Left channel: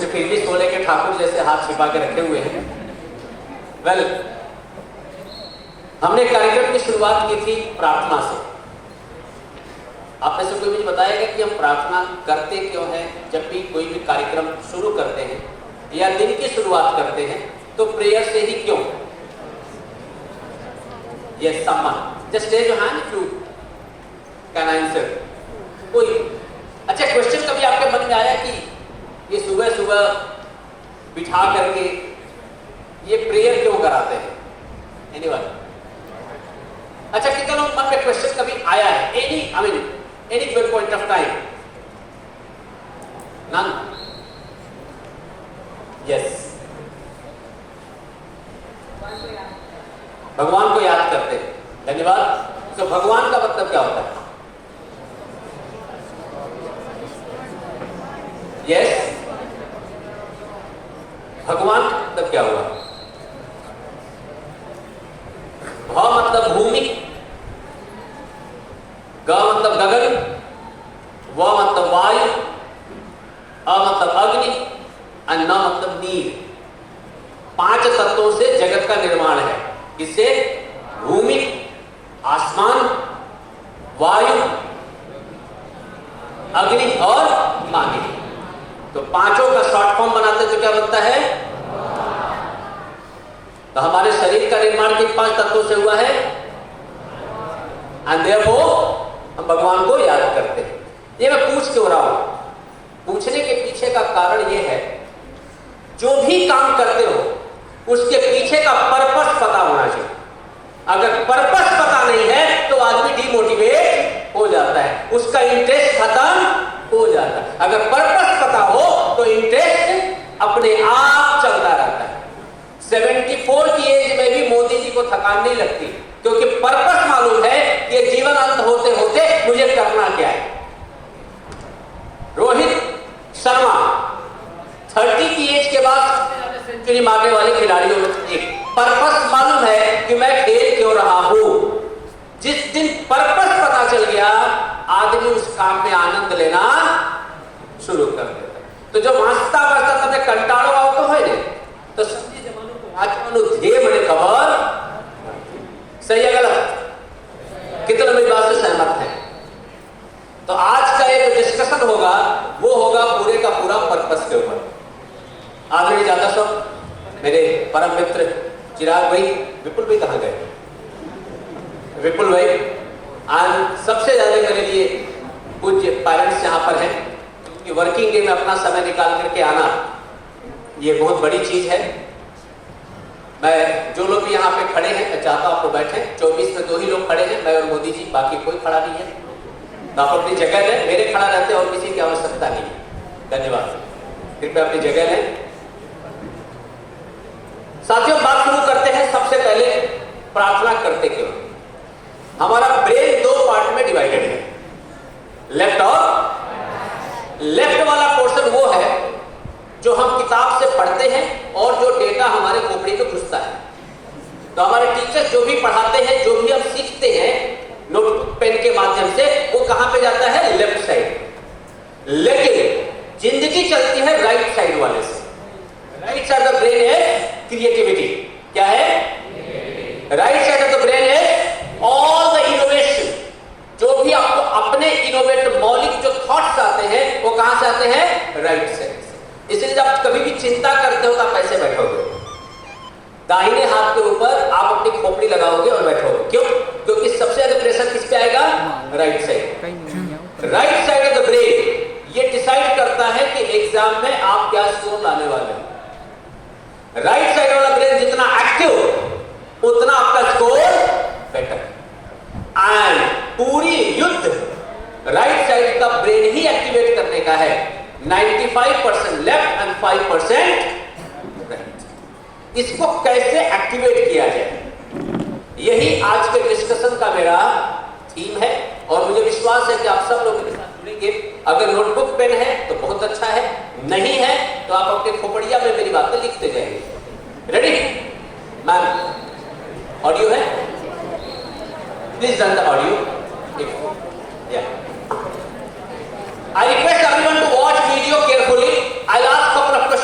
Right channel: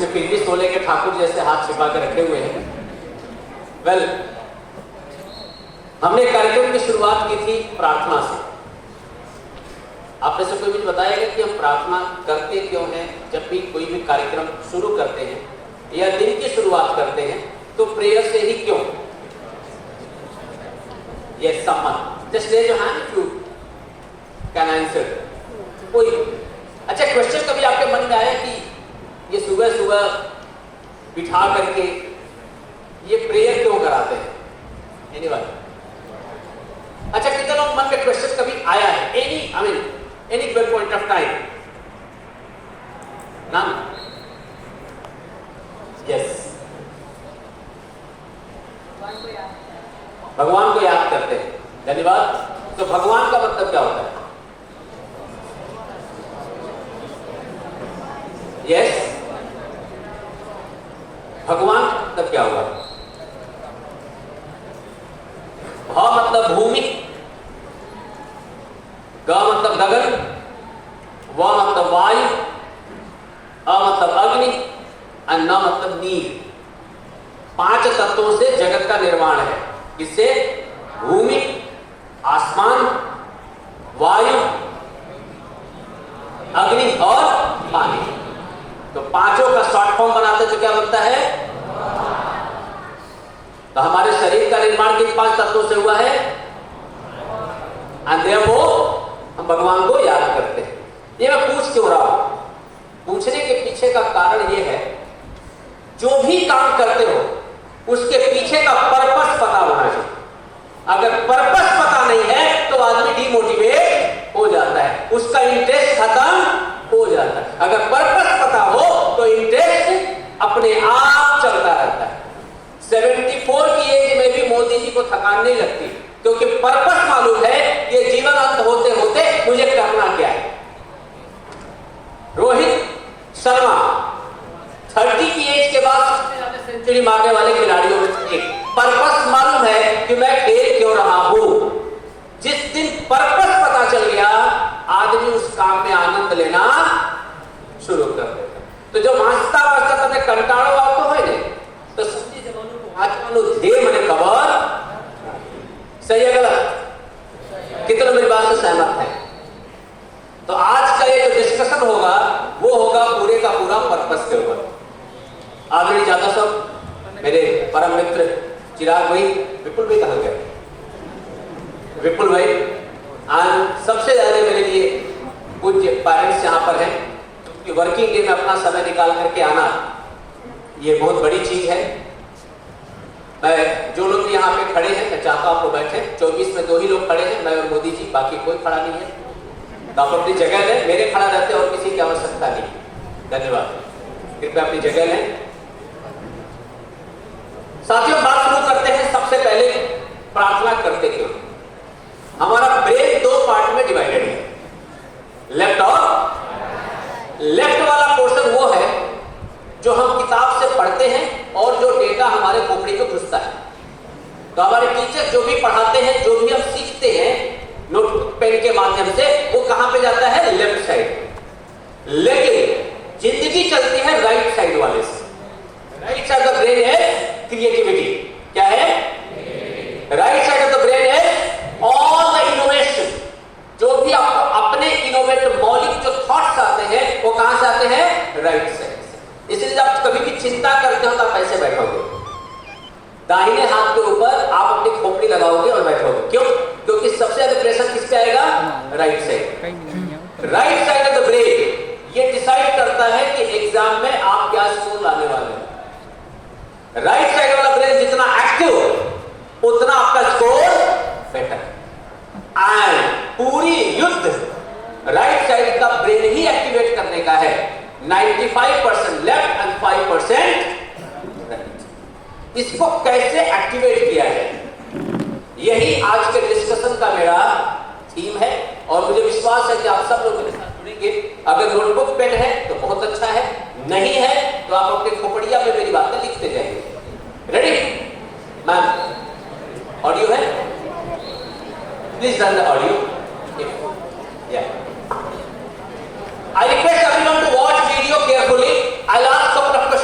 सिर्फ इंग्लिश बोले के ठाकुर जैसे हाथ छिपा के रखे हुए हैं। वेल, हमने कार्यक्रम की शुरुआत की थी प्रार्थना से। आप में से कोई मुझे बताएगा कि हम प्रार्थना करते क्यों हैं? जब भी कोई भी कार्यक्रम शुरू करते हैं या दिन की शुरुआत करते हैं तो प्रेयर से ही क्यों? Yes, someone just raise your hand if you can answer. कोई अच्छा क्वेश्चन कभी आपके मन में आया कि ये सुबह सुबह बिठा करके ये प्रेयर क्यों कराते हैं? एनीवन? अच्छा, कितने लोग मन में क्वेश्चन कभी आया है? Any given point of time? None? Yes, भगवान को याद करते हैं। धन्यवाद। तो भगवान का मतलब क्या होता है? यस, भगवान का मतलब क्या हुआ? भ मतलब भूमि, ग मतलब गगन, व मतलब वायु, अ मतलब अग्नि और न मतलब नीर। 5 तत्वों से जगत का निर्माण है। किससे? भूमि, आसमान, वायु, अग्नि और पानी। तो पांचों का शॉर्ट फॉर्म बनाते तो क्या बनता है? तो हमारे शरीर का निर्माण किन 5 तत्वों से हुआ है? एंड देयरफॉर हम भगवान को याद करते हैं। ये मैं पूछ क्यों रहा हूं? पूछने के पीछे का कारण ये है, जो भी काम करते हो उसके पीछे का पर्पस पता होना चाहिए। अगर पर्पस पता नहीं है तो आदमी डिमोटिवेट हो जाता है, उसका इंटरेस्ट खत्म हो जाता है। अगर पर्पस पता हो तो इंटरेस्ट अपने आप चलता रहता है। 74 की एज में भी मोदी जी को थकान नहीं लगती, क्योंकि पर्पस मालूम है कि जीवन अंत होते होते मुझे करना क्या है। रोहित शर्मा 30 की एज के बाद सबसे ज्यादा सेंचुरी मारने वाले खिलाड़ियों में से एक। पर्पस मालूम है कि मैं खेल क्यों रहा हूं। जिस दिन पर्पस पता चल गया, आदमी उस काम में आनंद लेना शुरू कर देता। तो जो वास्ता वास्ता तब कंटाळो आवतो હોય ને, तो समझी जमानो को वाचवानो ध्येय મને खबर। सही है गलत? कितने मेरी बात से सहमत है? तो आज का ये जो डिस्कशन होगा वो होगा पूरे का पूरा पर्पस के ऊपर। ऑलरेडी ज्यादा सब मेरे परम मित्र चिराग भाई, विपुल भाई कहाँ गए? विपुल भाई आज सबसे ज्यादा मेरे लिए पूज्य पेरेंट्स यहाँ पर हैं, क्योंकि वर्किंग डे में अपना समय निकाल करके आना ये बहुत बड़ी चीज है। मैं जो लोग भी यहाँ पे खड़े हैं, मैं चाहता हूँ आप लोग बैठे। 24 में 2 ही लोग खड़े हैं, मैं और मोदी जी, बाकी कोई खड़ा नहीं है। तो आप अपनी जगह लें, मेरे खड़ा रहते और किसी की आवश्यकता नहीं। धन्यवाद। कृपया अपनी जगह लें। साथियों, बात शुरू करते हैं। सबसे पहले प्रार्थना करते क्यों? हमारा ब्रेन 2 पार्ट में डिवाइडेड है, लेफ्ट और लेफ्ट वाला पोर्शन वो है जो हम किताब से पढ़ते हैं और जो डेटा हमारे खोपड़ी में घुसता है। तो हमारे टीचर जो भी पढ़ाते हैं, जो भी हम सीखते हैं नोटबुक पेन के माध्यम से, वो कहां पे जाता है? Left side. लेकिन जिंदगी चलती है राइट साइड वाले से। राइट साइड ऑफ ब्रेन है क्रिएटिविटी। क्या है? Right side of the brain है ऑल द इनोवेशन। जो भी आपको अपने इनोवेटिव मौलिक जो थॉट्स आते हैं वो कहां से आते हैं? राइट साइड से। इसलिए जब आप कभी भी चिंता करते हो तो आप कैसे बैठोगे? दाहिने हाथ के ऊपर आप अपनी खोपड़ी लगाओगे और बैठोगे। क्यों? क्योंकि सबसे ज्यादा प्रेशर किस पे आएगा? Right side. Right side of the brain ये डिसाइड करता है कि एग्जाम में आप क्या स्कोर लाने वाले हो। राइट साइड वाला ब्रेन जितना एक्टिव उतना आपका स्कोर बेटर। एंड पूरी युद्ध राइट साइड का ब्रेन ही एक्टिवेट करने का है। 95% लेफ्ट एंड 5% राइट। इसको कैसे एक्टिवेट किया जाए, यही आज के डिस्कशन का मेरा थीम है। और मुझे विश्वास है कि आप सब लोग मेरे साथ जुड़ेंगे। अगर नोटबुक पेन है तो बहुत अच्छा है, नहीं है तो आप अपने खोपड़िया में मेरी बातें लिखते जाएंगे। रेडी? मैम ऑडियो है? Please run the audio. I request everyone to watch video carefully. I'll ask couple of questions.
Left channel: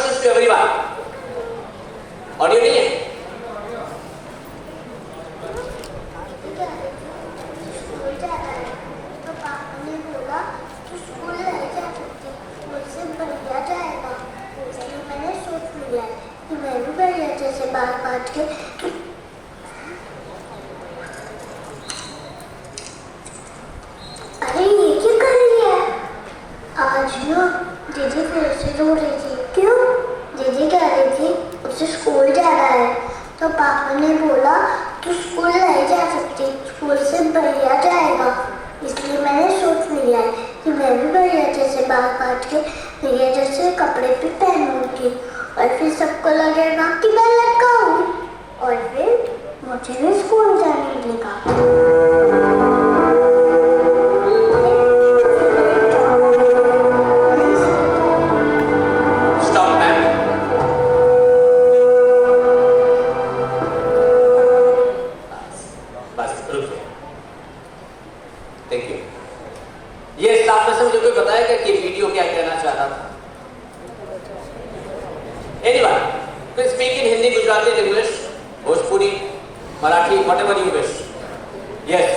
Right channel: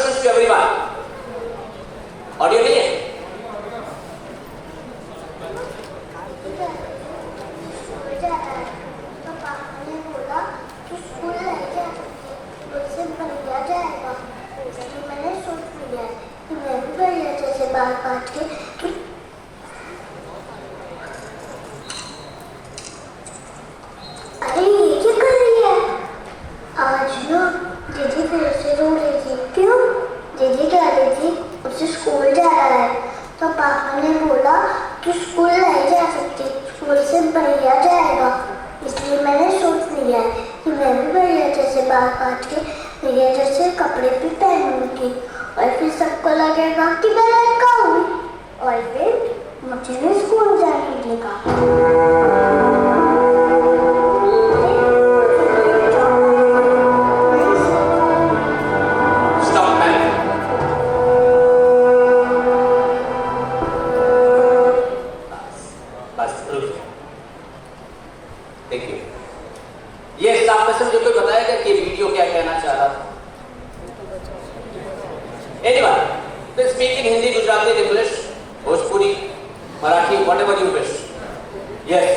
बाल काट के। अरे ये क्या कर रही है? आज ना दीदी फिर से रो रही थी। क्यों? दीदी कह रही थी उसे स्कूल जाना है, तो पापा ने बोला तू स्कूल नहीं जा सकती, स्कूल से भैया जाएगा। इसलिए मैंने सोच लिया है कि मैं भी भैया जैसे बाल काट के भैया जैसे कपड़े भी पहनूंगी, और फिर सबको लगेगा कि मैं लड़का हूँ, और फिर मुझे भी स्कूल जाने देगा। देखिए, ये साफ में से मुझे कोई बताएगा कि वीडियो क्या कहना चाह रहा था? Anyone, please speak in Hindi, Gujarati, English, Bhojpuri, Marathi, whatever you wish. Yes.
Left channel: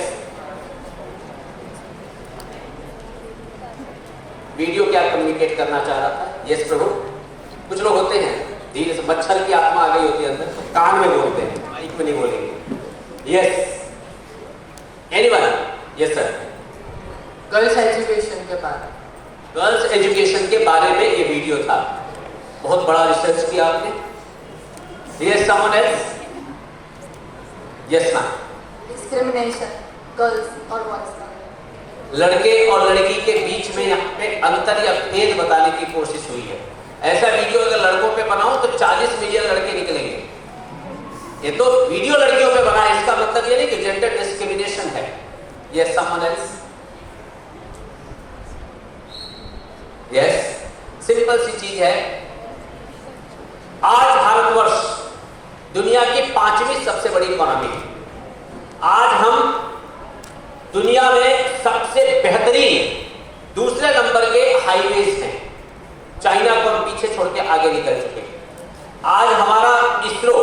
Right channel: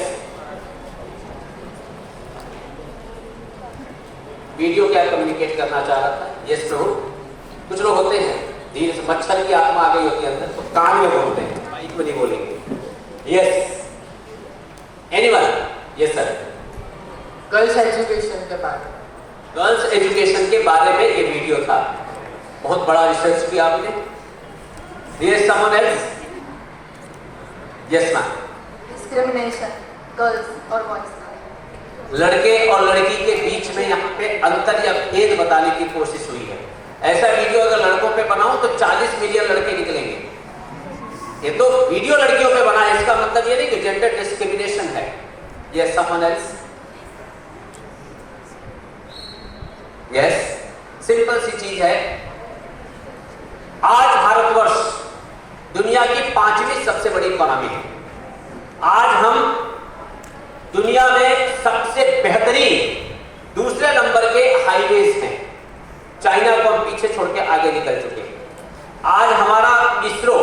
Video क्या कम्युनिकेट करना चाह रहा था? यस प्रभु। कुछ लोग होते हैं धीरे से मच्छर की आत्मा आ गई होती है अंदर, तो कान में बोलते हैं, माइक में नहीं बोलेंगे। Yes. Anyone? Yes sir. Girls education के बारे में। गर्ल्स एजुकेशन के बारे में ये वीडियो था। बहुत बड़ा रिसर्च किया आपने। Yes, someone else? Yes, ma'am. Discrimination girls और बॉयज का। लड़के और लड़की के बीच में यहाँ पे अंतर या भेद बताने की कोशिश हुई है। ऐसा वीडियो अगर लड़कों पे बनाओ तो 40 मिलियन लड़के निकलेंगे। ये तो वीडियो लड़कियों पे बना है, इसका मतलब ये नहीं कि जेंडर डिस्क्रिमिनेशन है। Yes, someone else? Yes, simple सी चीज है। आज भारतवर्ष दुनिया की 5वीं सबसे बड़ी इकोनॉमी है। आज हम दुनिया में सबसे बेहतरीन दूसरे नंबर के हाईवेज हैं। चाइना को हम पीछे छोड़ के आगे निकल चुके हैं। आज हमारा इसरो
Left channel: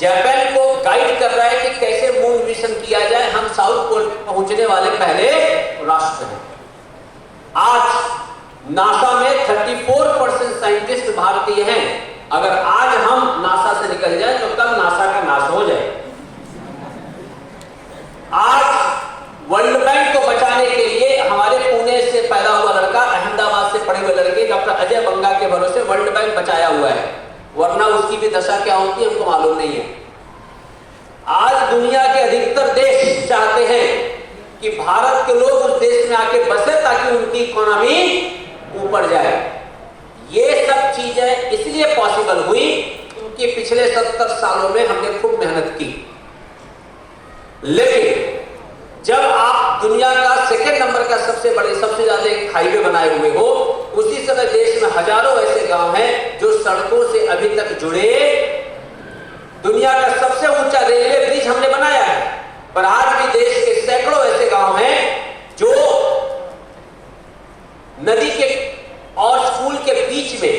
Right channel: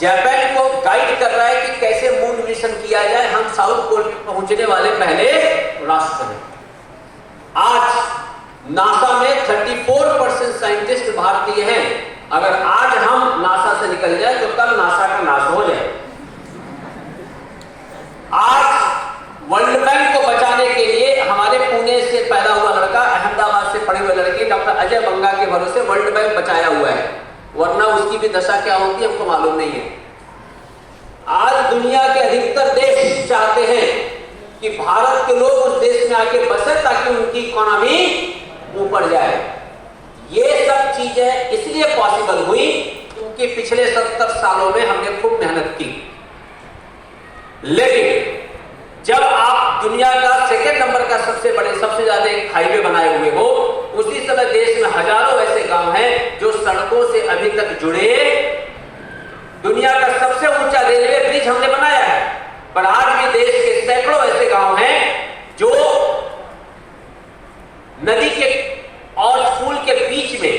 जापान को गाइड कर रहा है कि कैसे मून मिशन किया जाए। हम साउथ पोल पे पहुंचने वाले पहले राष्ट्र हैं। आज नासा में 34% साइंटिस्ट भारतीय हैं। अगर आज हम नासा से निकल जाए तो कल नासा का नाश हो जाए। आज वर्ल्ड बैंक को बचाने के लिए हमारे पुणे से पैदा हुआ लड़का, अहमदाबाद से पढ़े हुए लड़के डॉक्टर अजय बंगा के भरोसे वर्ल्ड बैंक बचाया हुआ है, वरना उसकी भी दशा क्या होती है हमको मालूम नहीं है। आज दुनिया के अधिकतर देश चाहते हैं कि भारत के लोग उस देश में आके बसे ताकि उनकी इकोनॉमी ऊपर जाए। ये सब चीजें इसलिए पॉसिबल हुई क्योंकि पिछले 70 सालों में हमने खूब मेहनत की। लेकिन जब आप दुनिया का सेकेंड नंबर का सबसे ज्यादा हाईवे बनाए हुए हो, उसी समय देश में हजारों ऐसे गांव हैं जो सड़कों से अभी तक जुड़े। दुनिया का सबसे ऊंचा रेलवे ब्रिज हमने बनाया है, पर आज भी देश के सैकड़ों ऐसे गांव हैं जो नदी के और स्कूल के बीच में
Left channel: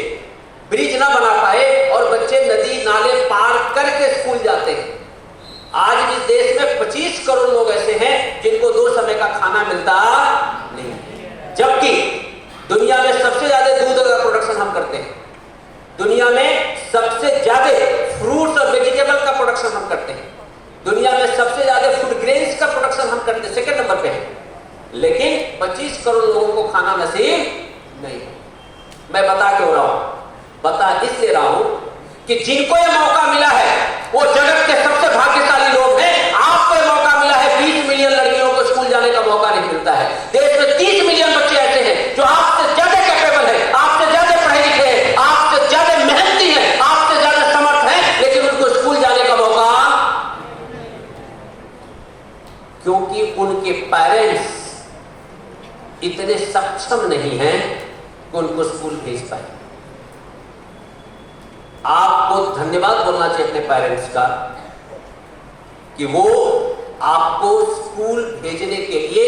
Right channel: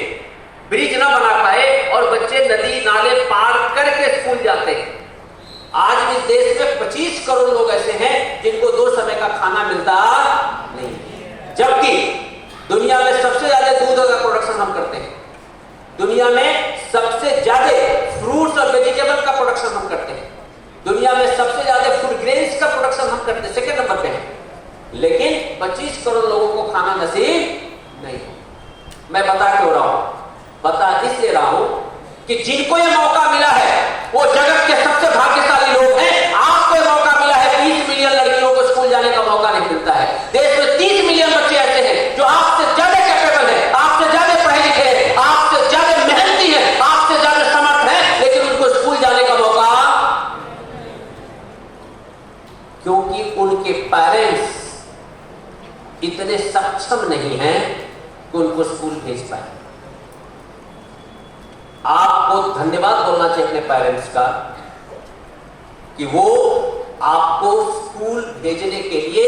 ब्रिज ना बना पाए और बच्चे नदी नाले पार करके स्कूल जाते हैं। आज भी देश में 25 करोड़ लोग ऐसे हैं जिनको 2 समय का खाना मिलता नहीं, जबकि दुनिया में सबसे ज्यादा दूध का प्रोडक्शन हम करते हैं। दुनिया में सबसे ज्यादा फ्रूट्स और वेजिटेबल का प्रोडक्शन हम करते हैं। दुनिया में सबसे ज्यादा फूड ग्रेन्स का प्रोडक्शन हम करते हैं, सेकंड नंबर पे है। लेकिन 25 करोड़ लोगों को खाना नसीब नहीं। मैं बता क्यों रहा हूं? बता इसलिए रहा हूं कि जिनको यह मौका मिला है वो जगत के सबसे भाग्यशाली लोग हैं। आपको यह मौका मिला है, 20 मिलियन लड़कियों को स्कूल जाने का मौका नहीं मिलता है। देश में 30 मिलियन बच्चे ऐसे हैं जो आपसे ज्यादा कैपेबल है, आपसे ज्यादा पढ़े लिखे हैं, आपसे ज्यादा मेहनती है, आपसे ज्यादा समर्थ है, लेकिन उनको स्कूल जाने का मौका, क्योंकि उनके पेरेंट्स इतने सक्षम नहीं हैं कि उनको स्कूल भेज पाए। आपको धन्यवाद बोलना चाहिए अपने पेरेंट्स का कि वो आपको स्कूल भेजने के लिए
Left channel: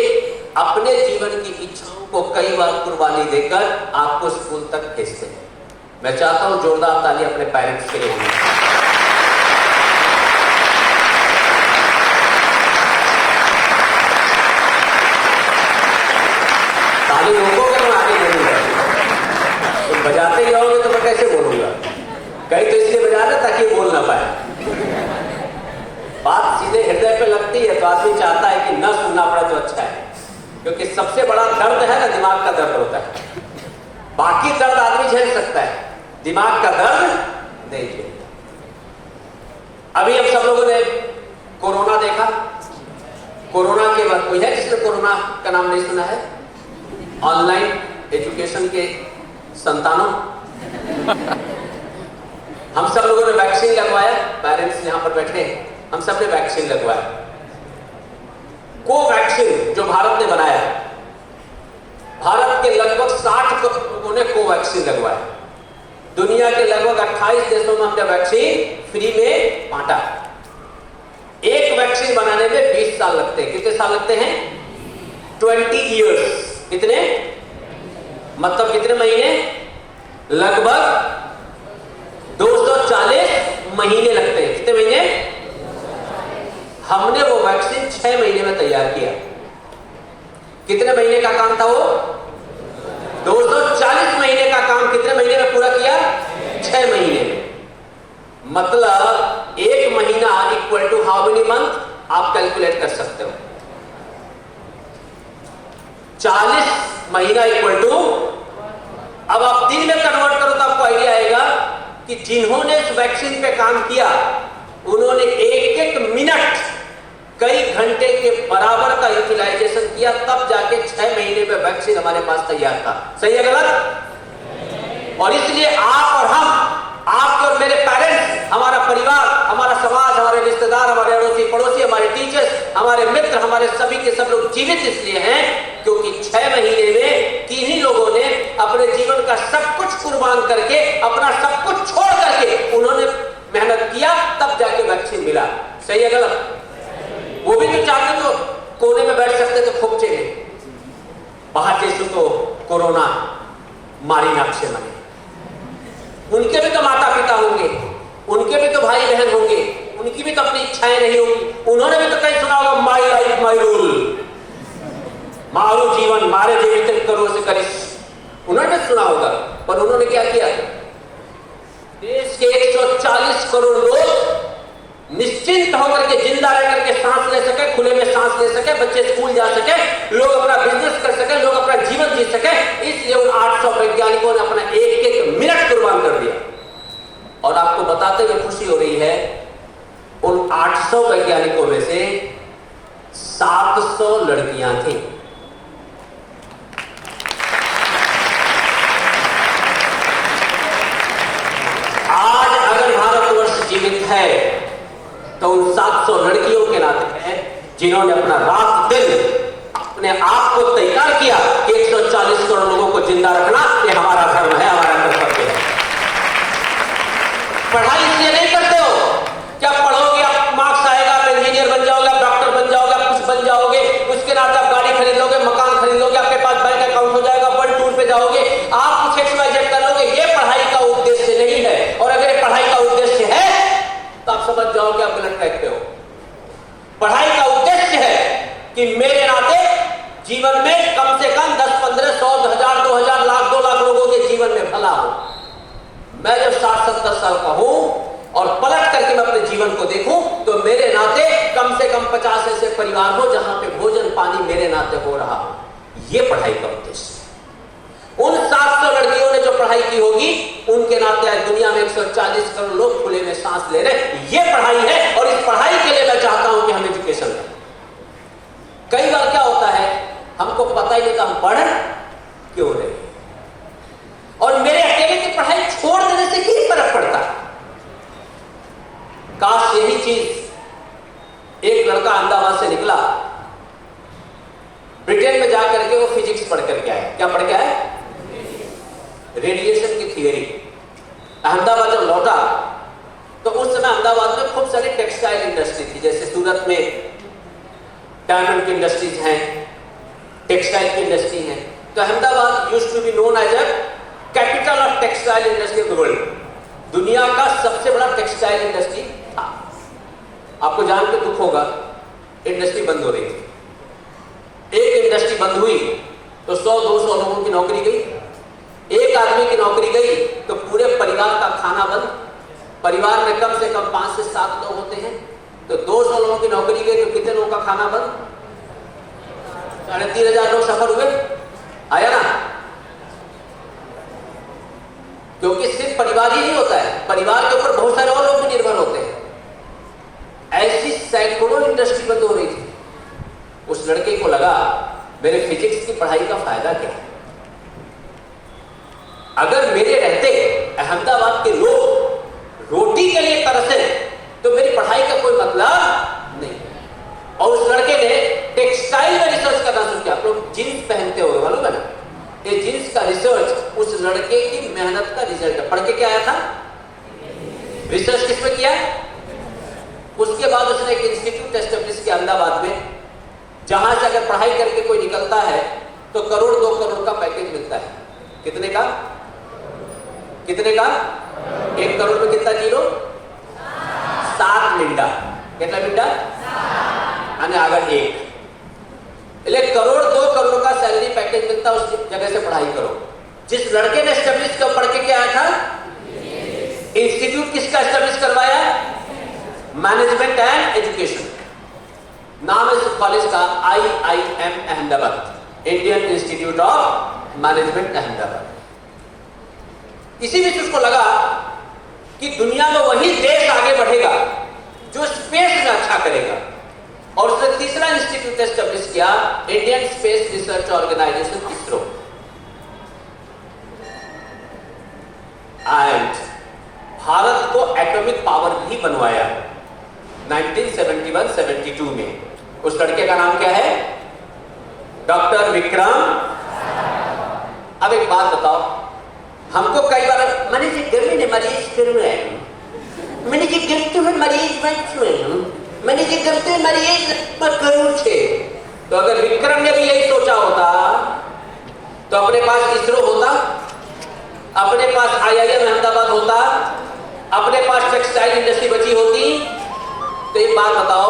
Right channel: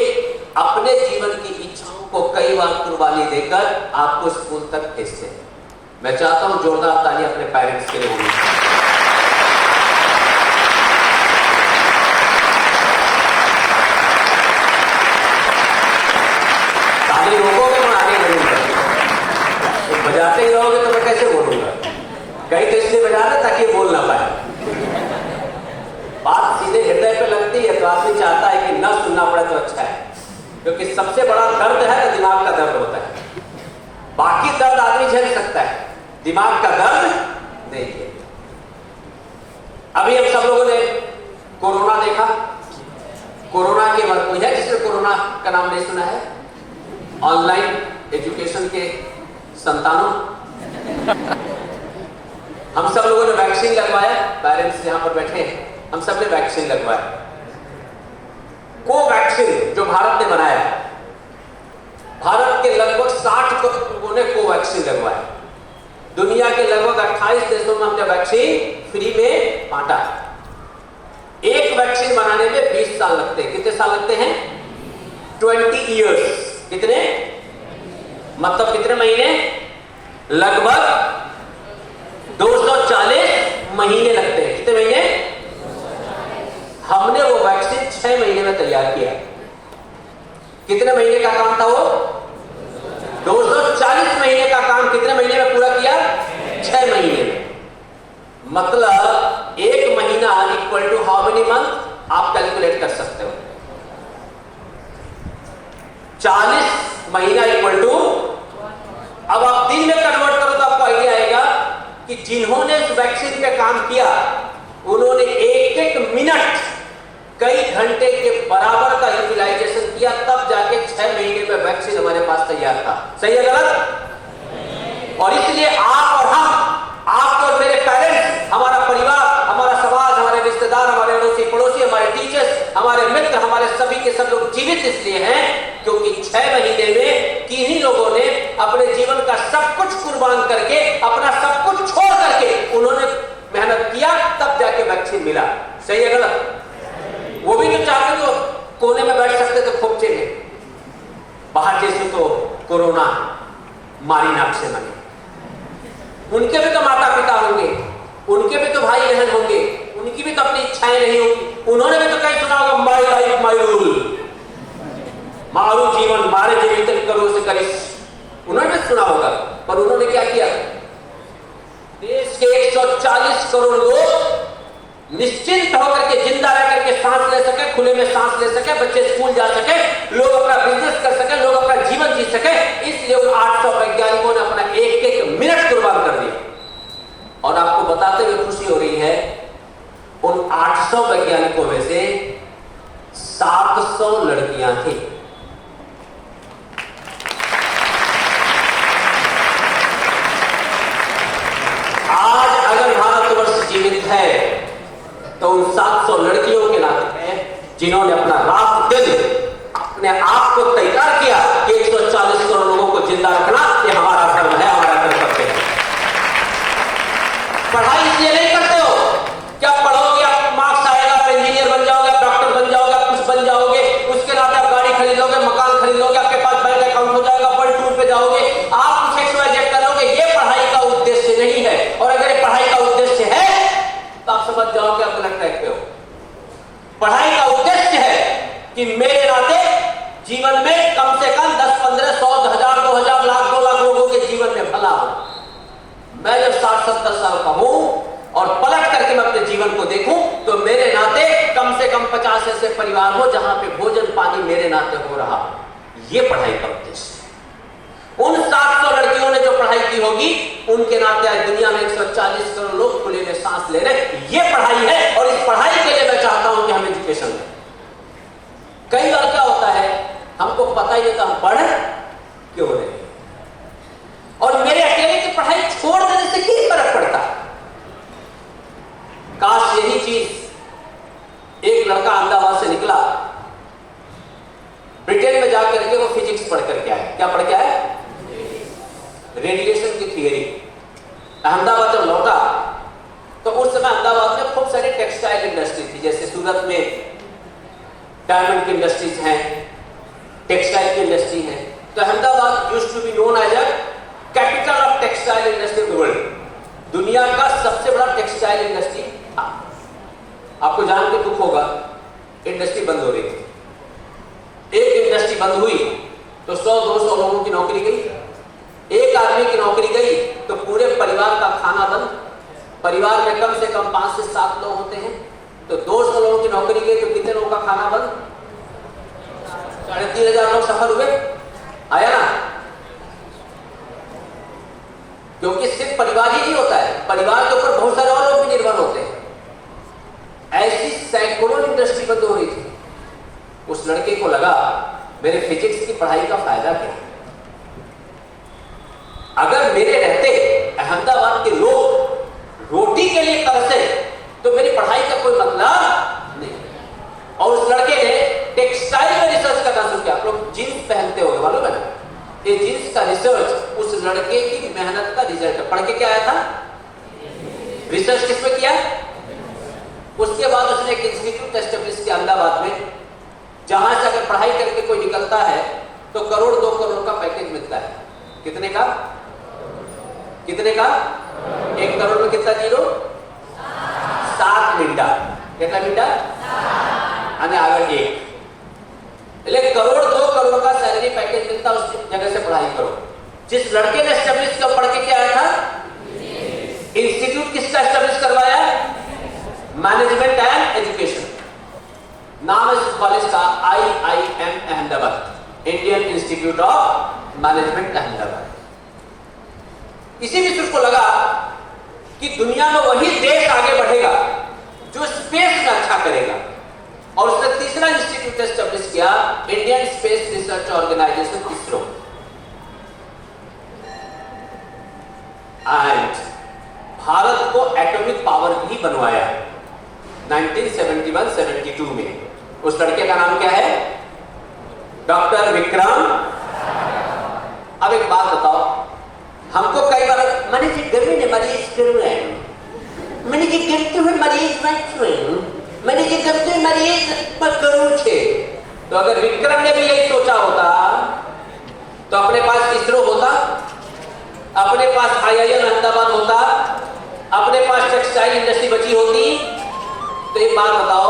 अपने जीवन की इच्छाओं को कई बार कुर्बानी देकर आपको स्कूल तक भेजते हैं। मैं चाहता हूं जोरदार ताली अपने पेरेंट्स के लिए। बजाते जाओगे तो मैं कैसे बोलूंगा? कहीं तो इसलिए बजा रहा ताकि बोल ना पाए। बात सीधे हृदय पे लगती है तो आदमी चाहता है कि न सुनना पड़े तो अच्छा है, क्योंकि सबसे बड़ा दर्द है ना दिमाग का दर्द होता है। बाकी दर्द आदमी झेल सकता है, दिमाग का दर्द नहीं झेल। अभी हम सब लोगों ने कोरोना देखा। कोरोना के बाद कोई है जिसने कोरोना का नाम नहीं सुना है? ऑनलाइन एजुकेशन के संतानों, हम सब लोगों ने वैक्सीन लगवाया। पेरेंट्स यहाँ पर बैठे हैं, हम सब ने वैक्सीन लगवाया। कोवैक्सीन जो भारत ने बनाया, भारत के लगभग 60 करोड़ लोगों ने कोवैक्सीन लगवाया। दुनिया के लगभग 28 देशों में हमने वैक्सीन फ्री में बांटा। एक वैक्सीन बनाने में 20 साल लगते हैं। कितने साल लगते हैं? 20 इयर्स। कितने? मतलब कितने महीने? लगभग 240 महीने लगते हैं। कितने महीने? हमने वो वैक्सीन 6 महीने में तैयार किया। कितने महीने का काम था वो? 240 महीने का काम कितने महीने में पूरा किया? 6 महीने में। मतलब एक महीना equal to how many month? आप कैलकुलेट कर सकते हो। 40 महीना इक्वल टू, अब आप दिन में कन्वर्ट करो तो आपको आइडिया आएगा कि जिन्होंने इस वैक्सीन पे काम किया उन्होंने एक एक मिनट कई घंटे के बराबर का यूटिलाइजेशन किया, तब जाके 6 महीने में वैक्सीन हमारे पास तैयार था। सही है गलत? और इसलिए आप और हम, आपके और मेरे पेरेंट्स, हमारा परिवार, हमारा समाज, हमारे रिश्तेदार, हमारे अड़ोसी पड़ोसी, हमारे टीचर्स, हमारे मित्र, हमारे सभी के सब लोग जीवित इसलिए हैं क्योंकि 6 महीने में किन्हीं लोगों ने अपने जीवन का सब कुछ कुर्बान करके, अपना सब कुछ छोड़ करके उन्होंने मेहनत किया, तब जाके वैक्सीन मिला। सही है गलत? वो भी तो चाहते तो कोने में बैठ सकते तो खोपचे में, बाहर जैसे तो कोरोना मारी नाक से मरे। उनके भी तो माता पिता होंगे, उनके भी तो भाई बहन होंगे, उनकी भी तो अपनी इच्छाएं नहीं होंगी। उन्होंने भी तो कहीं सुना होगा माई लाइफ माई रूल, मारो जीवन मारे जीवित करो से करिस। उन्होंने भी सुना होगा, पर उन्होंने क्या किया? देश के 140 करोड़ लोग निश्चिंत होकर के, जिंदा रह करके सांस ले सके, खुले में सांस ले सके, बच्चे स्कूल जा सके, लोग अपना बिजनेस कर सके, लोग अपना जीवन जी सके, इसलिए उन 800 वैज्ञानिकों ने अपना एक एक मिनट कुर्बान कर दिया। और आपको बताते हुए खुशी हो रही है, उन 800 वैज्ञानिकों में से 700 लड़कियां थी। आज अगर भारतवर्ष जीवित है तो उन 700 लड़कियों के नाते है जिन्होंने अपना रात दिन अपने आप को तैयार किया कि 140 करोड़ लोगों को जिंदा रखना ये हमारा धर्म है, हमारा कर्तव्य है। पढ़ाई इसलिए नहीं करते हो क्या? पढ़ोगे आप मार्क्स आएगा, आप इंजीनियर बन जाओगे, आप डॉक्टर बन जाओगे, आप कुछ बन जाओगे, उसके नाते आप गाड़ी खरीद लोगे, मकान खरीद लोगे, आपके पास बैंक अकाउंट हो जाएगा, वर्ल्ड टूर पे जाओगे, आप कुछ XYZ कर लोगे। ये पढ़ाई का उद्देश्य नहीं है। और अगर ये पढ़ाई का उद्देश्य है तो आप समझ जाओगे आप गलत ट्रैक पे हो। पढ़ाई का उद्देश्य है कि मेरे नाते जीवन में कम से कम 10, 15, 100, 1000, 2000, लाख, 2 लाख लोगों के जीवन में भला हो। मैं जब 60-70 साल का हूं और पलट करके मैं अपने जीवन को देखूं तो मेरे नाते कम से कम 50 ऐसे परिवार हो जहां पे भोजन पानी मेरे नाते हो रहा। ये पढ़ाई का उद्देश्य है। उन 700 लड़कियों ने जो पढ़ाई की होगी उनके नाते आज दुनिया में 140 करोड़ लोग खुले में सांस ले रहे। ये पढ़ाई है और इस पढ़ाई के लिए मैं चाहता हूं कि हम एजुकेशन करें। कई बार क्या होता है, हमको पता ही नहीं था हम पढ़ क्यों रहे, और मेरे अकेले की पढ़ाई छोड़ देने से क्या फर्क पड़ता। काश यही चीज एक लड़का अहमदाबाद से निकला, ब्रिटेन में जाकर के वो फिजिक्स पढ़ करके आया। क्या पढ़ के आया? रेडिएशन की थियरी। अहमदाबाद जब लौटा तो उस समय अहमदाबाद में खूब सारी टेक्सटाइल इंडस्ट्री थी, जैसे सूरत में डायमंड की इंडस्ट्रीज हैं, टेक्सटाइल की इंडस्ट्री है। तो Ahmedabad used to be known as a capital of textile industry of the world. दुनिया का सबसे बड़ा टेक्सटाइल इंडस्ट्री था। आपको जान के दुख होगा, इंडस्ट्री बंद हो रही थी। एक इंडस्ट्री बंद हुई तो 100-200 लोगों की नौकरी गई। एक आदमी की नौकरी गई तो पूरे परिवार का खाना बंद, परिवार में कम से कम 5 से 7 लोग होते हैं, तो 200 लोगों की नौकरी गई तो कितने लोगों का खाना बंद? 3,500 लोग सफर हुए, आया ना? क्योंकि सिर्फ परिवार ही नहीं होता है, परिवार के ऊपर बहुत सारे और लोग भी निर्भर होते हैं। ऐसी सैकड़ों इंडस्ट्री बंद हो रही थी। उस लड़के को लगा मेरे फिजिक्स की पढ़ाई का फायदा क्या है? अगर मेरे रहते अहमदाबाद के लोग रोटी के लिए तरसे तो मेरी पढ़ाई का कोई मतलब नहीं। और उस लड़के ने टेक्सटाइल में रिसर्च करना शुरू किया। आप लोग जींस पहनते होंगे, मालूम है ना? ये जींस का रिसर्च उस लड़के की मेहनत का रिजल्ट है। पढ़ के क्या आया था? रिसर्च किस पे किया? उसके बाद उसने एक इंस्टीट्यूट एस्टेब्लिश किया अहमदाबाद में, जहां से अगर पढ़ाई करके कोई निकलता है तो 1 करोड़ 2 करोड़ का पैकेज मिलता है। कितने का? कितने का? 1 करोड़ में कितना जीरो? 7 मिंटा। कितना मिंटा? आने आगे 1 1 करोड़ 2 करोड़ का सैलरी पैकेज मिलता, उस जगह से पढ़ाई करो। जिस लड़के ने एस्टेब्लिश किया पढ़ के क्या आया था? इंस्टीट्यूट किसका एस्टेब्लिश करवाया? Management and education. नाम है इस कॉलेज का IIM Ahmedabad, Indian institute of management Ahmedabad. इसीलिए उसको लगा कि दुनिया में वही देश आगे बढ़ेगा जो स्पेस में अच्छा करेगा, और उसने तीसरा इंस्टीट्यूट एस्टेब्लिश किया, Indian space research organisation, ISRO. And Bharat को एटॉमिक पावर भी बनवाया 1971-72 में। उस लड़के का नाम क्या है? डॉक्टर विक्रम। अब एक बात बताओ, हमको कई बार मैंने जी गर्मी ने मरीज करूँ है, मैंने जी गिरते हुए मरीज मत छुए, मैंने जी गिरते हुए मरीज मत करूँ छे। तो अगर विक्रम ने भी यही सोचा होता तो अपने पास इसरो होता, अपने पास IIM अहमदाबाद होता, अपने पास टेक्सटाइल इंडस्ट्री बची होती। तो एक बात बताओ,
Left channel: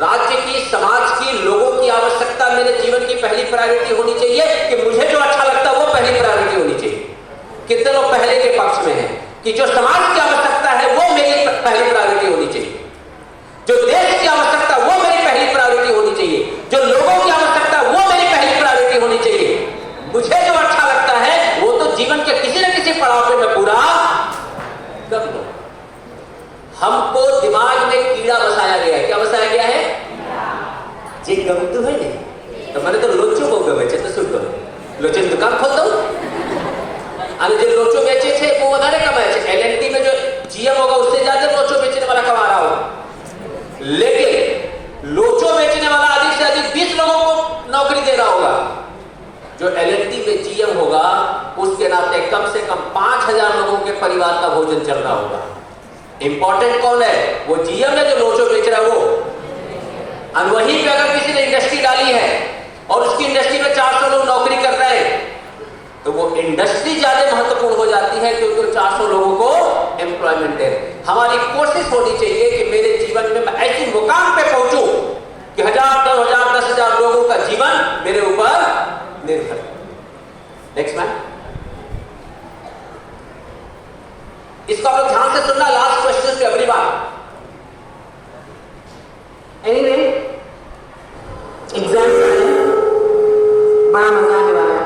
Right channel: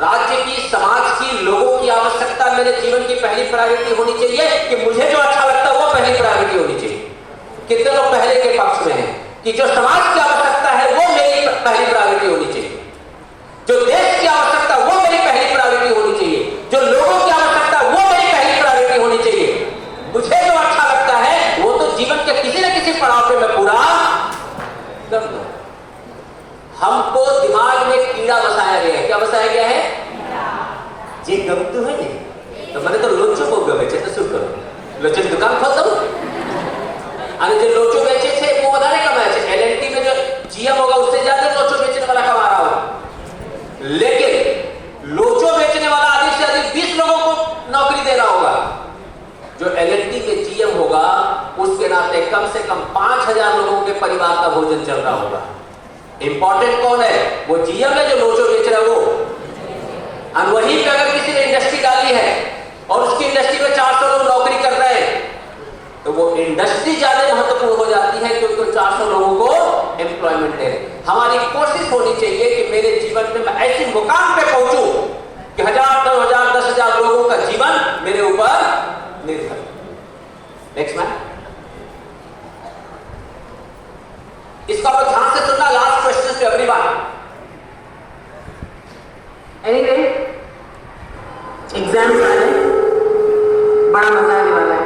राज्य की, समाज की, लोगों की आवश्यकता मेरे जीवन की पहली प्रायोरिटी होनी चाहिए कि मुझे जो अच्छा लगता है वो पहली प्रायोरिटी होनी चाहिए। कितने लोग पहले के पक्ष में हैं कि जो समाज की आवश्यकता है वो मेरी पहली प्रायोरिटी होनी चाहिए, जो देश की आवश्यकता वो मेरी पहली प्रायोरिटी होनी चाहिए, जो लोगों की आवश्यकता वो मेरी पहली प्रायोरिटी होनी चाहिए। मुझे जो अच्छा लगता है वो तो जीवन के किसी न किसी पड़ाव पे मैं पूरा कर दूं। हमको दिमाग में कीड़ा बसाया गया है। क्या बसाया गया है? जे गमतु है नहीं तो मैंने तो लोचो को बेचे तो सुन करो, लोचो की दुकान खोल दो। अरे जो लोचो बेचे थे वो उधारे कमाए थे। LNT में जो GM होगा उससे ज्यादा लोचो बेचने वाला कमा रहा होगा, लेकिन लोचो बेचने वाला अधिक से अधिक 20 लोगों को नौकरी दे रहा होगा। जो LNT में GM होगा उसके नाते कम से कम 5,000 लोगों के परिवार का भोजन चल रहा होगा। इंपॉर्टेंट कौन है? वो GM है जो लोचो बेच रहा है वो। और वहीं पे अगर किसी ने इंडस्ट्री डाली है और उसकी इंडस्ट्री में 400 लोग नौकरी कर रहे हैं तो वो इंडस्ट्री ज्यादा महत्वपूर्ण हो जाती है क्योंकि 400 लोगों को एम्प्लॉयमेंट दे। हमारी कोशिश होनी चाहिए कि मेरे जीवन में मैं ऐसी मुकाम पे पहुंचूं कि 1,000, 2,000, 10,000 लोगों का जीवन मेरे ऊपर निर्भर। नेक्स्ट मैन, इसको आप लोग ध्यान से सुनना, लास्ट क्वेश्चन पे एवरीवन। Anyway, एग्जाम आ रहे हैं, बड़ा मजा आने वाला है।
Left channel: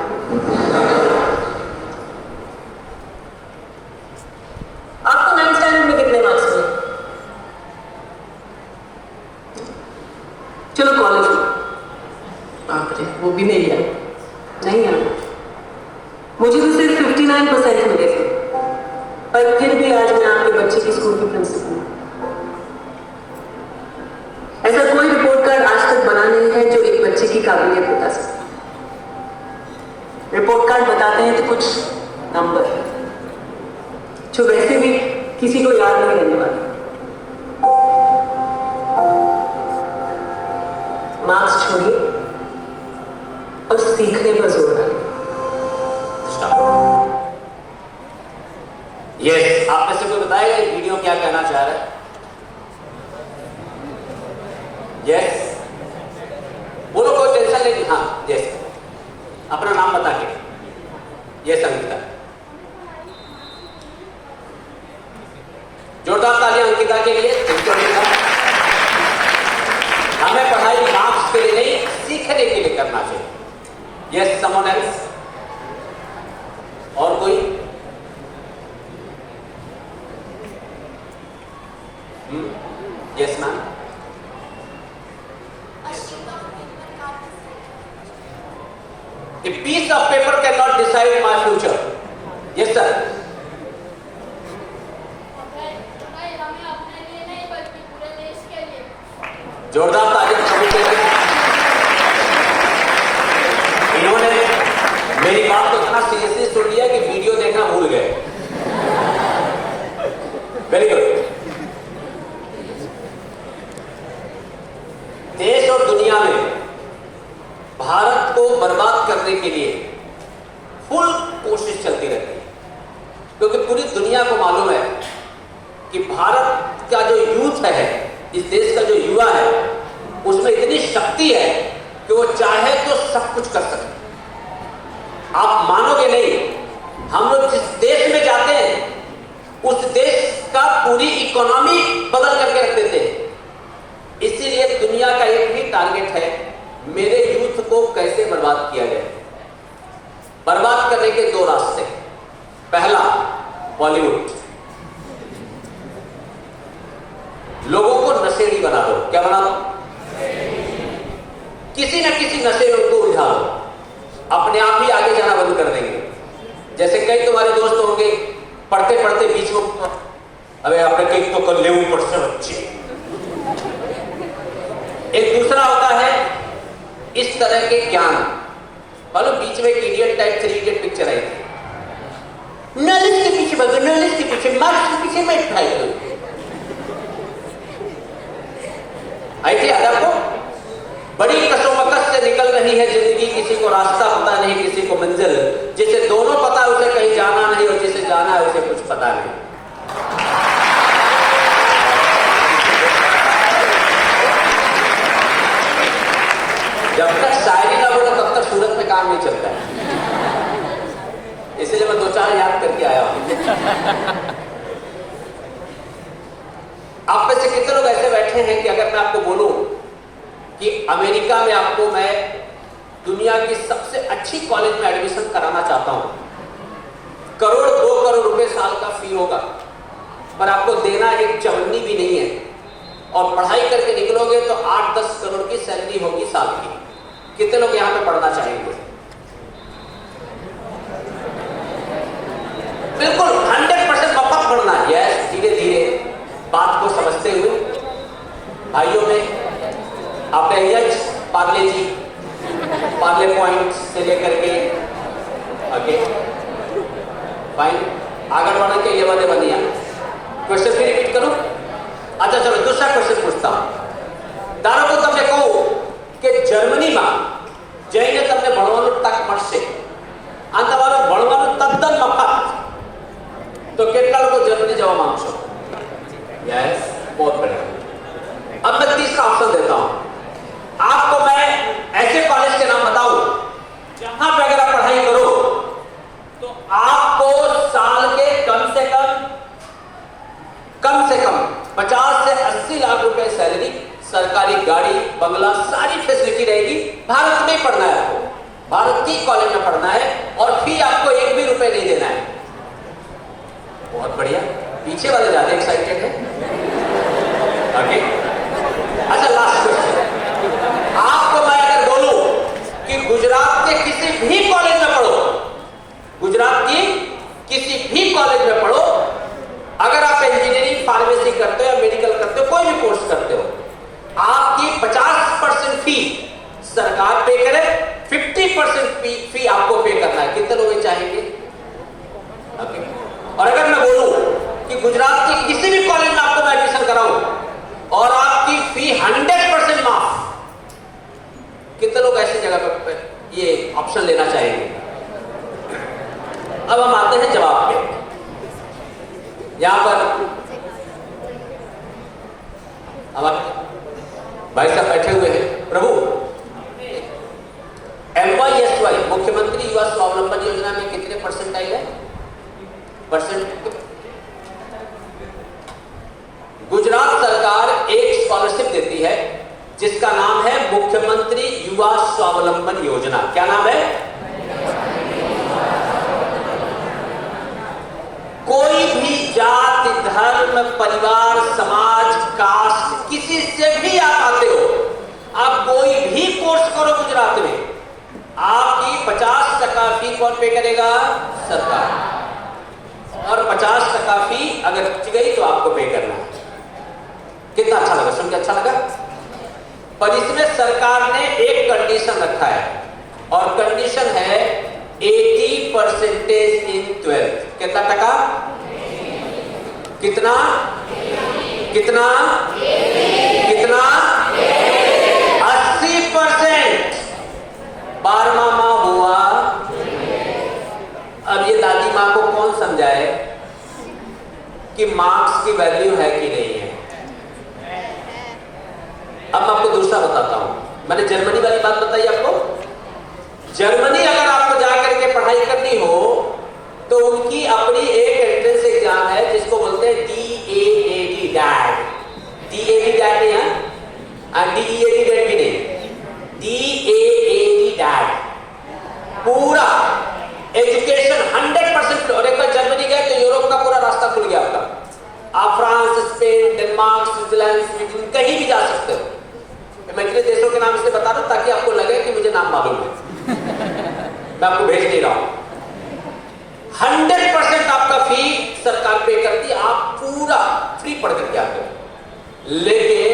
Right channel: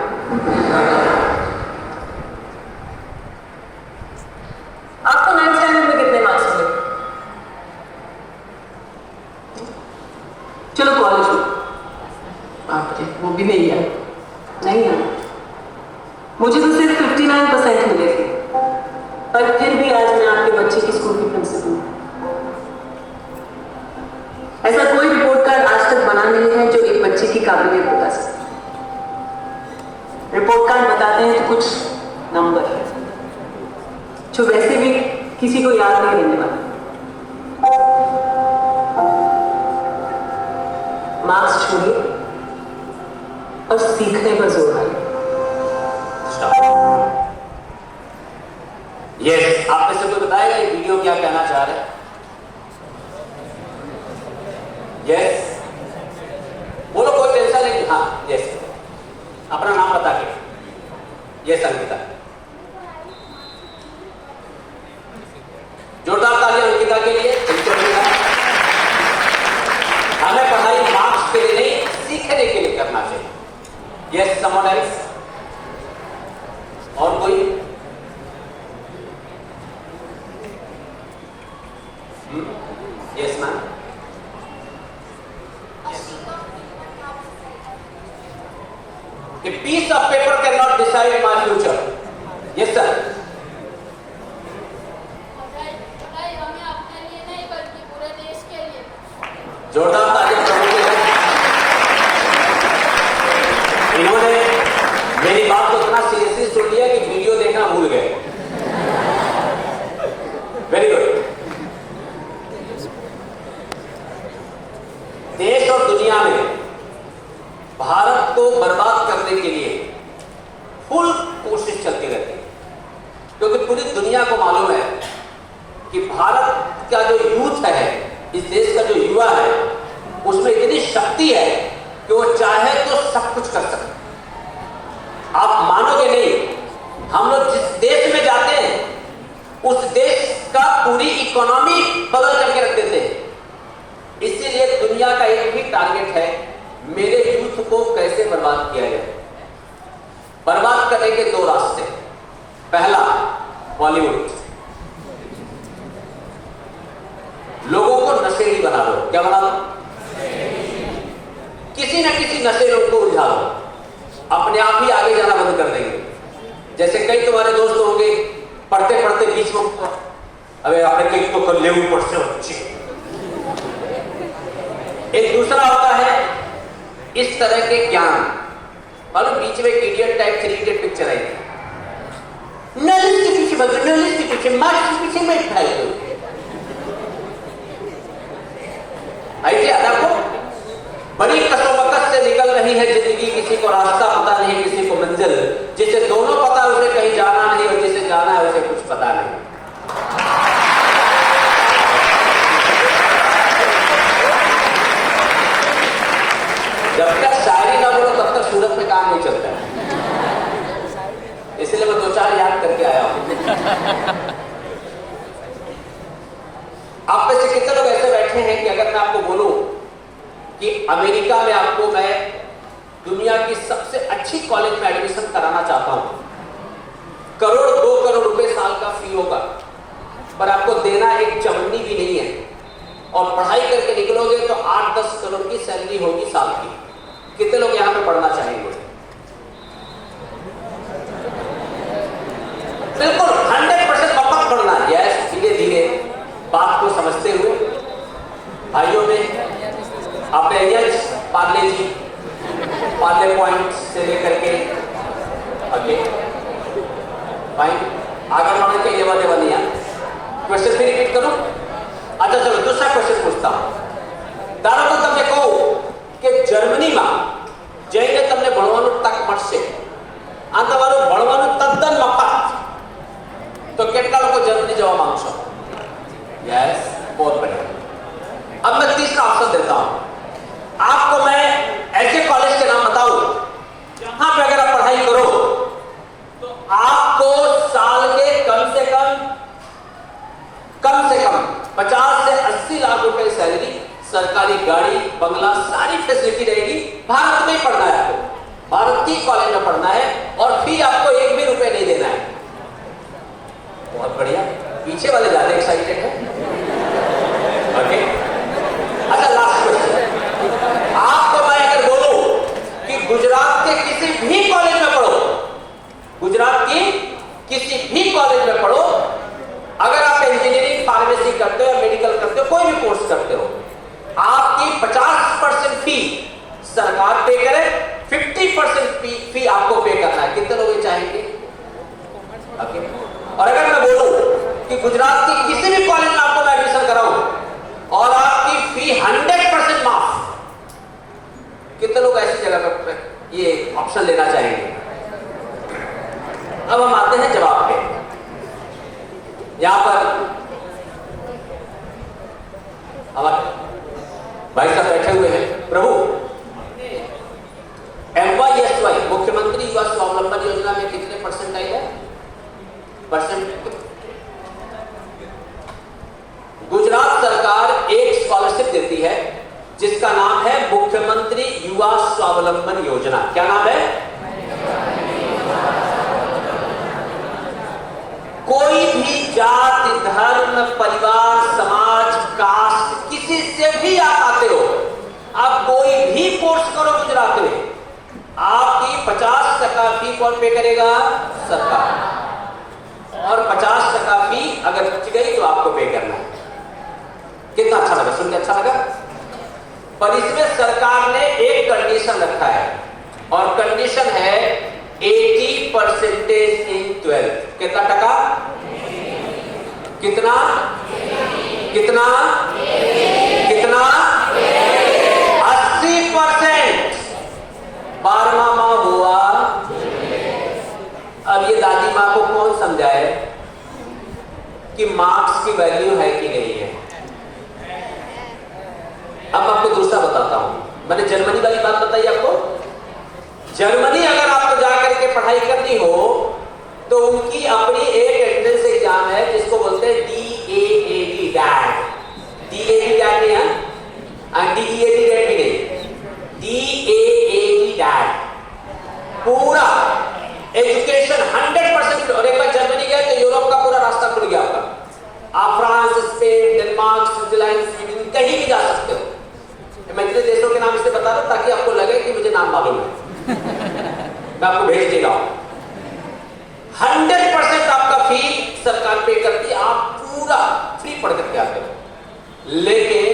आपको 9th स्टैंडर्ड में कितने मार्क्स मिले? चलो कॉलेज में। बाप रे, वो भी नहीं है, नहीं है। मुझे तो सिर्फ 59% मिले थे, पर फिर भी आज मैं आपके बच्चे की स्कूल की प्रिंसिपल हूँ। ऐसा कोई रिपोर्ट कार्ड आज तक बना नहीं है जो एक बच्चे की काबिलियत बता सके। रिपोर्ट कार्ड बताते हैं तो कुछ नंबर जो वैसे भी किसी को याद नहीं रहने वाले। मार्क्स छोड़िए और सीखने पर जोर डालिए। यस, आप में से कोई बताएगा ये वीडियो क्या कहना चाह रहा है? यस, बोलो, कोई टेंशन नहीं। हाँ, यस, अपना नाम बता के। यस अंकिता। जोरदार तालियां अंकिता के लिए। हमें पढ़ाई मार्क्स के लिए नहीं, सीखने के लिए करना चाहिए। Yes, someone else? और कोई? Yes ma'am. A piece of paper cannot decide my future. Yes sir. जोरदार तालियां। इन्होंने मेरी बात को इतना सीरियसली सुन लिया कि वीडियो देखना भूल गए। Very good. देश और दुनिया में भारत को बर्बाद करने के लिए फुल कोशिश चलती रहती है, क्योंकि पूरी दुनिया को मालूम है कि भारत का जो यूथ है, इस देश का जो युवा है, उसमें इतनी शक्ति है कि वो चाहे तो सब कुछ कर सकते। आप मानोगे नहीं, हम लोग जिस देश में जाते हैं उस देश का पूरी इकोनॉमी बदल करके रख देते हैं। इसीलिए दुनिया का एक ही टारगेट है, मेरे यूथ को कैसे बर्बाद किया जाए। बर्बाद करने के दो रास्ते। पहला, बॉलीवुड। लोगों को नशेड़ी बना दो। क्या बना दो? किसी न किसी नशे में उनको उलझा दो, अपने आप ही आगे जाना बंद कर देंगे। जैसे कई तुम्हारे दोस्त होंगे, पढ़ते पढ़ते बीच में, अरे आपने कई तो कर ले ऊपर से बच्चे। एक दूसरा होता है इस तरह के ज्ञान, मतलब बीच में एक इडियट टाइप 3 इडियट पिक्चर आई थी, नॉलेज के पीछे भागो, नॉलेज के पीछे, मार्क्स के पीछे मत भागो। आई थी आपको? बड़ी कसोबकस से निकल रही है जिंदगी, किसी को रास्ता पता नहीं, किसी को मंजिल। जिसे दोनों पता उसे कहीं जाना नहीं, और जिसे जाना है उसे कुछ पता नहीं। जब तक शायरी ना बोलो तब तक सूरत में काम नहीं चलता है, इसलिए मैं 2-4 याद करके आया हूं। आप में से कितने लोग ऐसे बैठे हैं कि अगर मैं आपको बोलूं कि अमेरिका में आपको मैं दुनिया की सबसे अच्छी कॉलेज में एडमिशन कराना चाहता हूं, 1 करोड़ 2 करोड़ रुपए साल का फी होगा, पर आपको देना एक चवन्नी भी नहीं है, और पढ़ाई करके निकलोगे तो 8-10 करोड़ की सैलरी होगी साल की। कितने लोग यहां पे पढ़ना चाहेंगे? बिल्कुल 100% मत पढ़ना। यस, धीरे धीरे बात को समझते हुए भाइयों में आपने एच पार्ले जी, पार्ले पॉइंट से लेकर के ओके फाइन आगे बढ़ने के लिए वाले बनिया। क्वेश्चन भी रिपीट करूं? अच्छा चलो दूसरा क्वेश्चन पूछता हूं। दादा को तब कहूं कि जर्मनी में जैने तमने भणવાનું તક મળશે, આ તમારું ભણવાનું તદ્દન મફત, तो કેટલા લોકો જર્મની જવા માંગશો? यस, बहुत बढ़िया। अब मैं तीसरा ऑप्शन देता हूं आपको। मैं ऐसे कॉलेज के नाम बताऊं जहां पे अगर आप पढ़ाई करो तो आपको साल के कम से कम 50 से 80 लाख रुपए सैलरी, सरकारी गाड़ी, बंगला, सारी फैसिलिटी रहेगी। भारत में पढ़ना है आपको, भारत की कॉलेज में पढ़ना है, और फी आपको 1 भी रुपए नहीं देना है। बहुत बढ़िया। पीछे वाले ज्यादा एक्साइटेड है। ओके, अच्छा लास्ट क्वेश्चन। आपको मैं अगर बोलूं कि गुजरात के किसी भी कॉलेज में पढ़ो, गुजरात की किसी भी कॉलेज में पढ़ो, अगर आप इंजीनियरिंग, फार्मेसी करते हो या मेडिकल करते हो, कोई भी कोर्स करते हो, आपकी 50% फी सरकार पे करे, 50% फी आपको पे करना है। कितने लोग चाहेंगे? ओके। और अगर मैं बोलूं कि गुजरात के किसी भी कॉलेज में आपको मैं एडमिशन कराऊं और आपकी फी 100% माफ, कितने लोग ऐसी जगह पर ये ऑप्शन लेना चाहेंगे? अब हम आते हैं जवाब पे। यहां पर हमारे भाई साहब बैठे हुए हैं। प्रभु, MYSY मुख्यमंत्री युवा स्वावलंबन योजना में कितने परसेंटाइल है? परसेंट कितना कितना कितना 80%। 12वां माह हुआ। अब ये दादी माँ को कौन समझाए कि मार्क्स की वैल्यू है कि नहीं है। अब आपको दूसरा बताता हूं। मैंने जर्मनी वाली बात बताई आपको। जर्मनी अगर आपको जाकर के पढ़ाई करनी हो तो उनकी अपनी एक एंट्रेंस एग्जाम है जिसको बोलते हैं DAAD डैट। DAAD डैट नहीं है, DEAD डैट भी नहीं, DAAD डैट। पूरा एजुकेशन 100%। और एक बार जर्मनी गए तो यूरोप का पूरा रास्ता खुल गया आपका। आप France, Spain, Denmark, Switzerland, Sweden कहीं भी जा सकते हो। मैं इतने देशों के नाम इसलिए बता रहा हूं ताकि आपको लगे कि मुझे नाम मालूम है। मैं आपको भेज दे रहा हूं। 100% आपका फी सरकार पे करती है, आप पूरा फ्री पढ़ करके आते हो। लेकिन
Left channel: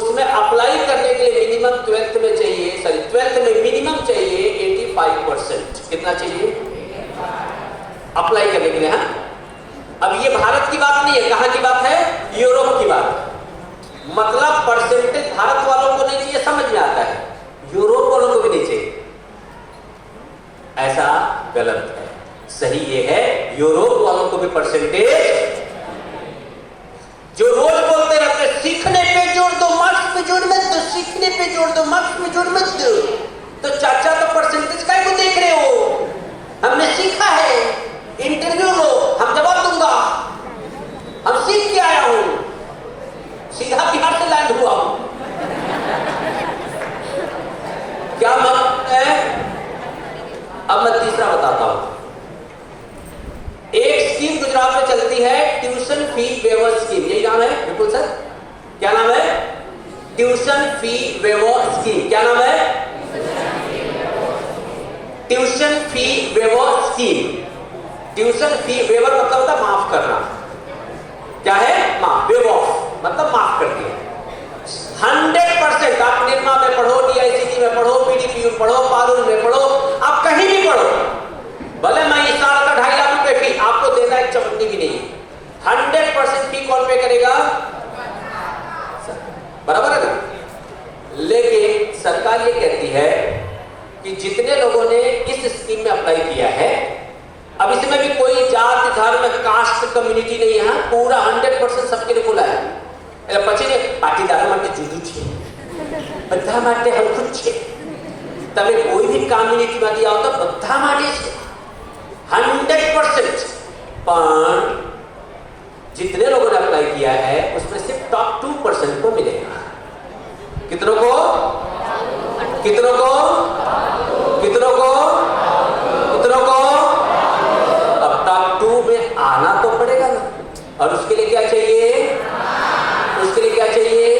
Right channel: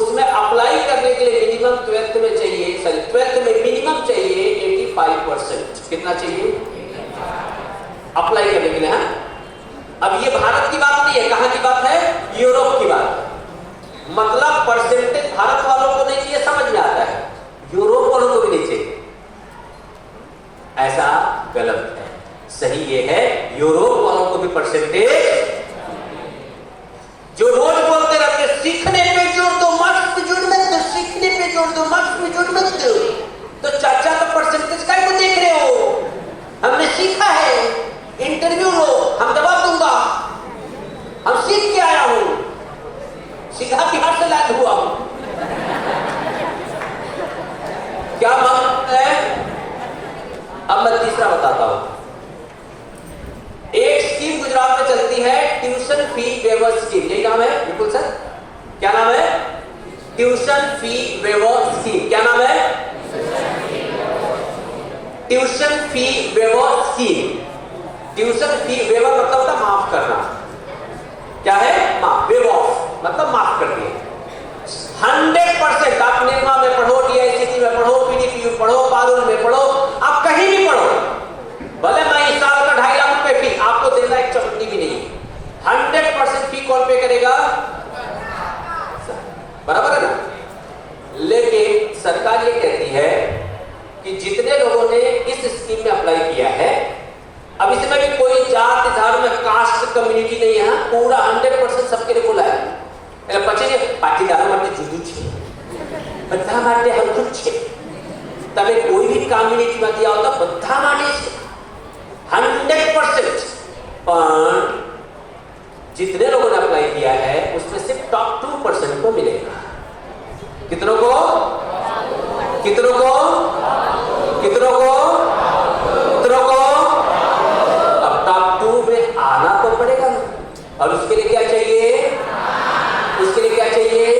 उसमें अप्लाई करने के लिए मिनिमम 12th में चाहिए, 12th में मिनिमम चाहिए 85%। कितना चाहिए अप्लाई करने के लिए? हाँ, अब ये भारत की बात नहीं है, कहां की बात है? यूरोप की बात है। मतलब परसेंटेज भारत वालों को नहीं चाहिए, समझ में आता है, यूरोप वालों को भी नहीं चाहिए। ऐसा गलत है। सही ये है, यूरोप वालों को भी परसेंटेज। जो रोज बोलते रहते सीखने पे जोड़ दो, मार्क्स पे जोड़ मत दो, सीखने पे जोड़ दो, मार्क्स पे जोड़ मत दो, तो चाचा तो परसेंटेज का ही देख रहे हो। हमने सीखा है, इंटरव्यू लो, हम जवाब दूंगा, हम सीख के आया हूं, सीधा बिहार से लैंड हुआ हूं। क्या मतलब है? अब मैं तीसरा बताता हूं। एक स्कीम गुजरात में चलती है, ट्यूशन फी वेवर स्कीम। यही नाम है? बिल्कुल सर। क्या नाम है? Tuition fee waiver scheme. क्या नाम है? Tuition fee waiver scheme. Tuition fee waiver मतलब होता है माफ करना। क्या है? माफ। वेवर मतलब माफ कर दिया। 100% आप निर्मा में पढ़ो, DICT में पढ़ो, PDP में पढ़ो, कानून में पढ़ो, आप कहीं भी पढ़ो, भले मैं इस साल का 2.5 लाख रुपए फी आपको देना एक चवन्नी भी नहीं। 100% फी कौन पे करेगा? बराबर है ना? लेकिन सरकार ये कहती है कि जितने लोगों ने इस स्कीम में अप्लाई किया है, अब इसमें भी कोई जात धर्म कास्ट कम्युनिटी नहीं है, पूरा 100% सबके लिए बोला है। પછી પાટીદારો માટે જુદું છે, બધા માટે હરખું છે। તમે કોઈ भी કમ્યુનિટીમાંથી આવતા બધા માટે છે 100%। पर जितने लोगों ने अप्लाई किया है उसमें सिर्फ टॉप 2% को मिलेगा। कितनों को? कितनों को? कितनों को? कितनों को? अब टॉप 2 में आना तो पड़ेगा ना। और उसके लिए क्या चाहिए? उसके लिए क्या चाहिए?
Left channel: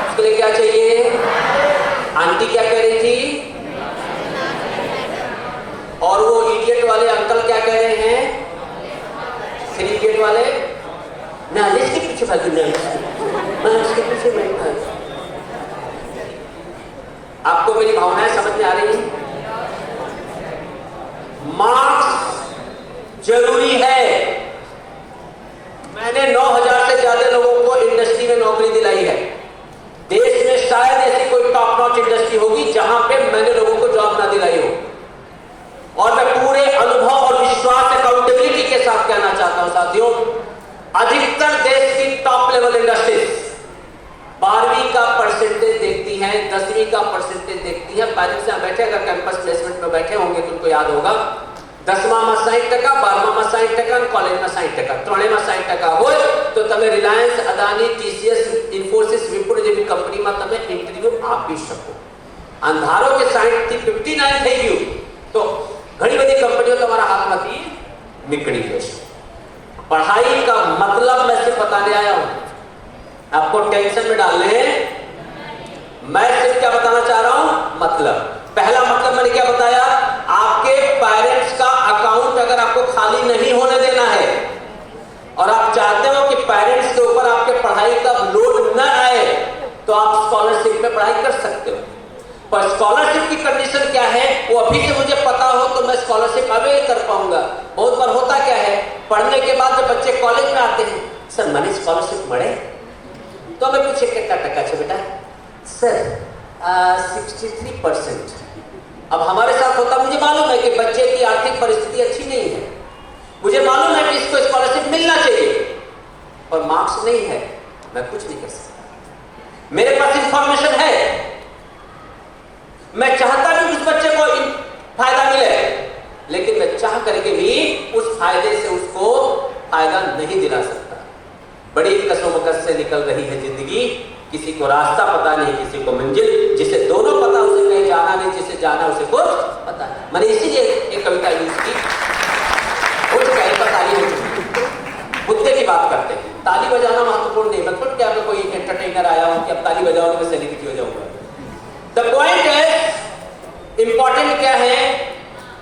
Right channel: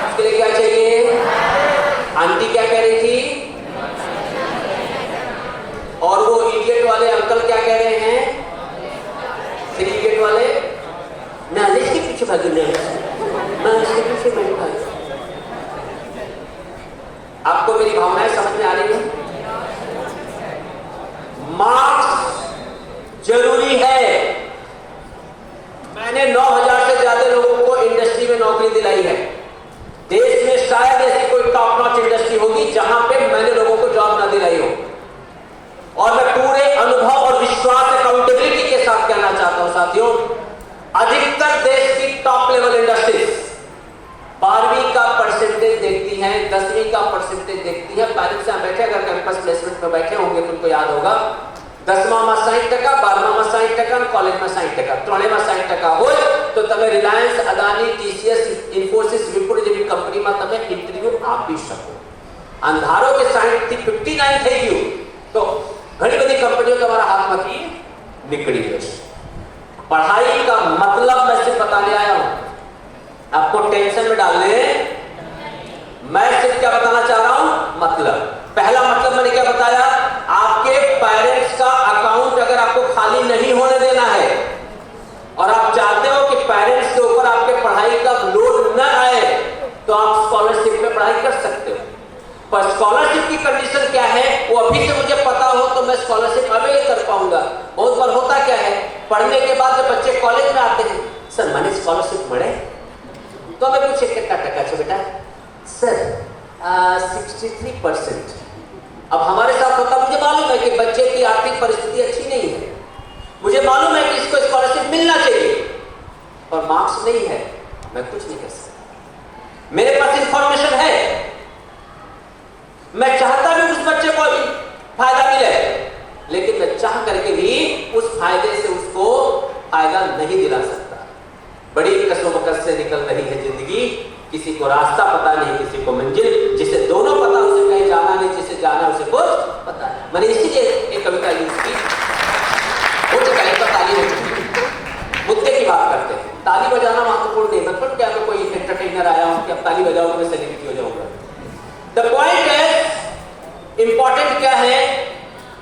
उसके लिए क्या चाहिए? आंटी क्या कह रही थी? और वो इडियट वाले अंकल क्या कह रहे हैं? इडियट वाले नालिश के पीछे भागी नहीं, मैं इसके पीछे नहीं भागी। आपको मेरी भावनाएं समझ में आ रही हैं? मार्क्स जरूरी है। मैंने 9000 से ज्यादा लोगों को इंडस्ट्री में नौकरी दिलाई है। देश में शायद ऐसी कोई टॉप नॉच इंडस्ट्री होगी जहां पे मैंने लोगों को जॉब ना दिलाई हो। और मैं पूरे अनुभव और विश्वास अकाउंटेबिलिटी के साथ कहना चाहता हूं साथियों, अधिकतर देश की टॉप लेवल इंडस्ट्रीज 12वीं का परसेंटेज देखती हैं, 10वीं का परसेंटेज देखती है। पैरेंट्स यहां बैठे अगर कैंपस प्लेसमेंट में बैठे होंगे तो उनको याद होगा 10मां में 60%, 12मां में 60%, कॉलेज में 60%, 3માં 60% હોય તો તમે રિલાયન્સ, અદાની, TCS, ઇન્ફોસિસ, વિપ્રો જેવી કંપનીમાં તમે ઇન્ટરવ્યુ આપી શકો। અંધારો કે 60 થી 59 થઈ ગયું તો ઘણી બધી કંપનીઓ તમારા હાથમાંથી નીકળી જશે। पढ़ाई का मतलब मैं सिर्फ बताने आया हूं, आपको टेंशन में डालने मैं सिर्फ क्या बताना चाह रहा हूं? मतलब पहला मतलब मैंने क्या बताया? आपके पेरेंट्स का अकाउंट अगर आपको खाली नहीं होने देना है और आप चाहते हो कि पेरेंट्स के ऊपर आपके पढ़ाई का लोड न आए तो आप स्कॉलरशिप में पढ़ाई कर सकते हो। पर स्कॉलरशिप की कंडीशन क्या है वो अभी से मुझे पता हो तो मैं स्कॉलरशिप अवेल कर पाऊंगा। बहुत बार होता क्या है, पढ़ने के बाद जब बच्चे कॉलेज में आते हैं स्कॉलरशिप મળે તો અમે પૂછે કેટલા ટકા છે બેટા सर 63%। अब हमारे साथ होता मुझे मालूम है कि बच्चे की आर्थिक परिस्थिति अच्छी नहीं है, मुझे मालूम है कि इसको स्कॉलरशिप मिलना चाहिए, पर मार्क्स नहीं है, मैं कुछ नहीं कर सकता। मेरे पास इंफॉर्मेशन है, मैं चाहता भी उस बच्चे को फायदा मिले, लेकिन मैं चाह करके भी उस फायदे से उसको फायदा नहीं दिला सकता। बड़ी कसोमकस से निकल रही है जिंदगी, किसी को रास्ता पता नहीं, किसी को मंजिल, जिसे दोनों पता उसे कहीं जाना नहीं, जिसे जाना उसे कुछ पता नहीं। मैंने इसीलिए एक कविता यूज की, मुद्दे की बात करते हैं। ताली बजाना महत्वपूर्ण नहीं, मतलब क्या तो कोई एंटरटेनर आया हो कि अब ताली बजाओ तो मैं सेलिब्रिटी हो जाऊंगा। द पॉइंट है, इंपॉर्टेंट क्या है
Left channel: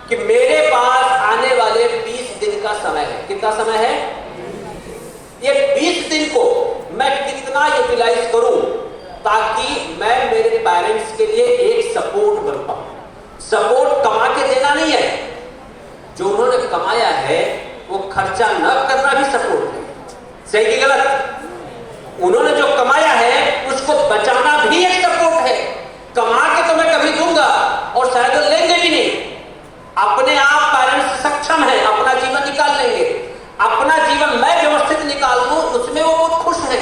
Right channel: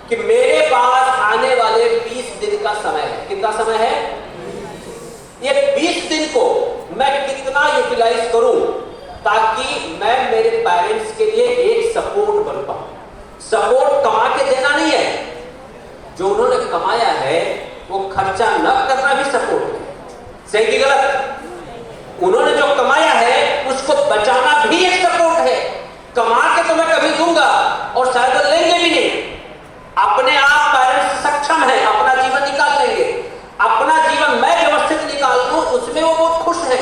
कि मेरे पास आने वाले 20 दिन का समय है। कितना समय है? ये 20 दिन को मैं कितना यूटिलाइज करूं ताकि मैं मेरे पेरेंट्स के लिए एक सपोर्ट बन पाऊं। सपोर्ट कमा के देना नहीं है, जो उन्होंने कमाया है वो खर्चा न करना भी सपोर्ट है। सही कि गलत? उन्होंने जो कमाया है उसको बचाना भी एक सपोर्ट है। कमा के तो मैं कभी दूंगा और शायद वो लेंगे भी नहीं। अपने आप पेरेंट्स सक्षम है, अपना जीवन निकाल लेंगे, अपना जीवन मैं व्यवस्थित निकाल दूं, उसमें वो बहुत खुश है।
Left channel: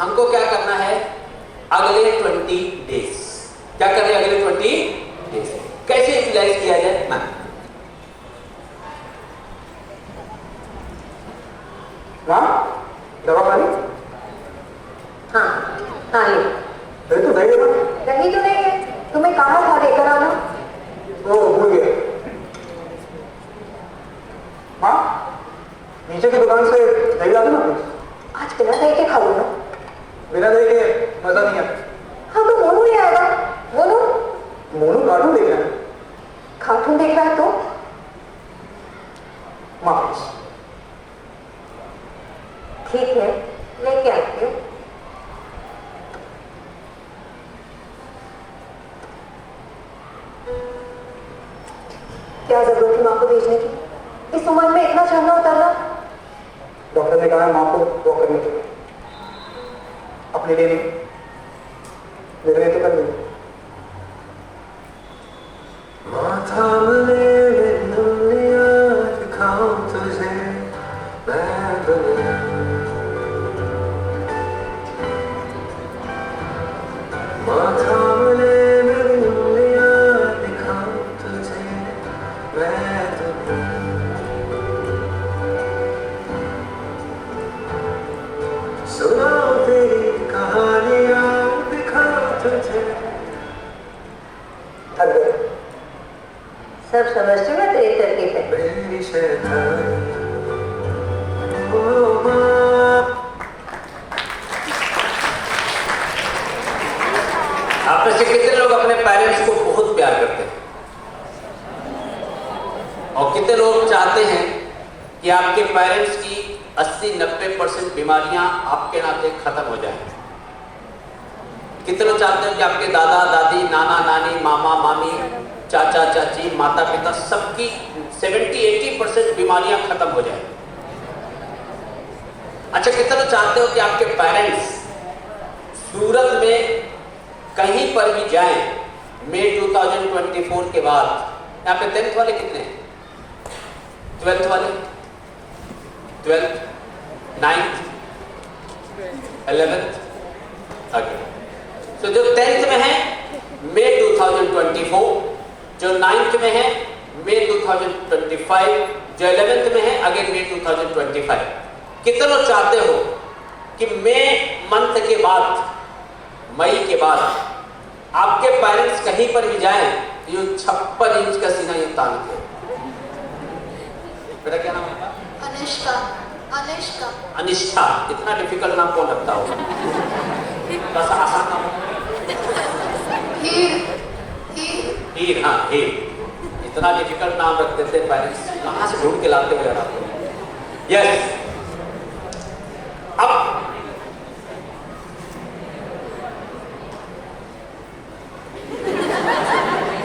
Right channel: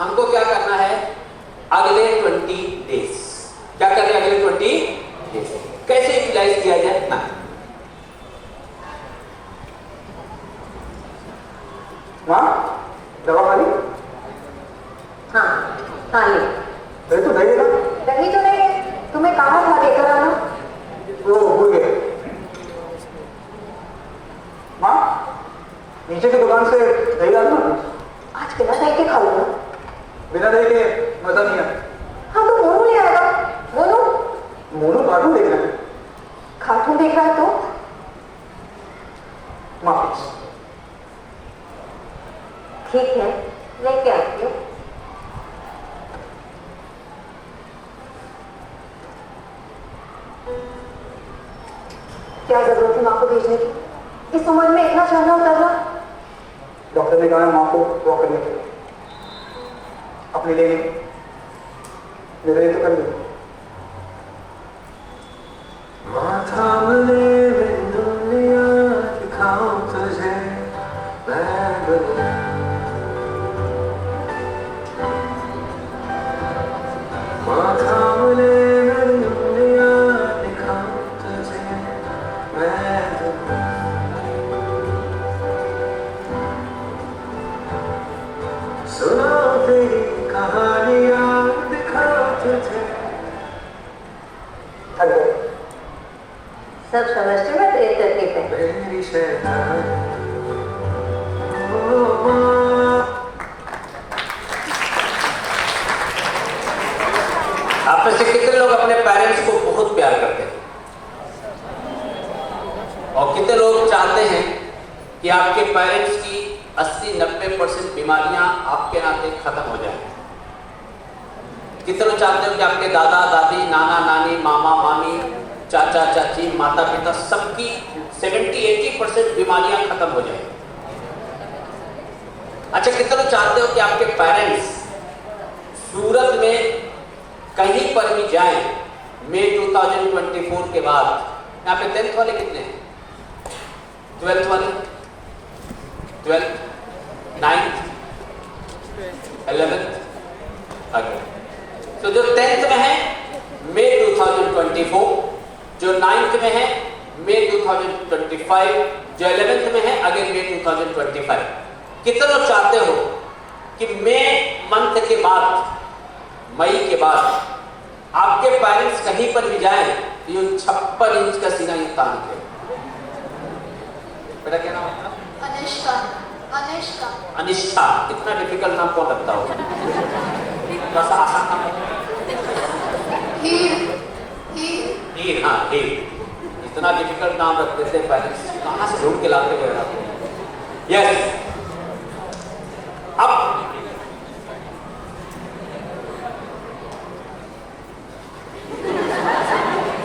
हमको क्या करना है? अगले 20 डेज क्या करना है? अगले 20 डेज कैसे यूटिलाइज किया जाए ना। दवा खाली? हाँ ताली दही तो दही है ना? दही तो नहीं है, तुम्हें कहा था लेकर आना। वो भूल गया। हाँ, नीचे की दुकान से दही ला दो ना। आज बिना दही के खाओ ना। बिना दही के मजा नहीं है। हाँ तो मोनू ले आएगा। मोनू मोनू कार्टून देख रहे हैं। कार्टून देख रहा है तो माफी। ठीक है, लेके आती हूँ। क्या जरूरत थी माँ को भेजने की? इस उम्र में इतना चलना उतरना। डॉक्टर ने कहा माँ को वॉक करने के लिए, अपने लिए नहीं, मेरे लिए तो कर दो। माथा मले दुनिया दिखाऊं तुझे मैं दुनिया, माथा मले दुनिया दिखाऊं तुझे मैं दुनिया, सुना तेरी कहानियां दिखा तुझे। सब समझते मैं तेरे करके पे। मेरी शैतान ओ माँ। आप में से कितने लोग अपने पेरेंट्स को बहुत प्यार करते हैं और कितने लोग चाहते हैं कि आपके पेरेंट्स की 80-90% बीमारियां आपके नाते खत्म हो जाए? कितने लोग चाहते हो कि आपके दादा दादी, नाना नानी, मामा मामी, चाचा चाची, माता पिता सबकी 70-80% बीमारियां खत्म हो जाए? अच्छा, कितने लोग चाहते हो कि आपके पेरेंट्स सूरत में कहीं पर भी जाएं मई 2024 के बाद? यहाँ पे 10th वाले कितने हैं? 12th वाले? 12th, 9th, 11th, okay. तो जो 10th में है मई 2024, जो 9th में है मई 2025, जो 11th में है अगेन मई 2025। कितने लोग चाहते हो कि मई मंथ के बाद, मई के बाद आपके पेरेंट्स कहीं पर भी जाएं तो ये 56 इंच का सीना ये तान के? बेटा क्या नाम है? अनिष्का। अनिष्का। अनिष्ठा। इतना डिफिकल्ट नाम कौन रखता हो? थोड़ा सा आसान नाम। हीर। हीर, हाँ हीर। इतना डिफिकल्ट नाम रखते थे पेरेंट्स, कहाँ से ढूंढ के लाते हुए? यस। अब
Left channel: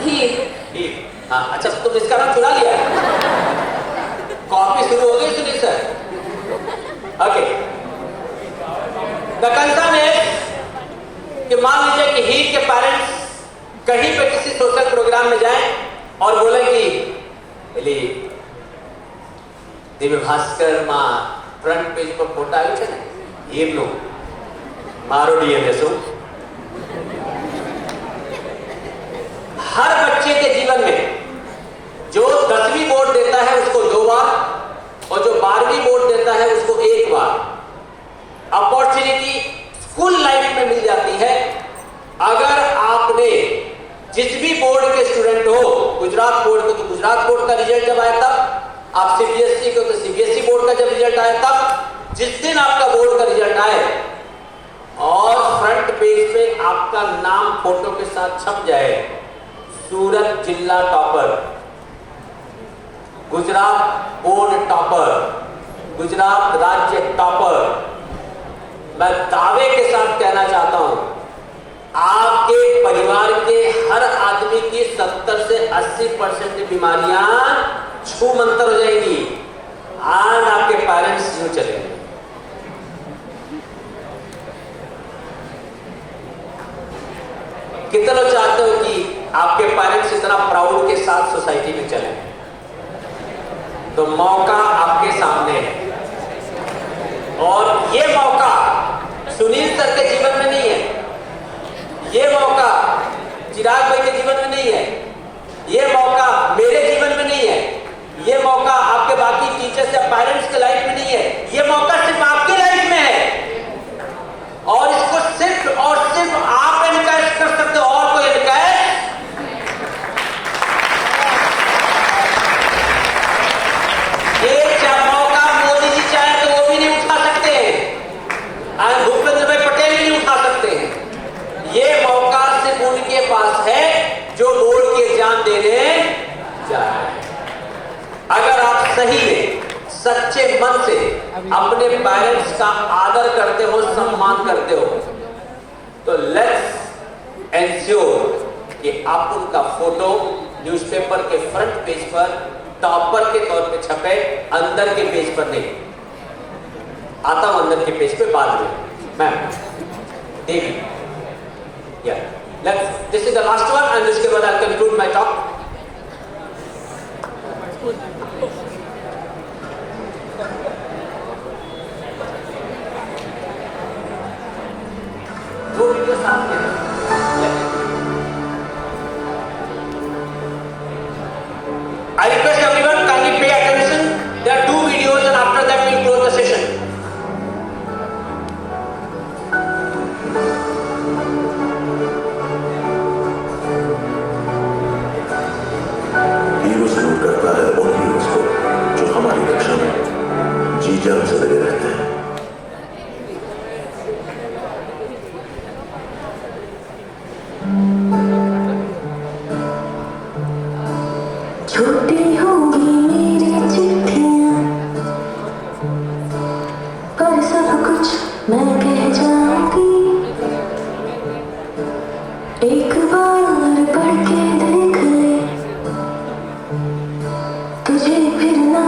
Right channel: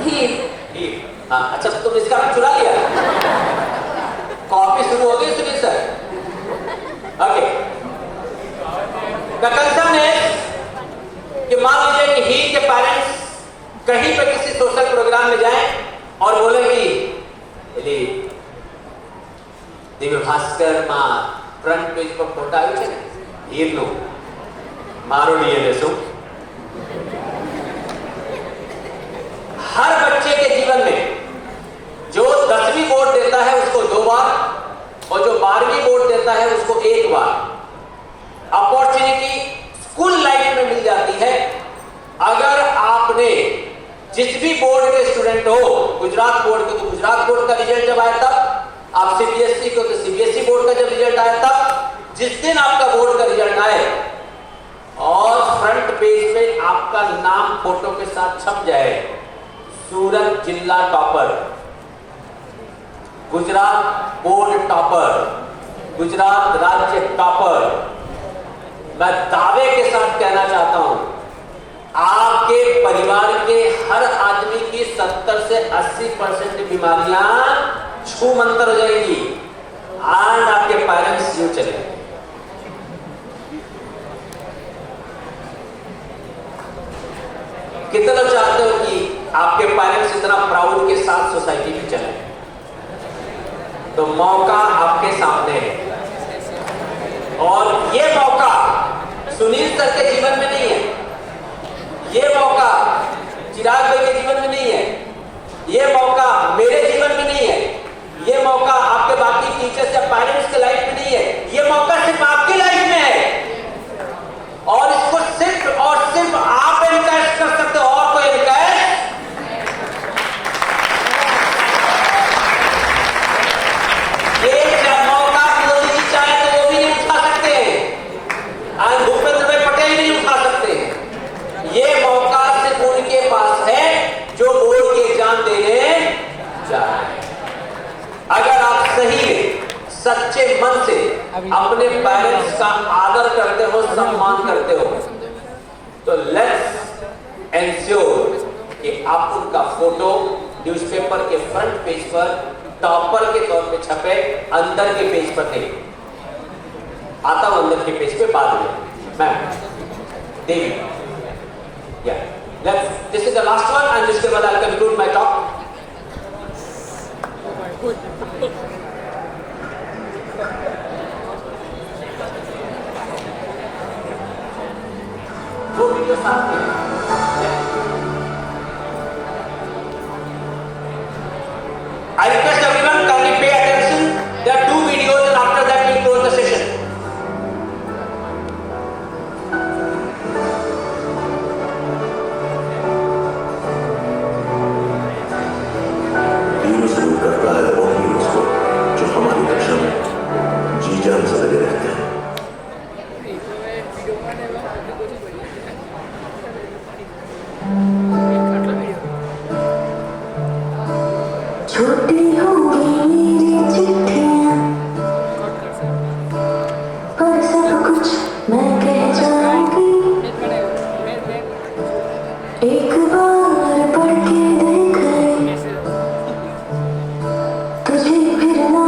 हीर। हाँ, अच्छा तुम इसका नाम चुरा लिया? कॉपी शुरू हो गई सुनील सर। ओके, इर्नो मारो डीएनएसओ। हर बच्चे के जीवन में जो 10वीं बोर्ड देता है उसको 2 बार और जो 12वीं बोर्ड देता है उसको 1 बार अपॉर्चुनिटी स्कूल लाइफ में मिल जाती है। अगर आपने जिस भी बोर्ड के स्टूडेंट हो, गुजरात बोर्ड के तो गुजरात बोर्ड का रिजल्ट जब आया तब, आप सीबीएसई के तो सीबीएसई बोर्ड का जब रिजल्ट आया तब, जिस दिन आपका बोर्ड का रिजल्ट आए और फ्रंट पेज पे आपका नाम फोटो के साथ छप जाए, सूरत जिला topper, Gujarat board topper, Gujarat राज्य टॉपर, मैं दावे के साथ कहना चाहता हूं आपके परिवार के हर आदमी की 70 से 80% बीमारियां छूमंतर हो जाएंगी और आपके पेरेंट्स यूं चलेंगे। कितने लोग चाहते हो कि आपके पेरेंट्स इतना प्राउड के साथ सोसाइटी में चले? तो मौका आपके सामने है और ये मौका सुनील सर के जीवन में नहीं है, ये मौका चिराग भाई के जीवन में नहीं है, ये मौका मेरे जीवन में नहीं है, ये मौका आपके बाकी टीचर्स या पेरेंट्स के लाइफ में नहीं है, ये मौका सिर्फ आपकी लाइफ में है और इसको सिर्फ और सिर्फ आप एनकरेज कर सकते हो और कोई एनकरेज। ये जब मौका मोदी जी चाहे तो वो भी नहीं उठा सकते और भूपेंद्र भाई पटेल भी नहीं उठा सकते। ये मौका सिर्फ उनके पास है जो बोर्ड की एग्जाम देने जा रहे हैं। अगर आप सही में सच्चे मन से अपने पेरेंट्स का आदर करते हो, सम्मान करते हो, तो लेट्स एंश्योर कि आप उनका फोटो न्यूज़पेपर के फ्रंट पेज पर टॉपर के तौर पे छपे, अंदर के पेज पर नहीं। आता हूं अंदर के पेज पे बाद में। मैम देखिए, this is the last one and इसके बाद आई कंक्लूड माय टॉक। दो वीडियो साथ में I request everyone kindly pay attention. There are 2 videos and after that we'll close the session. Hero जरूर करता है वो हीरोज को जो हमारी रक्षा में जी जान से लगे रहते हैं। छोटी होंगी मेरी चिट्ठियां पर सब कुछ मैं कह जाऊंगी। एक बार पढ़ के देख ले तुझे फिर ना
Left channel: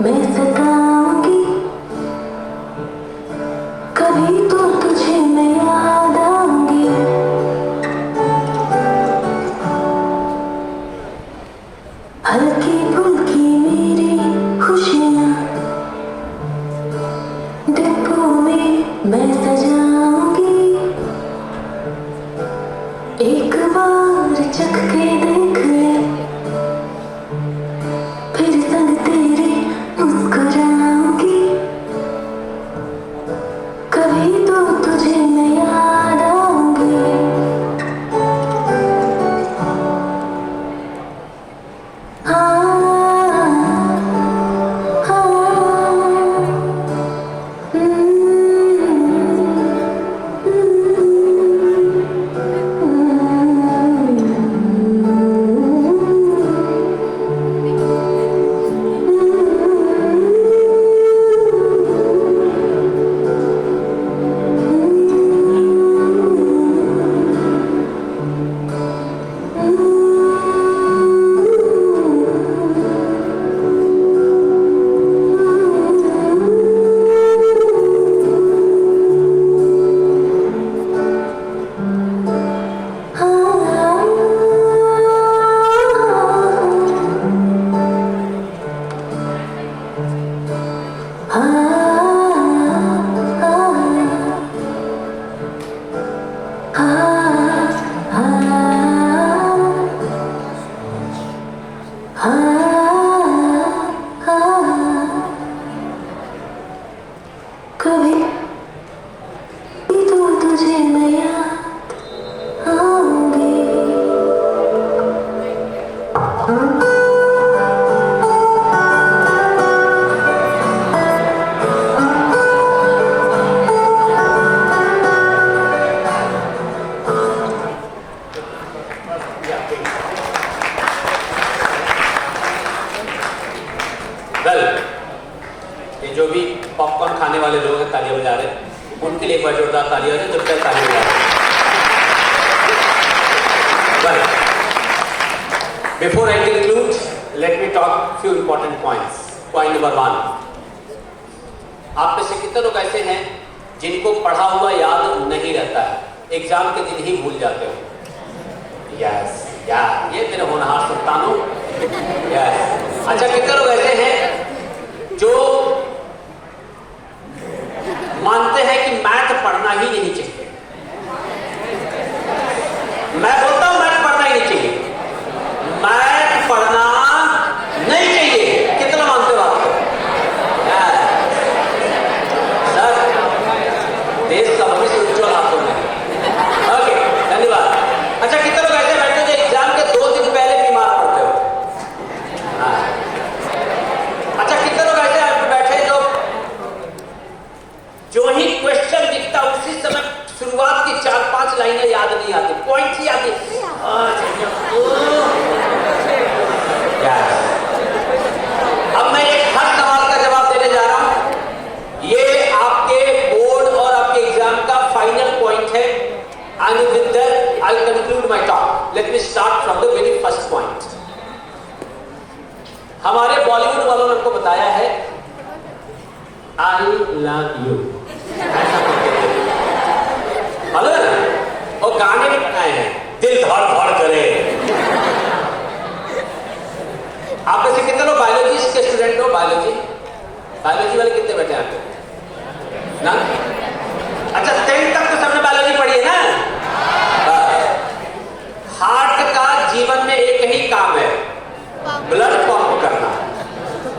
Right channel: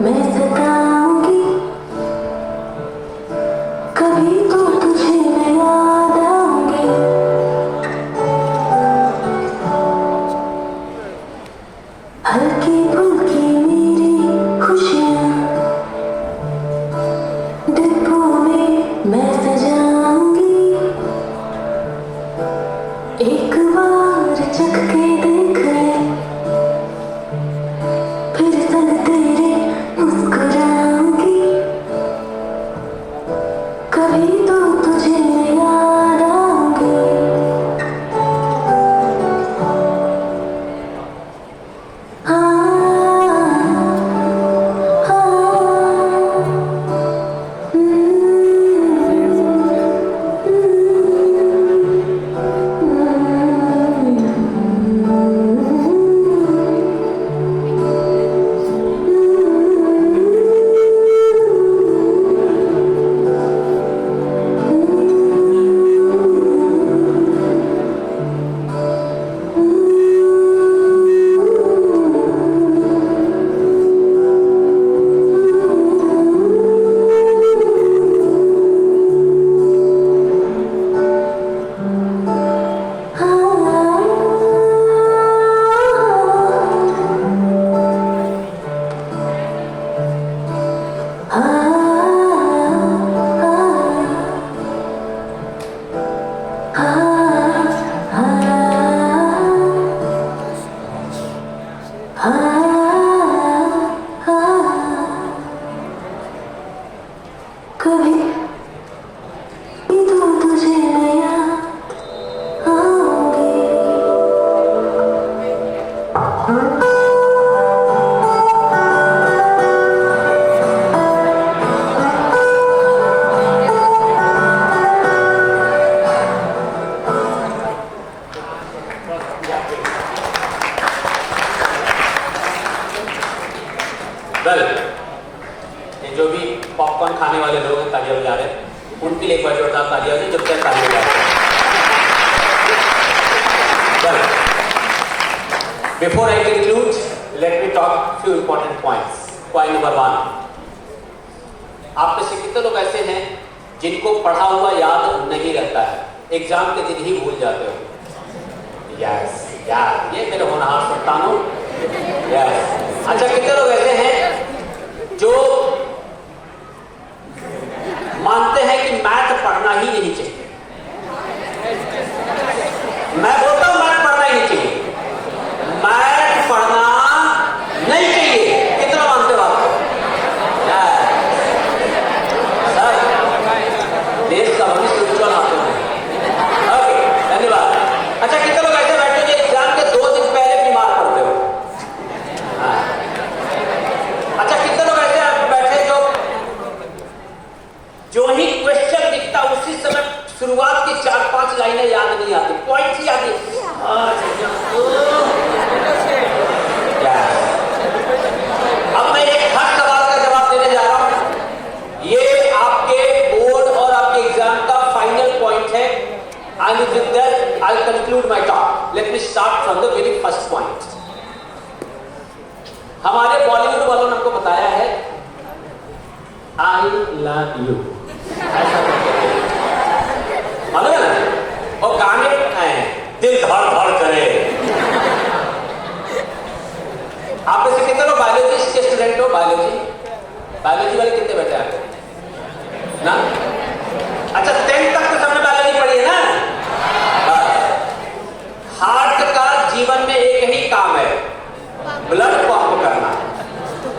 मैं सताऊंगी। कभी तो तुझे मैं याद आऊंगी। हल्की फुल्की मेरी खुशियां डिब्बों में मैं सजाऊंगी। एक बार चख के देख ले फिर संग तेरे मुस्कुराऊंगी। कभी तो तुझे मैं याद आऊंगी। रहे हैं, उनके लिए एक बार जोरदार तालियां हो जब तक तालियां हो जाए। Before I conclude, let me talk few important points. Point number 1. आप में से कितने लोग ऐसे हैं जिनको पढ़ा हुआ याद नहीं रहता है, एग्जाम के दिन ही भूल जाते हो? यस, यार ये मेरे होनहार संतान हूं। यस। अच्छा, कितने लोग ऐसे हैं जो मानते हैं कि मैथ पढ़ना ही नहीं चाहिए? मैं बोलता हूं मैथ पढ़ना ही नहीं चाहिए, मैथ पढ़ना नहीं चाहिए। कितना मानते हो आप? सर, देश का भविष्य उज्ज्वल हाथों में। ओके, धन्यवाद। अच्छा, कितने लोग ऐसे बैठे जो एग्जाम के 2 दिन पहले बीमार पड़ते हो? हाँ। अच्छा, कितने लोग ऐसे बैठे जो ही क्वेश्चन दिखता उसी समय शुरुआत की 4-5 लाइनें याद नहीं आती, पॉइंट ही आती। अब मैं एक हर सवाल का जवाब देने जा रहा हूं। ये आपके बोर्ड और आपके एग्जाम का फाइनल पॉइंट है। I'll conclude my talk. Let me start from the very first point. हमारे बॉलीवुड वालों ने हमको बताया है I love you। मालूम है ना? और गाने आए हैं दिल धड़ धड़ करे। आप में से कितने लोग बायोलॉजी के स्टूडेंट हो? बायोलॉजी वाले कितने बैठे हैं ना? अच्छा, 10th तक तो सबने बायोलॉजी पढ़ी है ना? हार्ट का जीवन में एक ही काम है, ब्लड पंप करना।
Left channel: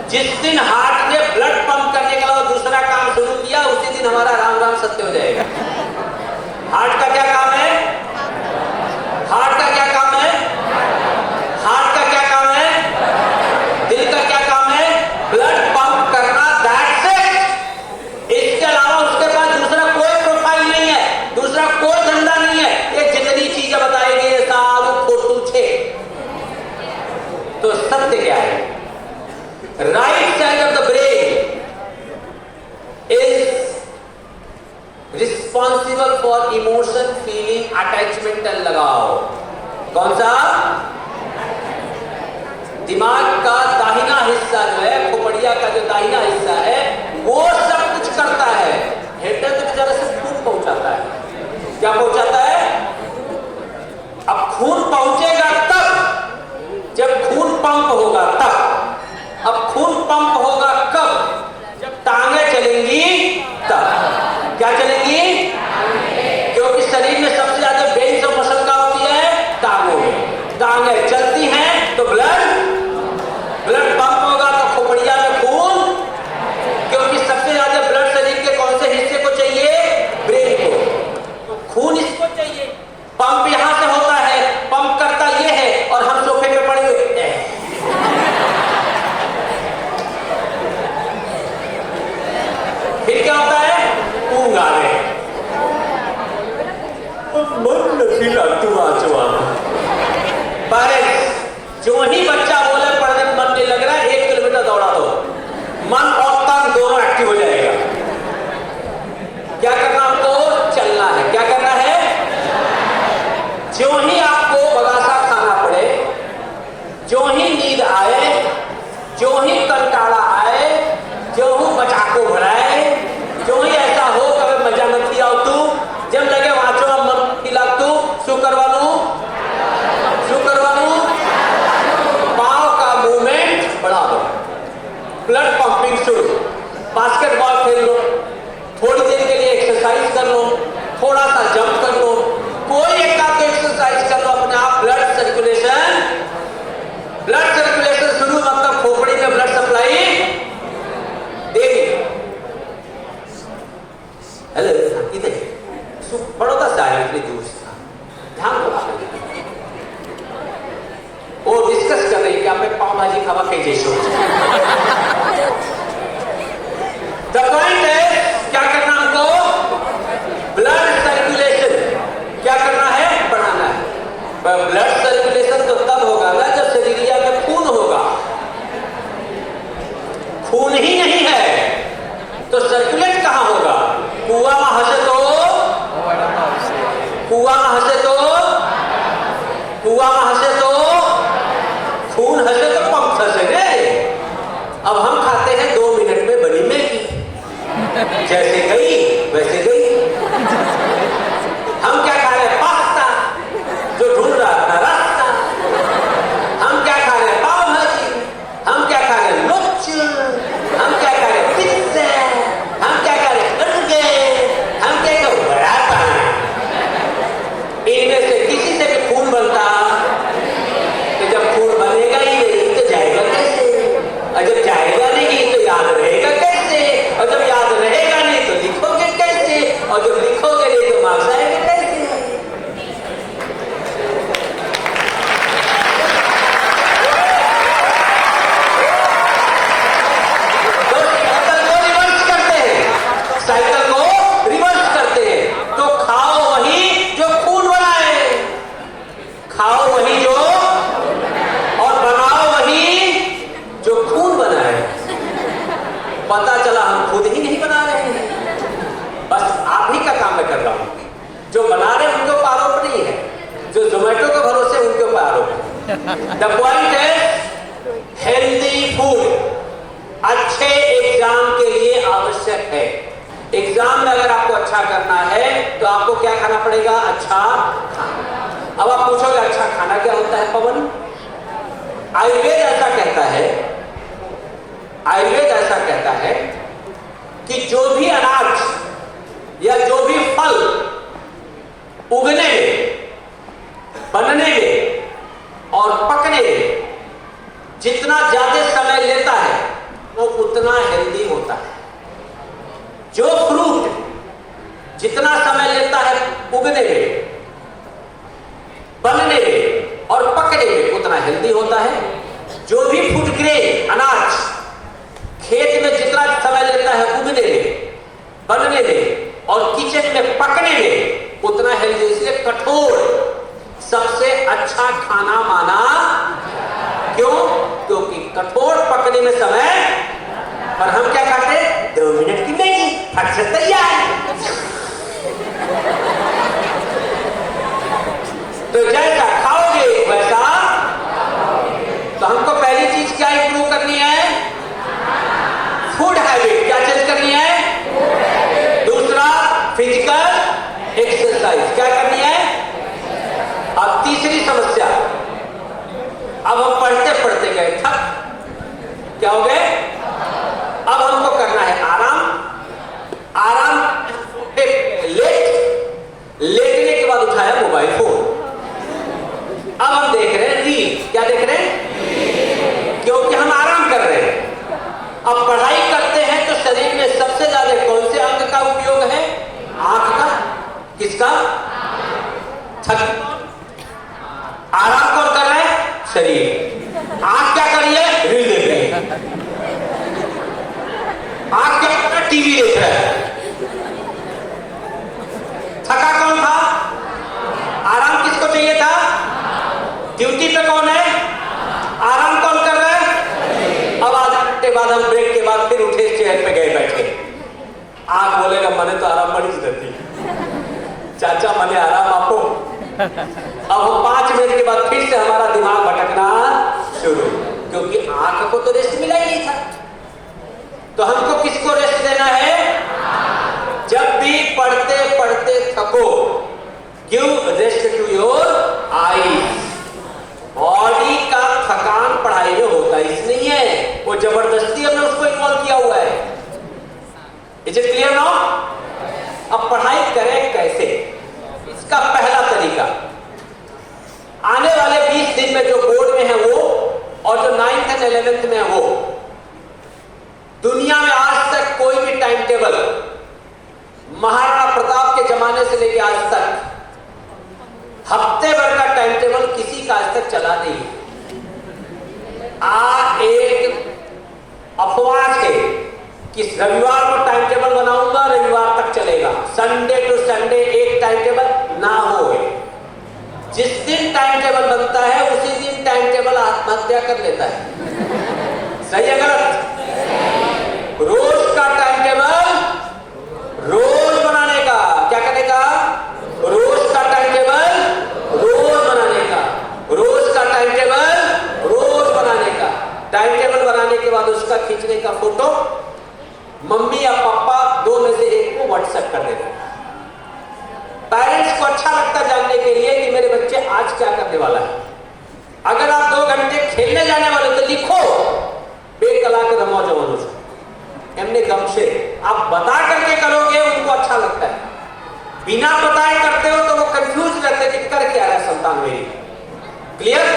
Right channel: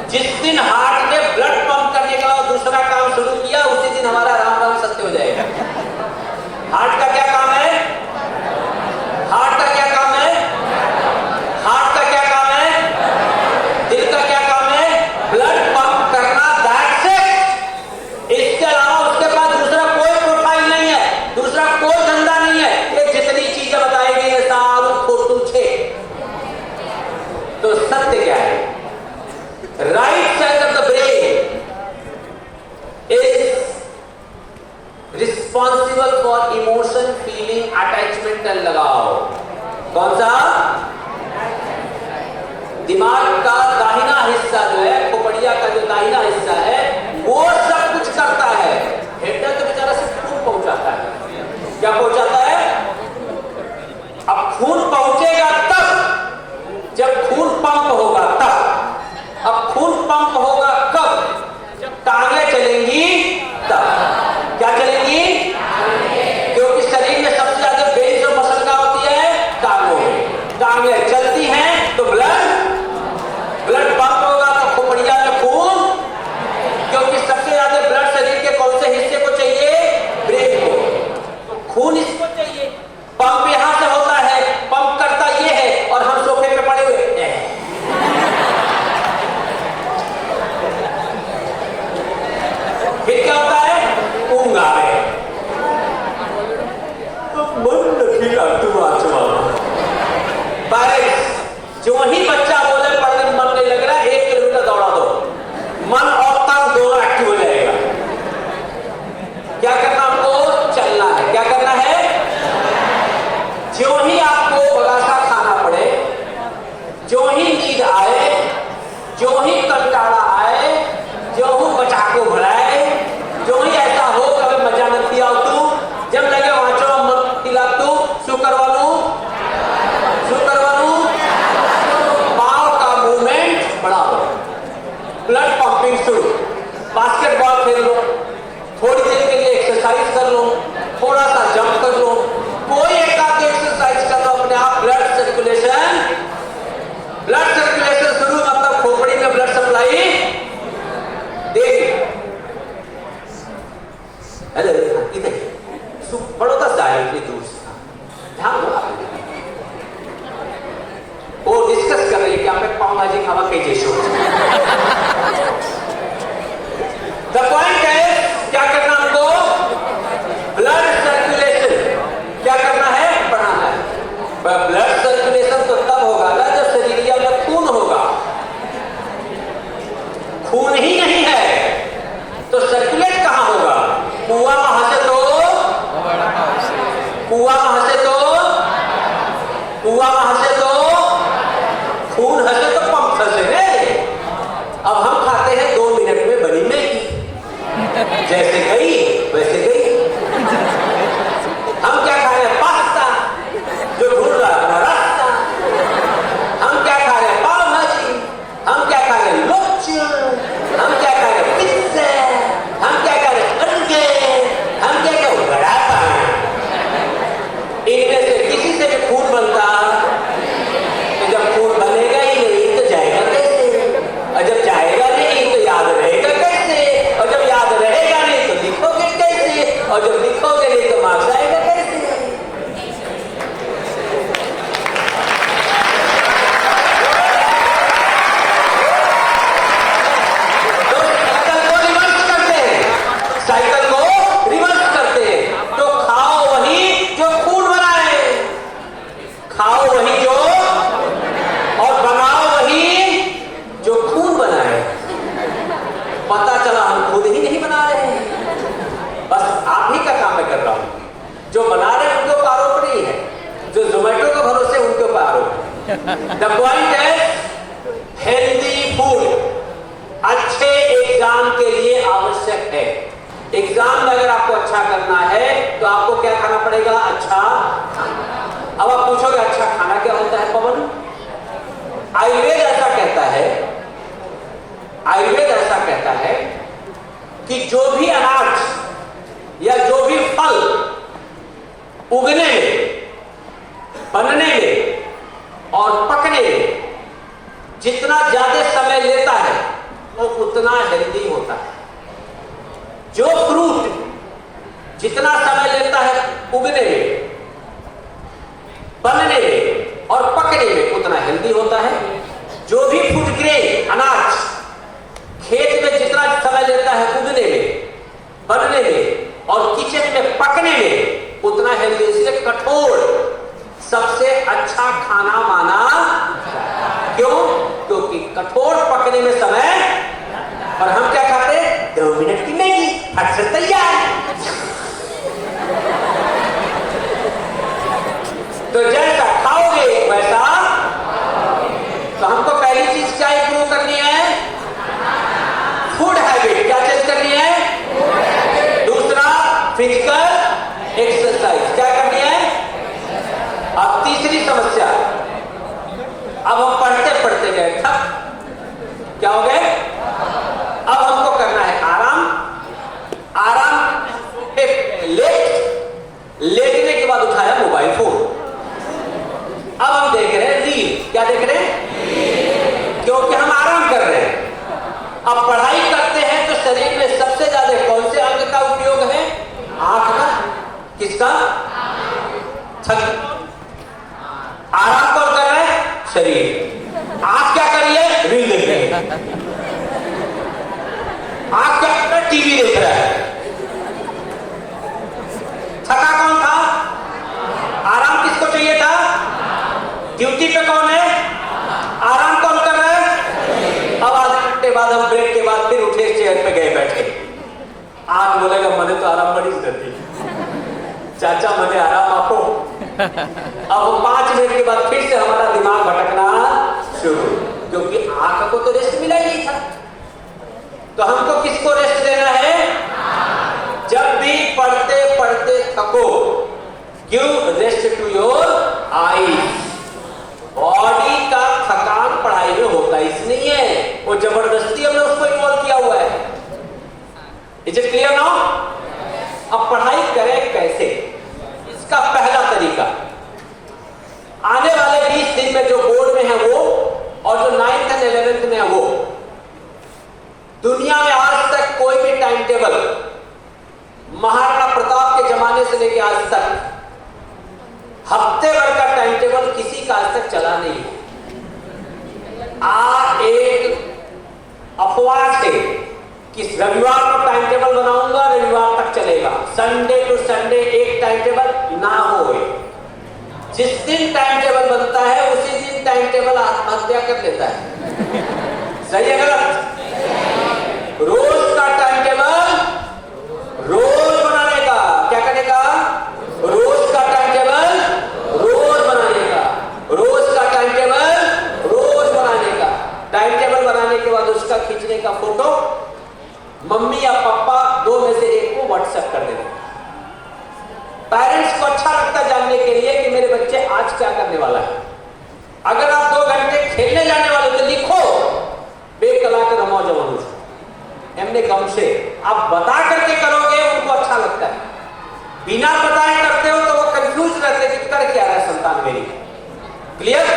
जिस दिन हार्ट ने ब्लड पंप करने का दूसरा काम शुरू किया, उसी दिन हमारा राम राम सत्य हो जाएगा। हार्ट का क्या काम है? हार्ट का क्या काम है? हार्ट का क्या काम है? दिल का क्या काम है? ब्लड पंप करना। That's it. इसके अलावा उसके बाद दूसरा कोई प्रोफाइल नहीं है, दूसरा कोई धंधा नहीं है। ये जितनी चीजें बताई गई है सब फोटो छे। तो सत्य क्या है? Right side of the brain is responsible for emotion, feeling, attachment and लगाव। कौन सा? दिमाग का दाहिना हिस्सा जो है, खोपड़िया का जो दाहिना हिस्सा है, वो सब कुछ करता है। हृदय तो बेचारा सिर्फ खून पहुंचाता है। क्या पहुंचाता है? अब खून पहुंचेगा तब जब खून पंप होगा, तब। अब खून पंप होगा कब? जब टांगे चलेंगी तब। क्या चलेंगी? क्योंकि शरीर में सबसे ज्यादा ब्रेन ऑफ मसल का होती है टांगों में। टांगे चलती हैं तो ब्लड पंप होगा, तो खोपड़िया में खून। क्योंकि सबसे ज्यादा ब्लड शरीर के कौन से हिस्से को चाहिए? ब्रेन को। तो खून इसको चाहिए। पंप यहां से होता है, पंप करता ये है, और हम सोफे पे पड़े हुए हैं। फिर क्या होता है? ऊंग आ रहे हैं। मन नफीला दुआ जवाब। पर जो ही बच्चा बोले पढ़ने में मन नहीं लग रहा है, 1 किलोमीटर दौड़ा दो, मन और तन दोनों एक्टिव हो जाएगा। क्या करना हमको? चलना है। क्या करना है? जो ही आपको बगासा खाना पड़े, जो ही नींद आए, जो ही कंटाला आए, जो ही बचाको भराए, जो ही ऐसा हो कभी मजा मत किया हो तू, जब लगे वाँचो मत पिला तू, शू करवानू? पाँव का मूवमेंट बढ़ाओ, ब्लड पंपिंग शुरू। बास्केटबॉल खेल लो, थोड़ी देर के लिए एक्सरसाइज कर लो, थोड़ा सा जंप कर लो, कोई एक काम एक्सरसाइज कर लो, अपने आप ब्लड सर्कुलेशन शुरू। मतलब खोपड़ी में ब्लड सप्लाई दे। हेलो, इधर बड़ौदा से आया, इतनी दूर से, ध्यान लगा। वो डिस्कस कर रही है कि आपने पाव भाजी खावा कई जैसे। द पॉइंट है, क्या करना हमको? Blood circulation. क्या करना है? बढ़ाना है। ब्लड सर्कुलेशन तो तब होगा ना जब शरीरिया में खून होगा। खून ही नहीं है तो सर्कुलेट कहां होगा? खून लिखोगे नहीं तो मार्क्स आएंगे कैसे? साइकिल को रिवर्स करते हैं तो खाओ वही जो फूड बनाए, खाओ वही जो और बनाओ वही जो खून बनाए। पता चला हम खुद ही नहीं बना रहे हैं, बस आप ही का काम मैं कर रहा हूं। जो बना रहे हैं उनके ऊपर आरोप नहीं है, जो जोमेटो के भरोसे उनके ऊपर आरोप है। द पॉइंट है हेल्दी फूड अच्छे एग्जाम के लिए आवश्यक है। एग्जाम में अगर आपको अच्छा करना है तो आपको क्या खाना पड़ेगा? अच्छा खाना। अब आप पूछोगे अच्छा खाना क्या होता है पवन? आयुर्वेद ऐसा कहता है, आयुर्वेद ऐसा कहता है कि जो भी अनाज या जो भी फल उगने में, बनने में और पकने में जितना ज्यादा समय लेता है वो उतना हेल्दी होता है। जो फ्रूट जितना समय लेता है उगने में, बनने में और पकने में उतना हेल्दी होता है। जो भी फूड ग्रेन अनाज खेत में जितना समय लेता है उगने में, बनने में और किचन में पकने में उतना हेल्दी। इसलिए कठोर सबसे अच्छा खाना माना। क्यों? क्योंकि कठोर पकने में समय, और हम क्या खाते हैं? 2 मिनट की मैगी, फट से तैयार। तो जैसा खाओगे वैसा। तो हमको पहली चीज क्या इंप्रूव करनी है? Food habit. क्या चेंज करनी है? दूसरा फिजिकल एक्सरसाइज। क्या करनी है? अब तीसरी समस्या, अब हम पढ़ते पढ़ते गए थक, क्या हो गए? अब हमको करना है आराम। आराम लेटने के बाद उठाया मोबाइल फोन। अब हम देख रहे हैं रील। क्या देख रहे हैं? क्योंकि हम आराम कर रहे हैं। अब पढ़ाई करते हैं तो शरीर में सबसे ज्यादा कौन से अंग का उपयोग है? आंख का। किसका? थक। आराम कौन कर रहा है? शरीर। आंख क्या कर रही है? रील देख रही है। आंख क्या कर रहा है? टीवी देख रहा है। थका कौन था? आराम किसको चाहिए था? ड्यूटी पे कौन है? आराम कौन कर रहा है? अब आधे घंटे बाद हम ब्रेक के बाद फिर उठे, चेयर पे गए बैठे। आंख बोलेगा मैंने तो आराम बड़ी रहती, चाचा मैंने आराम आपको। अब हम 5 मिनट के बाद फिर से हमारा दिमाग भटकना शुरू, क्योंकि आंख को तो रेस्ट मिला ही नहीं था। तो हमको किसको रेस्ट देना है? जब भी पढ़ते पढ़ते थको, give rest to your eyes. Body का थकान पढ़ाई में होता ही नहीं है, वो जबरदस्ती हमने उसको इन्वॉल्व किया हुआ है। Is it clear now? अब पढ़ाई करें कैसे? इसका पहला तरीका, आने वाले 20 दिन में जो बोर्ड में है वो, और जो 9th और 11th में है वो, दुनिया में आज तक कोई भी टाइम टेबल महाराणा प्रताप के जमाने से लेकर आज तक हफ्ते भर का टाइम टेबल किसी का आज तक चला नहीं है। एक अफवाह है कि रविवार को टाइम टेबल बनाऊंगा, रविवार तक चलेगा, संडे टू संडे एक टाइम टेबल ना हो। जिस दिन टाइम टेबल बनता है उसी दिन टाइम टेबल आत्महत्या कर लेता है। सही है गलत? रोज का टाइम टेबल रोज बनाने का, क्या करने का? रोज का टाइम टेबल रोज बनाने का, रोज का टाइम टेबल रोज बनाने का। टाइम टेबल बनाने के बाद उसका खींचने का फोटो मम्मी या पापा 2 में से एक को व्हाट्सएप कर देना। पेरेंट्स को अच्छा लगता है जानने के लिए कि मेरे बच्चे आज क्या करने वाला है। अगर आप 2 घंटे खेलने जाने वाले तो लिखो बेकला के रमो जवानों से, एमने गम से। आप बता करके करोगे उनको अच्छा लगता है, बिना बताए करते हो तो वो कंफ्यूज रहते हैं कि कर क्या है संतान मेरी। क्लियर?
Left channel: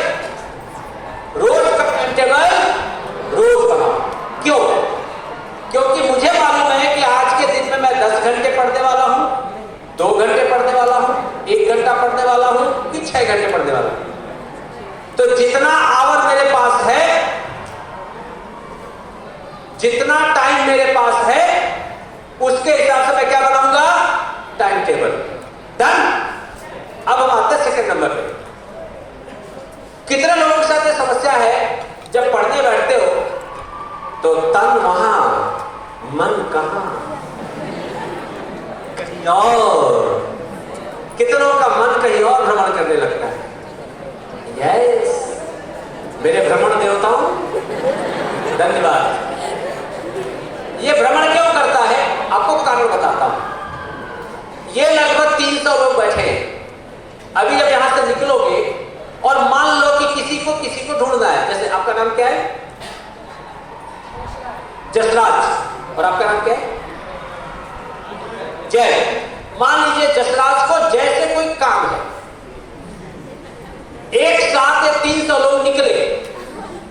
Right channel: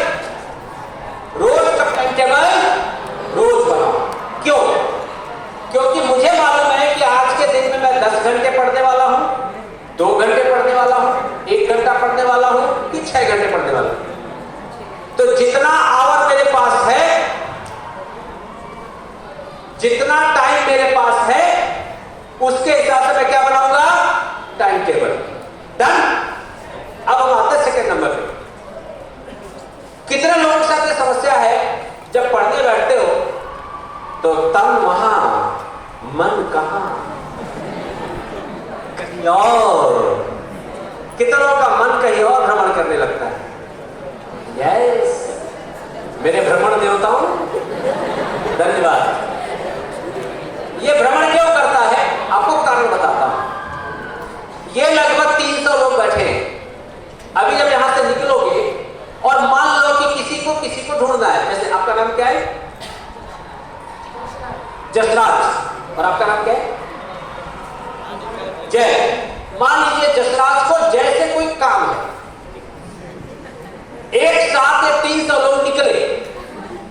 रोज का टाइम टेबल रोज बनाओ। क्यों? क्योंकि मुझे मालूम है कि आज के दिन में मैं 10 घंटे पढ़ने वाला हूं, घंटे पढ़ने वाला हूं। तो जितना आवर मेरे पास है, जितना टाइम मेरे पास है, उसके हिसाब से मैं क्या बनाऊंगा? Time table. डन। अब हम आते हैं सेकंड नंबर पे। कितने लोगों के साथ ये समस्या है, जब पढ़ने बैठते हो तो तन वहां, मन कहां, कहीं और। कितने लोगों का मन कहीं और भ्रमण करने लगता है? यस, मेरे भ्रमण देवताओं धन्यवाद। ये भ्रमण क्यों करता है, आपको कारण बताता हूं। ये लगभग 300 लोग बैठे हैं। अभी जब यहां से निकलोगे और मान लो कि किसी को ढूंढना है, जैसे आपका नाम क्या है? जसराज। और आपका नाम क्या है? जय। मान लीजिए जसराज को जैसे कोई काम है, एक साथ ये 300 लोग निकले,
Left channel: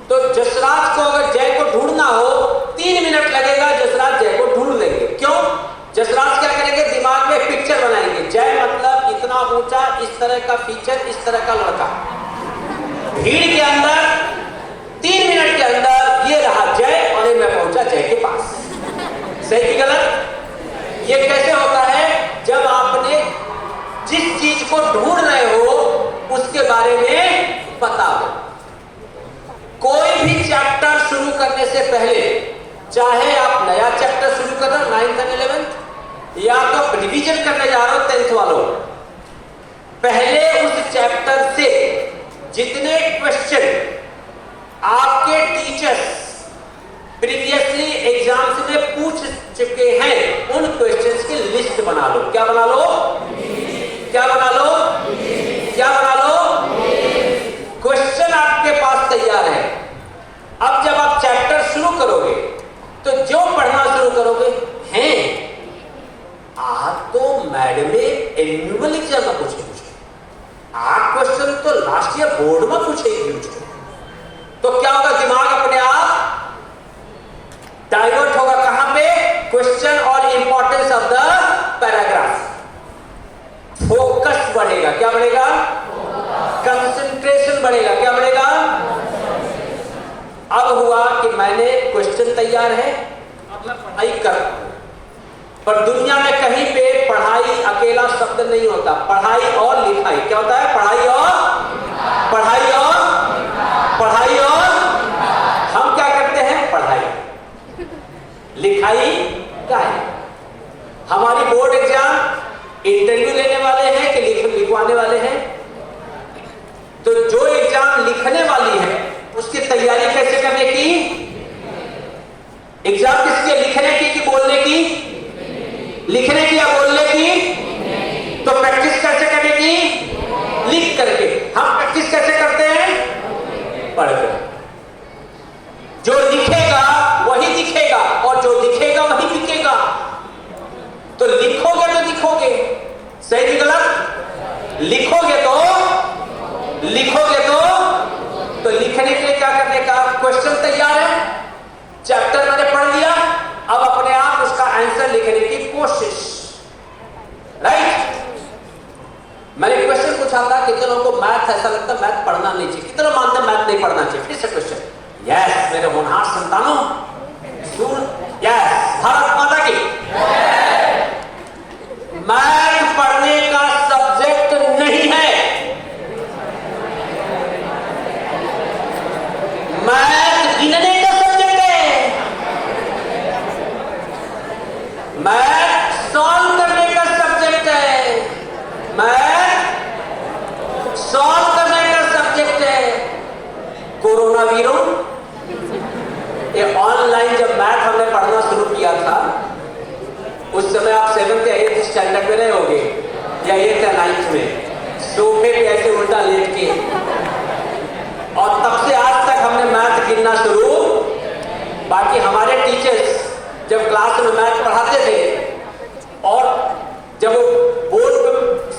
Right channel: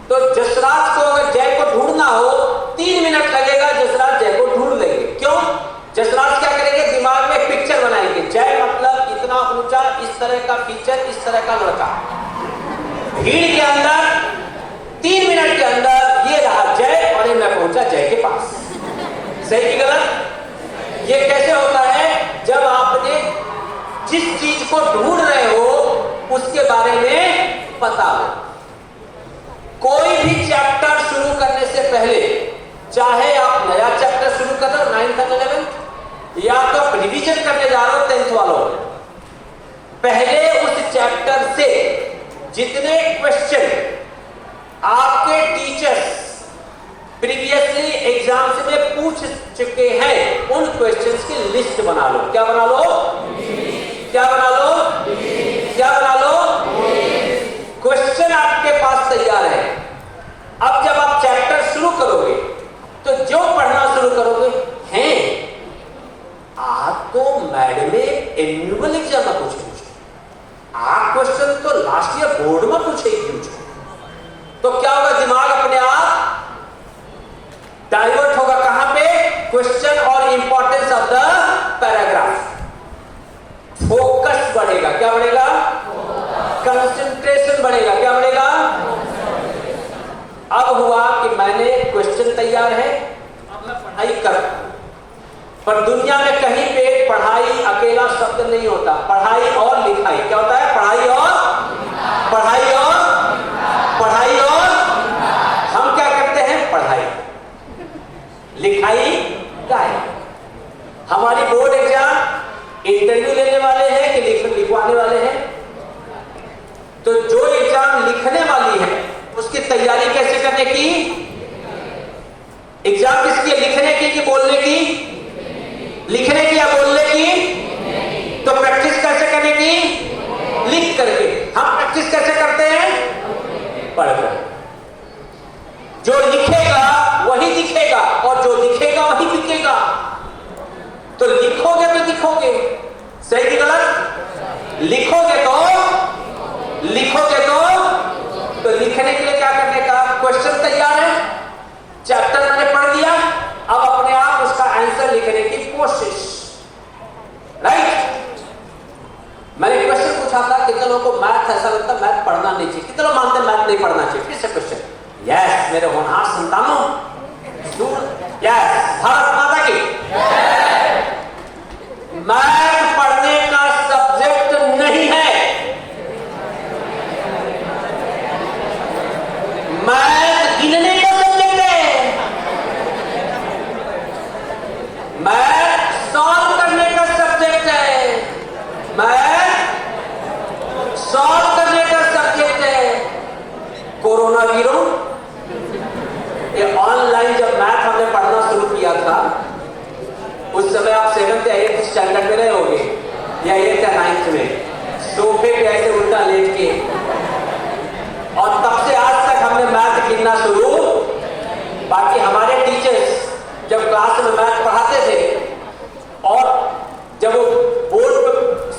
तो जसराज को अगर जय को ढूंढना हो 3 मिनट लगेगा, जसराज जय को ढूंढ लेंगे। क्यों? जसराज क्या करेंगे? दिमाग में पिक्चर बनाएंगे। जय मतलब इतना ऊंचा, इस तरह का फीचर, इस तरह का लड़का। भीड़ के अंदर 3 मिनट के अंदर ये रहा जय, और मैं पहुंचा जय के पास। सही कि गलत? ये कैसे होता है? जब आपने जिस चीज को ढूंढ रहे हो उसके बारे में पता हो। कोई भी चैप्टर शुरू करने से पहले, चाहे आप नया चैप्टर शुरू कर रहे हो 9th और 11th, या तो रिवीजन करने जा रहे हो 10th वालों, पहले उस चैप्टर से जितने क्वेश्चन आपके टीचर्स प्रीवियसली एग्जाम्स में पूछ चुके हैं, उन क्वेश्चंस की लिस्ट बना लो। क्या बना लो? क्या बना लो? क्या बना लो? क्वेश्चन आपके पास तैयार है। अब जब आप चैप्टर शुरू करोगे तो जो पढ़ना शुरू करोगे, हैं आप तो मैडम एनुअल एग्जाम में पूछे, आप क्वेश्चन तो लास्ट ईयर बोर्ड में पूछेगी मुझको। तो क्या होगा? दिमाग अपने आप डाइवर्ट होगा। कहां पे? क्वेश्चन और importance of the paragraph. Focus बढ़ेगा। क्या बढ़ेगा? कंसंट्रेशन बढ़ेगा। क्या बढ़ेगा? अब हुआ कि मैंने क्वेश्चन तैयार है, अब मैं पढ़ाई कर रहा हूं, पर दुनिया में कहीं पे पढ़ाई अकेला शब्द नहीं होता। पढ़ाई और लिखाई। क्या होता है? पढ़ाई और पढ़ाई और पढ़ाई और हम क्या करते हैं? पढ़ाई। लिखाई क्या है? हमारी बोर्ड एग्जाम इंटरव्यू लेने वाले हैं कि लिखवाने वाले हैं? तो जो एग्जाम लिखने वाली है उसकी तैयारी कैसे करने की? एग्जाम किसकी? लिखने की कि बोलने की? लिखने की या बोलने की? तो प्रैक्टिस कैसे करने की? लिख करके। हम प्रैक्टिस कैसे करते हैं? पढ़कर। जो लिखेगा वही दिखेगा, और जो लिखेगा वही बिकेगा। तो लिखोगे तो दिखोगे। सही कि गलत? लिखोगे तो लिखने के लिए क्या करने का? क्वेश्चन तैयार है, चैप्टर मैंने पढ़ लिया, अब अपने आप उसका आंसर लिखने की कोशिश। राइट? मैंने क्वेश्चन पूछा था, कितने लोगों को मैथ ऐसा लगता है मैथ पढ़ना नहीं चाहिए? कितने लोग मानते हैं मैथ नहीं पढ़ना चाहिए? फिर से क्वेश्चन। यस मेरे होनहार संतानों, यस, भारत माता की। मैथ पढ़ने का सब्जेक्ट नहीं है। मैथ गिनने का सब्जेक्ट है। मैथ सॉल्व करने का सब्जेक्ट है। मैथ सॉल्व करने का सब्जेक्ट है। कोरोना वीरों, ये ऑनलाइन जब मैथ हमने पढ़ना शुरू किया था, उस समय आप 7th या 8th स्टैंडर्ड में रहे होगे, या 8th या 9th में, सोफे पे ऐसे उल्टा लेट के, और तब से आज तक हमने मैथ गिनना शुरू। बाकी हमारे टीचर्स जब क्लास में मैथ पढ़ाते थे और जब वो बोर्ड पे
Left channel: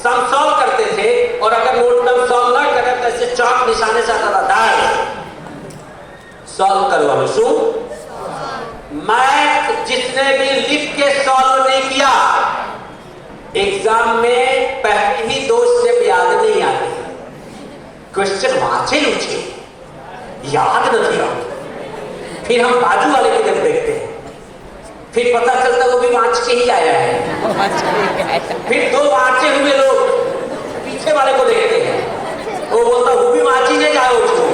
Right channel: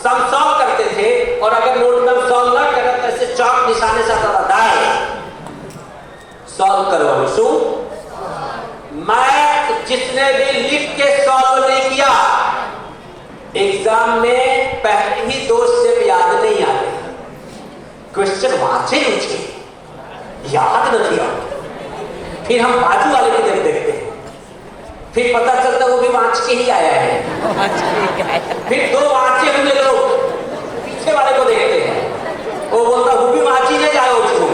सम सॉल्व करते थे, और अगर बोर्ड में सॉल्व ना करें तो ऐसे चौक निशाने से आता था, सॉल्व करो। सो मैथ जिसने भी लिख के सॉल्व नहीं किया, एग्जाम में पहले ही 2 स्टेप याद नहीं आते। क्वेश्चन वाचे ऊंचे याद नहीं आता। फिर हम बाजू वाले की तरफ देखते हैं, फिर पता चलता वो भी वांच के ही आया है। फिर दो वांचे हुए लोग पीछे वाले को देखते हैं, वो बोलता वो भी वांची ले जाओ उसको।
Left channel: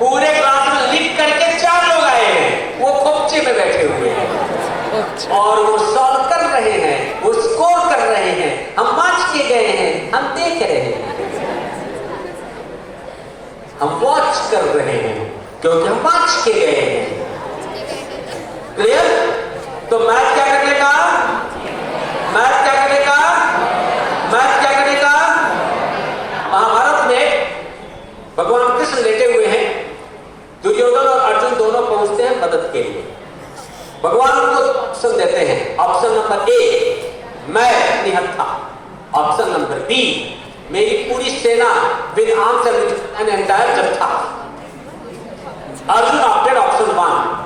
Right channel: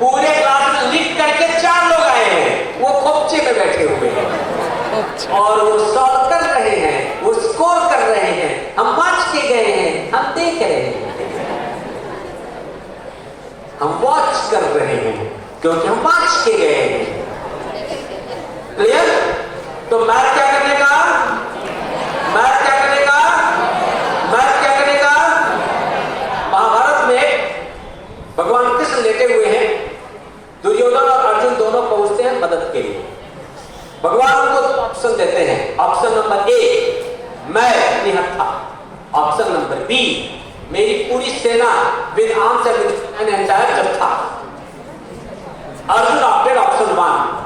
पूरे क्लास में लिख करके 4 लोग आए हैं, वो खोपचे में बैठे हुए हैं और वो सॉल्व कर रहे हैं, वो स्कोर कर रहे हैं। हम वांच के गए हैं, हम देख रहे हैं, हम वॉच कर रहे हैं क्योंकि हम वांच के गए हैं। क्लियर? तो मैथ क्या करने का? मैथ क्या करने का? मैथ क्या करने का? महाभारत में भगवान कृष्ण लेटे हुए हैं, दुर्योधन और अर्जुन दोनों पहुंचते हैं मदद के लिए। भगवान उनको ऑप्शन देते हैं। ऑप्शन नंबर ए, मैं निहत्था। ऑप्शन नंबर बी, मेरी पूरी सेना विद आर्म्स एंड एंटायर जत्था। Arjun opted option 1।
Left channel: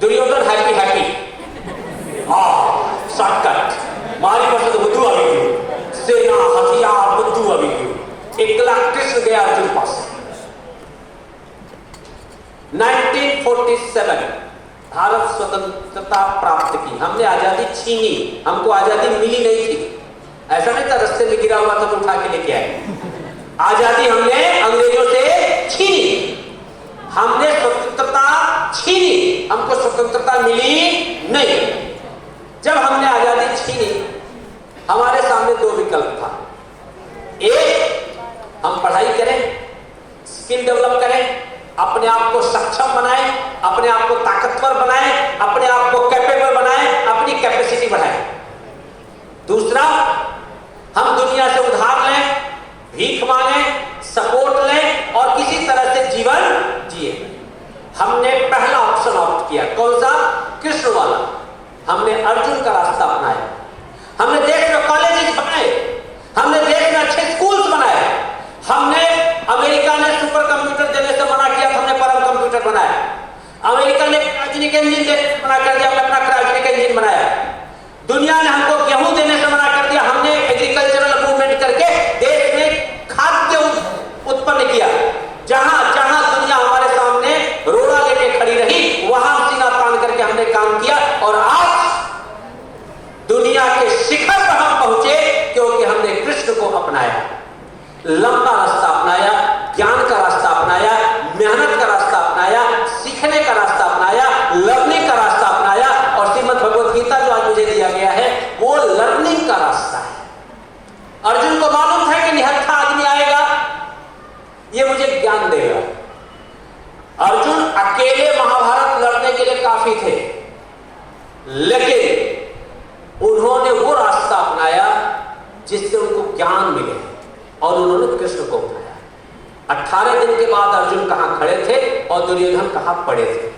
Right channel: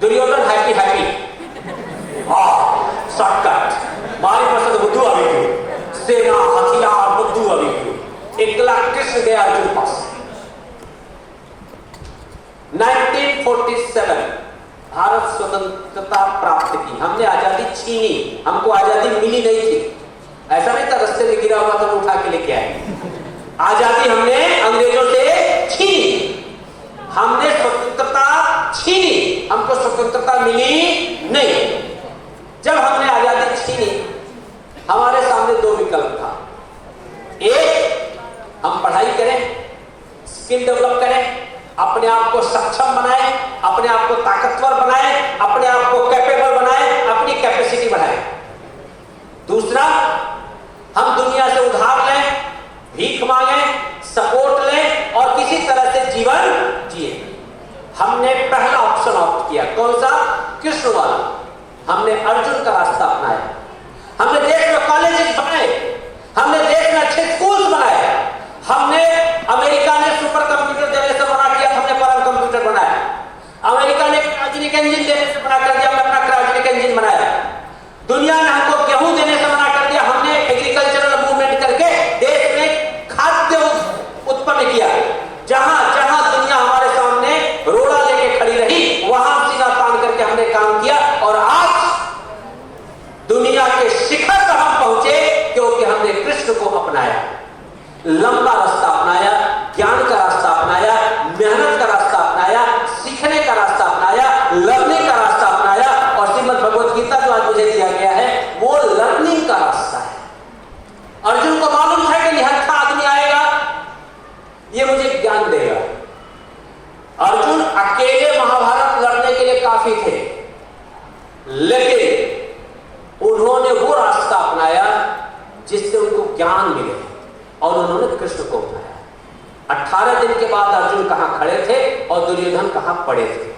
Duryodhan happy shortcut मारी पास બધું આવી ગયું, સેના હથિયાર બધું આવી ગયું। એકલા કૃષ્ણ ગયા अर्जुन पास। 1947 भारत स्वतंत्रता प्राप्त की, हमने आजादी छीनी, हमको आजादी मिली नहीं थी। ऐसा नहीं था रास्ते में गिरा हुआ तो उठा के लेके आए। आजादी हमने अंग्रेजों से छीनी, हमने स्वतंत्रता छीनी, हमको स्वतंत्रता मिली नहीं। जब हमने आजादी छीनी, हमारे सामने 2 विकल्प था। एक, हम पढ़ाई करें, स्किल डेवलप करें, अपने आप को सक्षम बनाएं, अपने आप को ताकतवर बनाएं, अपने आप को कैपेबल बनाएं, अपनी कैपेसिटी बढ़ाएं। दूसरा, हम दुनिया से उधार लें, भीख मांगें, सपोर्ट लें और किसी तरह से जीवन जिए। हमने पहला ऑप्शन ऑप्ट किया। कौन सा? कृष्ण वाला। हमने अर्जुन का रास्ता अपनाया। हमने देश में कॉलेजेस बनाए, हमने देश में अच्छे स्कूल्स बनाए, हमने अमेरिका ने सुपर कंप्यूटर देने से मना किया, हमने परम कंप्यूटर बनाया। अमेरिका ने क्रायोजेनिक इंजन देने से मना कर दिया, हमने अपना क्रायोजेनिक इंजन बनाया। दुनिया ने हमको गेहूं देने से मना कर दिया, हमने एग्रीकल्चरल मूवमेंट करके देश में खाद्य उत्पन्न किया। जहां जहां दुनिया हमारे सामने रोड़ा लेके खड़ी रही, वहां सीना तान करके हमने काम किया और आज दुनिया के शिखर पर हम पहुंचे क्योंकि हमने कृष्ण को अपनाया। लंबा रास्ता अपनाया, ज्ञान का रास्ता अपनाया, मेहनत का रास्ता अपनाया, सीखने का रास्ता अपनाया, लर्निंग का रास्ता अपनाया। और श्रीमद् भगवत गीता जो आज मुझे दिया गया है वो लर्निंग का रास्ता है। अर्जुन को मालूम था कि निहत्था आदमी आएगा, ये मुझे ज्ञान देगा। अर्जुन अकेले महाभारत लड़ने के लिए काफी थे, लेकिन उन्होंने वो रास्ता अपनाया जिससे उनको ज्ञान मिले और उन्होंने कृष्ण को अपनाया। 18 दिन के बाद अर्जुन कहां खड़े थे और दुर्योधन कहां पड़े थे।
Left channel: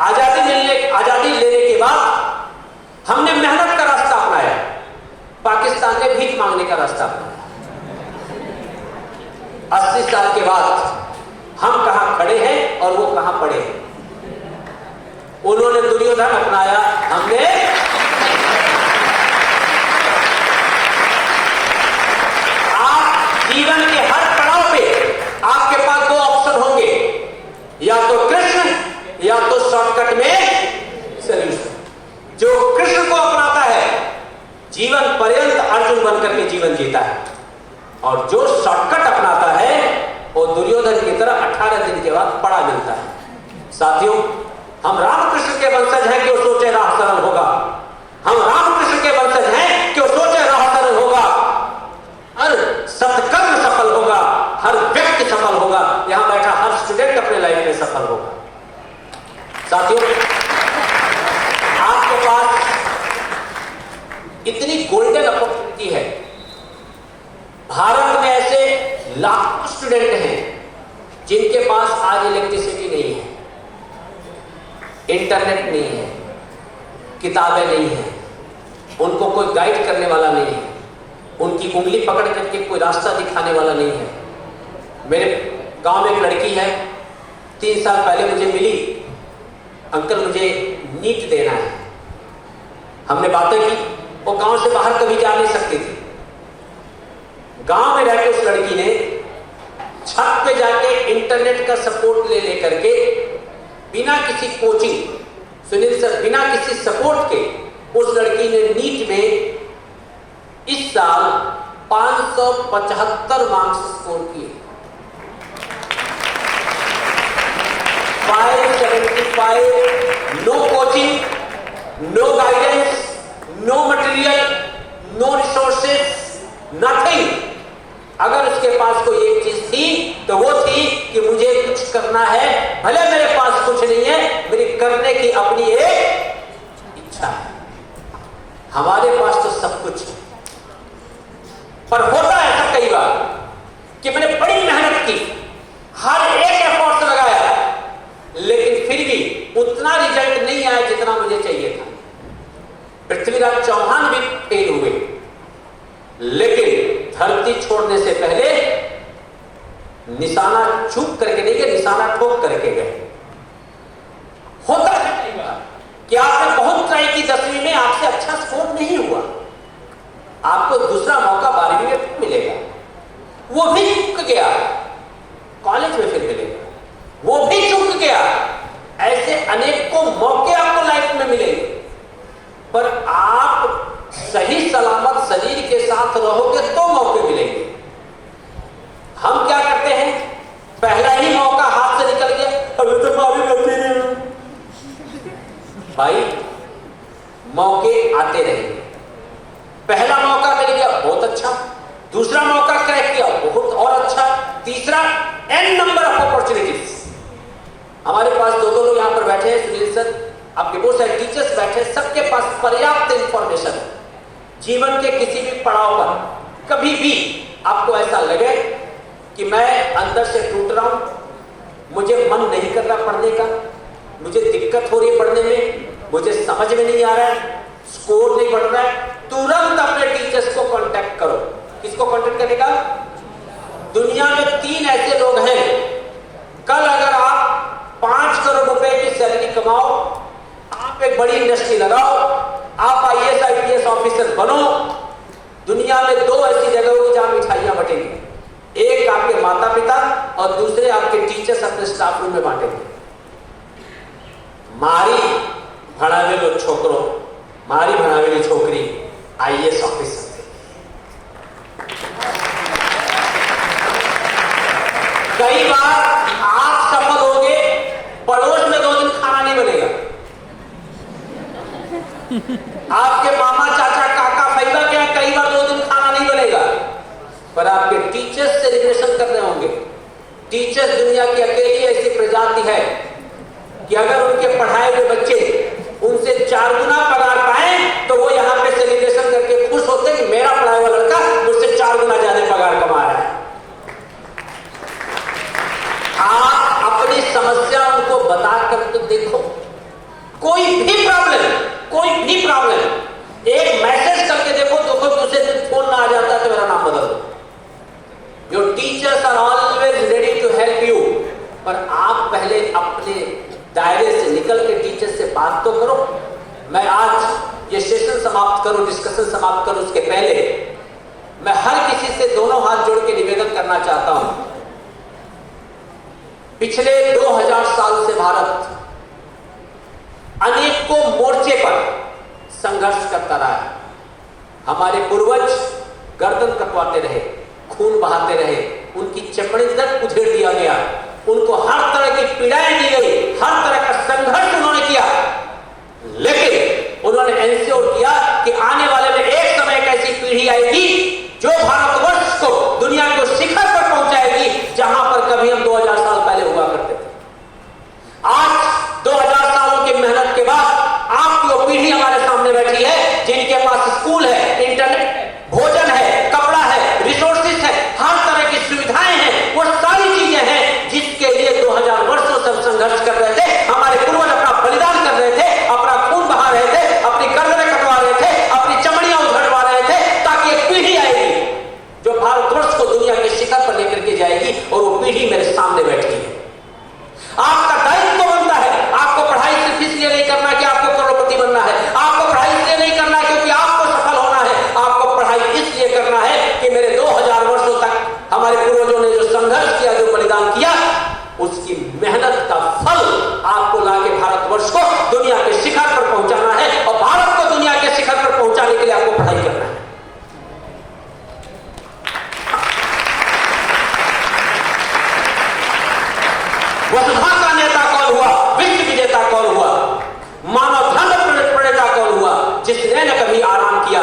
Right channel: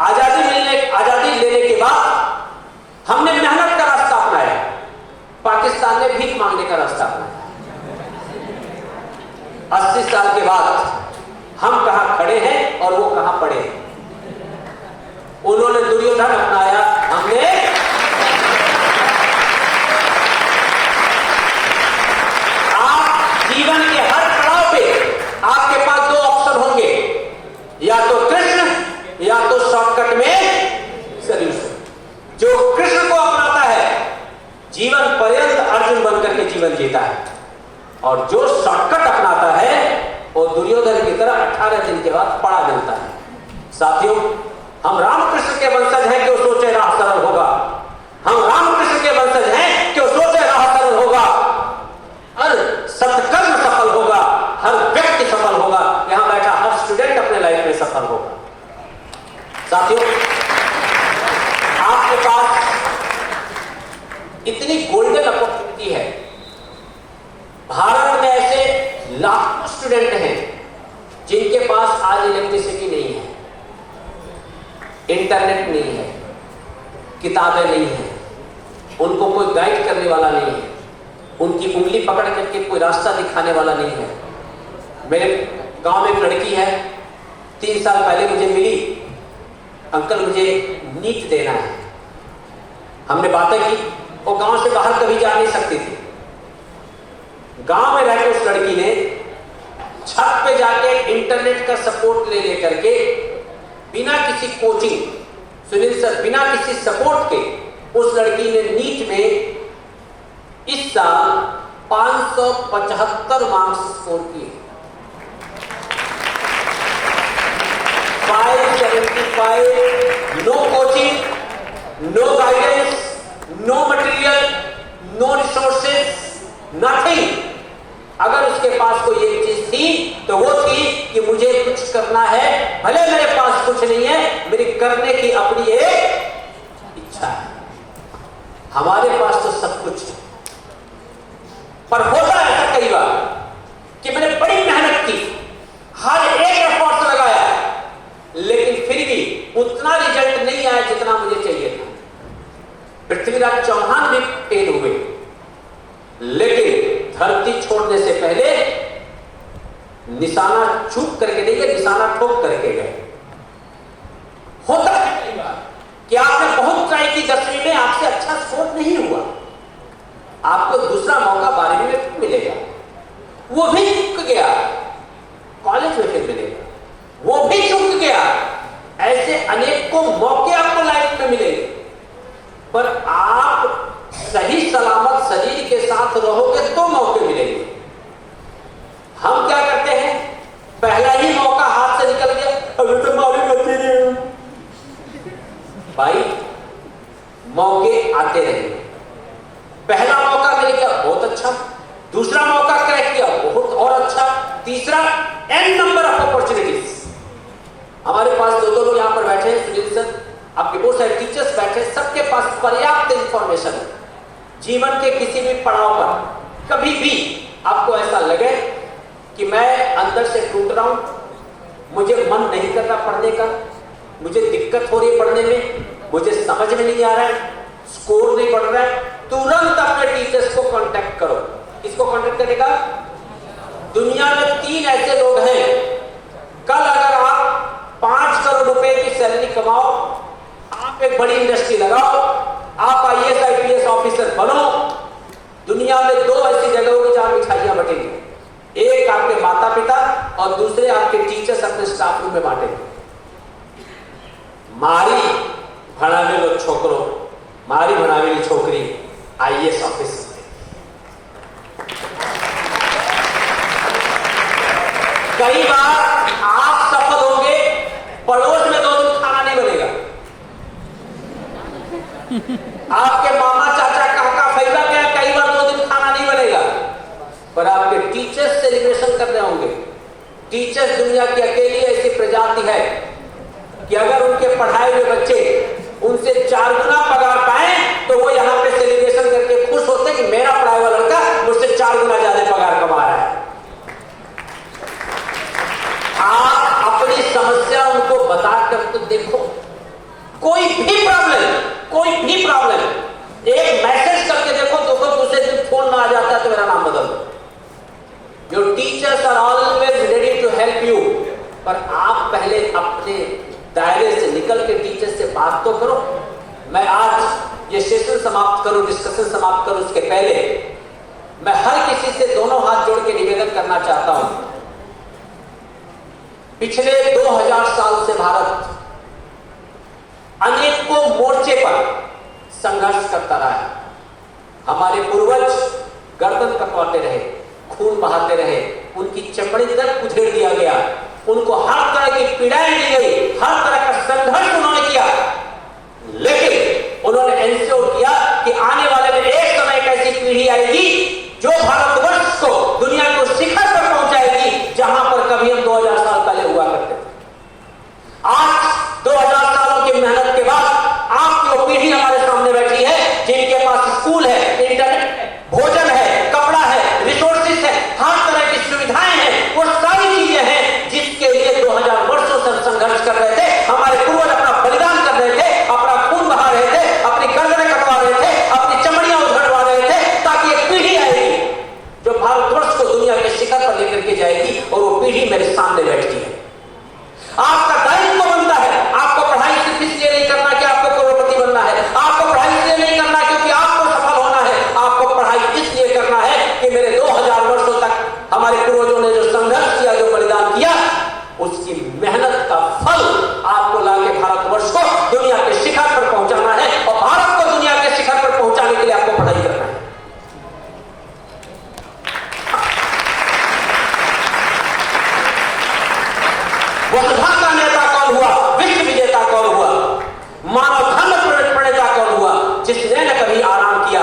आजादी लेने के बाद हमने मेहनत का रास्ता अपनाया, पाकिस्तान ने भीख मांगने का रास्ता अपनाया। 80 साल के बाद हम कहां खड़े हैं और वो कहां पड़े हैं। उन्होंने दुर्योधन अपनाया, हमने जीवन के हर पड़ाव पे आपके पास 2 ऑप्शन होंगे, या तो कृष्ण या तो शॉर्टकट में सॉल्यूशन। जो कृष्ण को अपनाता है जीवन पर्यंत अर्जुन बनकर के जीवन जीता है, और जो शॉर्टकट अपनाता है वो दुर्योधन की तरह 18 दिन के बाद पड़ा मिलता है। साथियों, हम रामकृष्ण के वंशज हैं कि वो सोचे राह सरल होगा। हम रामकृष्ण के वंशज हैं कि वो सोचे राह सरल होगा, हर सत्कर्म सफल होगा, हर व्यक्ति सफल होगा, यहां बैठा हर स्टूडेंट अपने लाइफ में सफल होगा। साथियों, आपके पास इतनी गोल्डन अपॉर्चुनिटी है। भारत में ऐसे लाखों स्टूडेंट हैं जिनके पास आज इलेक्ट्रिसिटी नहीं है, इंटरनेट नहीं है, किताबें नहीं है, उनको कोई गाइड करने वाला नहीं है, उनकी उंगली पकड़ करके कोई रास्ता दिखाने वाला नहीं है। मेरे गांव में एक लड़की है, 3 साल पहले मुझे मिली, अंकल मुझे नीट देना है। हमने बातें की, वो गांव से बाहर कभी जा नहीं सकती थी, गांव में रहकर उस लड़की ने छत पे जाके इंटरनेट का सपोर्ट ले लेकर के बिना किसी कोचिंग, सुनील सर, बिना किसी सपोर्ट के उस लड़की ने नीट में इस साल 575 मार्क्स स्कोर किए। 575, no coaching, no guidance, no material, no resources, nothing. अगर उसके पास कोई एक चीज थी तो वो थी कि मुझे कुछ करना है, भले मेरे पास कुछ नहीं है, मेरी करने की अपनी एक इच्छा है। हमारे पास तो सब कुछ है, पर होता ऐसा कई बार कि मैंने बड़ी मेहनत की, हर एक एफर्ट लगाया, लेकिन फिर भी उतना रिजल्ट नहीं आया जितना मुझे चाहिए था। पृथ्वीराज चौहान भी फेल हुए, लेकिन धरती छोड़ने से पहले निशाना चूक करके नहीं गए, निशाना ठोक करके गए। होता है कई बार कि आपने बहुत ट्राई की 10वीं में, आपसे अच्छा स्कोर नहीं हुआ, आपको दूसरा मौका 12वीं में मिलेगा, वो भी चूक गया, कॉलेज में फिर मिलेगा, वो भी चूक गया। ऐसे अनेकों मौके आपको लाइफ में मिलेंगे, पर आप सही सलामत शरीर के साथ रहोगे तो मौके मिलेंगे। हम क्या करते हैं, पहला ही मौका हाथ से निकल गया, अभी तो बारी करते हैं। भाई, मौके आते रहेंगे। पहला मौका मिल गया, बहुत अच्छा, दूसरा मौका क्रैक किया, बहुत और अच्छा, तीसरा, एन नंबर ऑफ अपॉर्चुनिटीज। हमारे पास दो लोग यहां पर बैठे हैं, सुनील सर, आपके बहुत सारे टीचर्स बैठे हैं, सबके पास पर्याप्त इंफॉर्मेशन है। जीवन के किसी भी पड़ाव पर कभी भी आपको ऐसा लगे कि मैं अंदर से टूट रहा हूं, मुझे मन नहीं कर रहा पढ़ने का, मुझे दिक्कत हो रही है पढ़ने में, मुझे समझ में नहीं आ रहा है, स्कोर नहीं बढ़ रहा है, तुरंत अपने टीचर्स को कांटेक्ट करो। किसको कांटेक्ट करेगा? दुनिया में 3 ऐसे लोग हैं, कल अगर आप 5 करोड़ रुपए की सैलरी कमाओ, आप एक बड़ी इंडस्ट्री लगाओ, आप IAS IPS ऑफिसर बनो, दुनिया में 2 ऐसी जगह होगी जहां मिठाइयां बटेंगी, एक आपके माता पिता और दूसरे आपके टीचर्स अपने स्टाफ रूम में बांटेंगे। मारी भणावेलो छोकरो, मारी भणावेली छोकरी IAS ऑफिसर थे। कई बार आप सफल होंगे, पड़ोस में 2 दिन खाना नहीं बनेगा, आपके मामा चाचा काका फैला क्या, कई बार 2 दिन खाना नहीं बनेगा, पर आपके टीचर्स से रिलेशन करने होंगे। टीचर्स दुनिया की अकेली ऐसी प्रजाति है कि अगर उनके पढ़ाए हुए बच्चे उनसे 4 गुना पगार पाए तो वो यहां पे सेलिब्रेशन करके खुश होते कि मेरा पढ़ाया हुआ लड़का मुझसे 4 गुना ज्यादा पगार कमा रहा है। आप अपनी समस्या उनको बता कर तो देखो, कोई भी प्रॉब्लम एक मैसेज करके देखो, तो दूसरे दिन फोन ना आ जाता तो मेरा नाम बदल दो। Your teachers are always ready to help you, पर आप पहले अपने दायरे से निकल के टीचर से बात तो करो। मैं आज ये सेशन समाप्त करूं, डिस्कशन समाप्त करूं, उसके पहले मैं हर किसी से दोनों हाथ जोड़ के निवेदन करना चाहता हूं। पिछले 2000 साल से भारत अनेकों मोर्चे पर संघर्ष करता रहा है। हमारे पूर्वज गर्दन कटवाते रहे, खून बहाते रहे, उनकी चमड़ी तक उधेड़ दिया गया, उनको हर तरह की पीड़ाएं दी गई, हर तरह का संघर्ष उन्होंने किया, लेकिन उन्होंने एंश्योर किया कि आने वाले में एक समय एक ऐसी पीढ़ी आएगी जो भारतवर्ष को, दुनिया को शिखर पर पहुंचाएगी जहां पर कभी हम 2000 साल पहले हुआ करते थे। आज 2000 सालों की मेहनत के बाद आपकी वो पीढ़ी हमारे सामने बैठी है जिनके पास स्कूल है, इंटरनेट है, भोजन है, कपड़ा है, रिसोर्सेज है, हर तरह की सुविधाएं हैं, वो सारी चीजें हैं जिसके लिए 2000 वर्षों से संघर्ष कर रहे थे। हमारे पूर्वज अपना बलिदान कर रहे थे, अपना खून बहा रहे थे, अपनी गर्दनें कटवा रहे थे, अपनी चमड़ियां उधड़वा रहे थे, ताकि एक पीढ़ी आएगी जो भारतवर्ष को दुनिया के शिखर पर लेकर के जाएगी, और वो पीढ़ी मेरे सामने बैठी है। आपका दायित्व बनता है, आपको पढ़ाई सिर्फ इसलिए नहीं करना कि आपको करोड़पति बनना है, आपको पढ़ाई इसलिए नहीं करना क्योंकि आपको सफल होना है, आराम किया,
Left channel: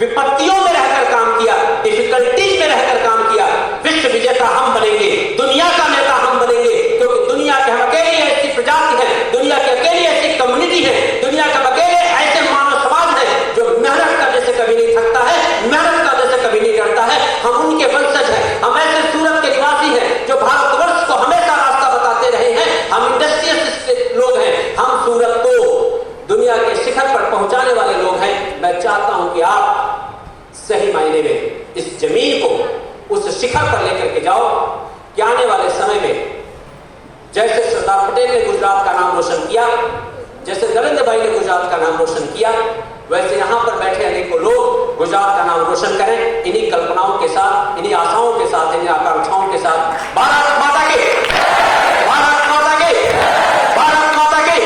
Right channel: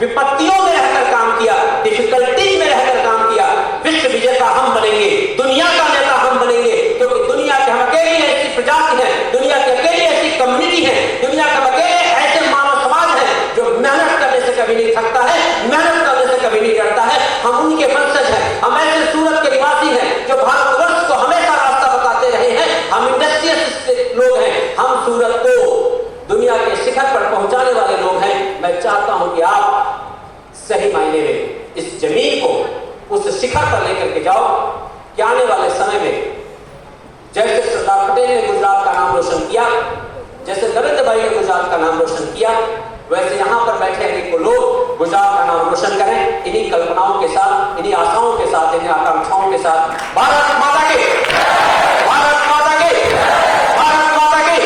विपत्तियों में रहकर काम किया, डिफिकल्टीज में रहकर काम किया। विश्व विजेता हम बनेंगे, दुनिया का नेता हम बनेंगे, क्योंकि दुनिया के हम अकेली ऐसी प्रजाति है, दुनिया की अकेली ऐसी कम्युनिटी है, दुनिया का अकेले ऐसे मानव समाज है जो मेहनत करने से कभी नहीं थकता है, मेहनत करने से कभी नहीं डरता है। हम उनके वंशज हैं, हम ऐसे सूरत के निवासी हैं जो भारतवर्ष को हमेशा रास्ता बताते रहे हैं। हम इंडस्ट्रियलिस्ट लोग हैं, हम सूरत को दुनिया के शिखर पर पहुंचाने वाले लोग हैं। मैं चाहता हूं कि आप सही मायने में इस जमीन को उस शिखर पर लेकर के जाओ कि आने वाले समय में जैसे सरदार पटेल ने गुजरात का नाम रोशन किया, जैसे नरेंद्र भाई ने गुजरात का नाम रोशन किया, वैसे यहां पर बैठे अनेकों लोग गुजरात का नाम रोशन करें, इन्हीं कल्पनाओं के साथ, इन्हीं आशाओं के साथ, इन्हीं आकांक्षाओं के साथ। भारत माता की, भारत माता की, भारत माता की।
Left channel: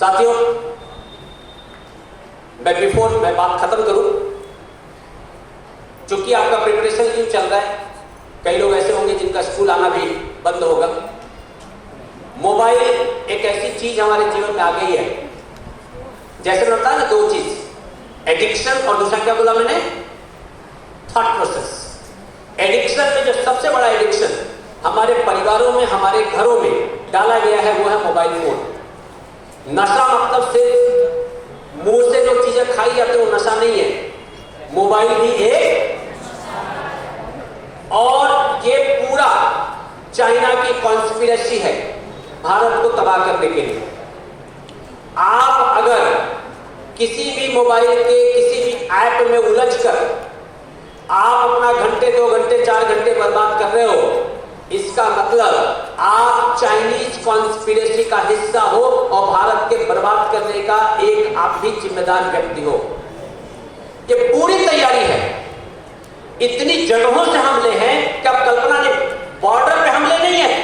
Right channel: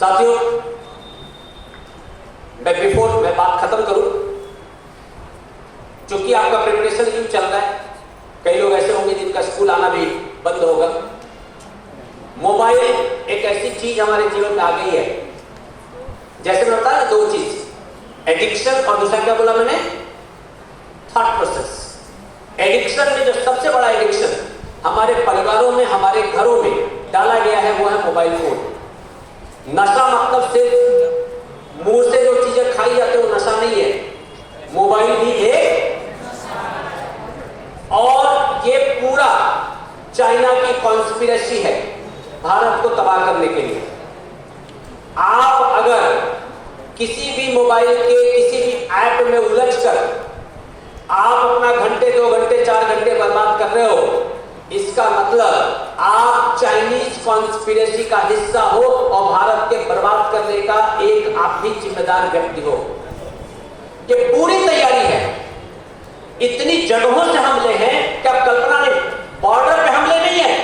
साथियों, मैं बात खत्म करूं, चूंकि आपका प्रिपरेशन क्यों चल रहा है, कई लोग ऐसे होंगे जिनका स्कूल आना भी बंद होगा। मोबाइल एक ऐसी चीज हमारे जीवन में आ गई है, जैसे मैं बताया ना, दो चीज, एडिक्शन और दूसरा क्या बोला मैंने, थॉट प्रोसेस। एडिक्शन में जो सबसे बड़ा एडिक्शन हमारे परिवारों में, हमारे घरों में डाला गया है वो है मोबाइल फोन। नशा मतलब सिर्फ मुंह से जो चीजें खाई जाती है वो नशा नहीं है, मोबाइल भी है। और ये पूरा चाइना की कॉन्स्पिरेसी है भारत को तबाह करने के लिए। आप अगर किसी भी मोबाइल के किसी भी ऐप में उलझकर आप अपना घंटे, 2 घंटे, 4 घंटे बर्बाद कर रहे हो, इसका मतलब आप चाइनीज कॉन्स्पिरेसी का हिस्सा हो और भारत के बर्बाद करने का एक आप भी जिम्मेदार व्यक्ति हो। ये पूरी तैयारी है, इतनी जगहों से हमले हैं कि अब कल्पना नहीं। बॉर्डर पे हमले नहीं है,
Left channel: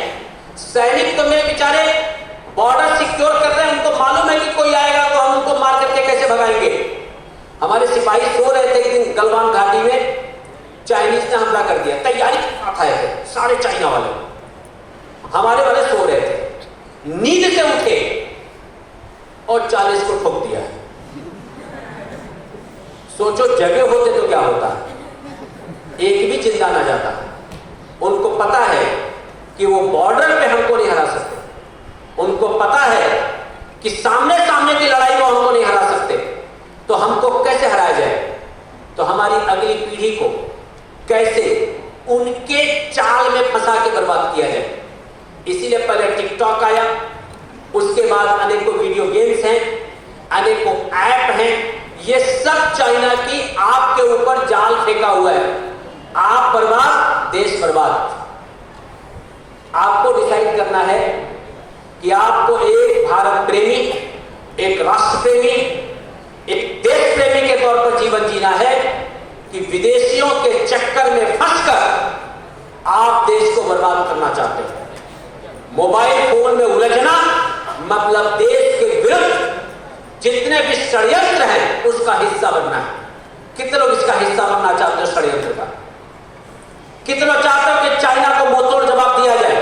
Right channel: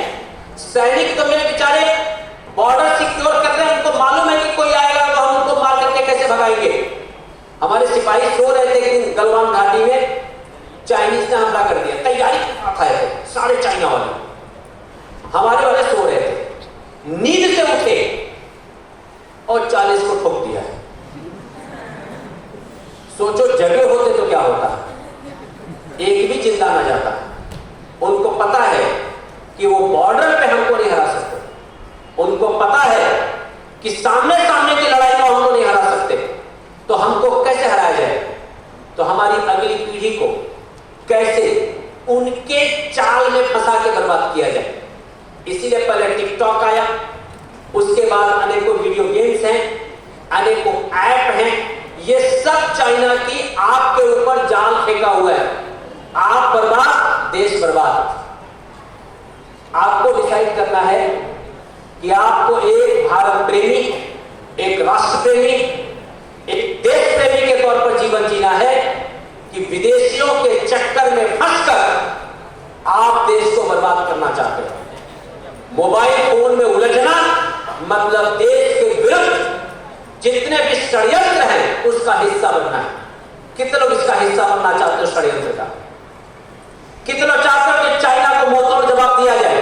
सैनिक तो मेरे बेचारे बॉर्डर सिक्योर कर रहे हैं, उनको मालूम है कि कोई आएगा तो हम उनको मार करके कैसे भगाएंगे। हमारे सिपाही सो रहे थे एक दिन गलवान घाटी में, चाइनीज ने हमला कर दिया, तैयारी आए थे सारे चाइना वाले, हमारे वाले सो रहे थे, नींद से उठे और 40 को ठोक दिया। सोचो जगे होते तो क्या होता, एक भी जिंदा ना जाता। उनको पता है कि वो बॉर्डर पे हमको नहीं हरा सकते, उनको पता है कि सामने सामने की लड़ाई में हमको नहीं हरा सकते, तो हमको कैसे हराया जाए, तो हमारी अगली पीढ़ी को कैसे उनके चाल में फंसा के बर्बाद किया जाए। इसीलिए पहले टिकटॉक आया, उसके बाद अनेकों वीडियो गेम्स हैं, अनेकों ऐप हैं, ये सब चाइना की आपके ऊपर जाल फेंका हुआ है। आप बर्बाद, देश बर्बाद। आपको डिसाइड करना है कि आपको एक भारत प्रेमी, एक राष्ट्र प्रेमी, एक देश प्रेमी के तौर पर जीवन जीना है कि विदेशियों के चक्कर में फंसकर आप देश को बर्बाद करना चाहते हैं। मोबाइल फोन में उलझना मतलब देश के विरुद्ध जितने भी षड्यंत्र हैं उसका हिस्सा बनना है। कितने लोग इसका हिस्सा बनना चाहते हैं षड्यंत्र का? कितने लोग चाहते हैं कि चाइना को मुंहतोड़ जवाब दिया जाए?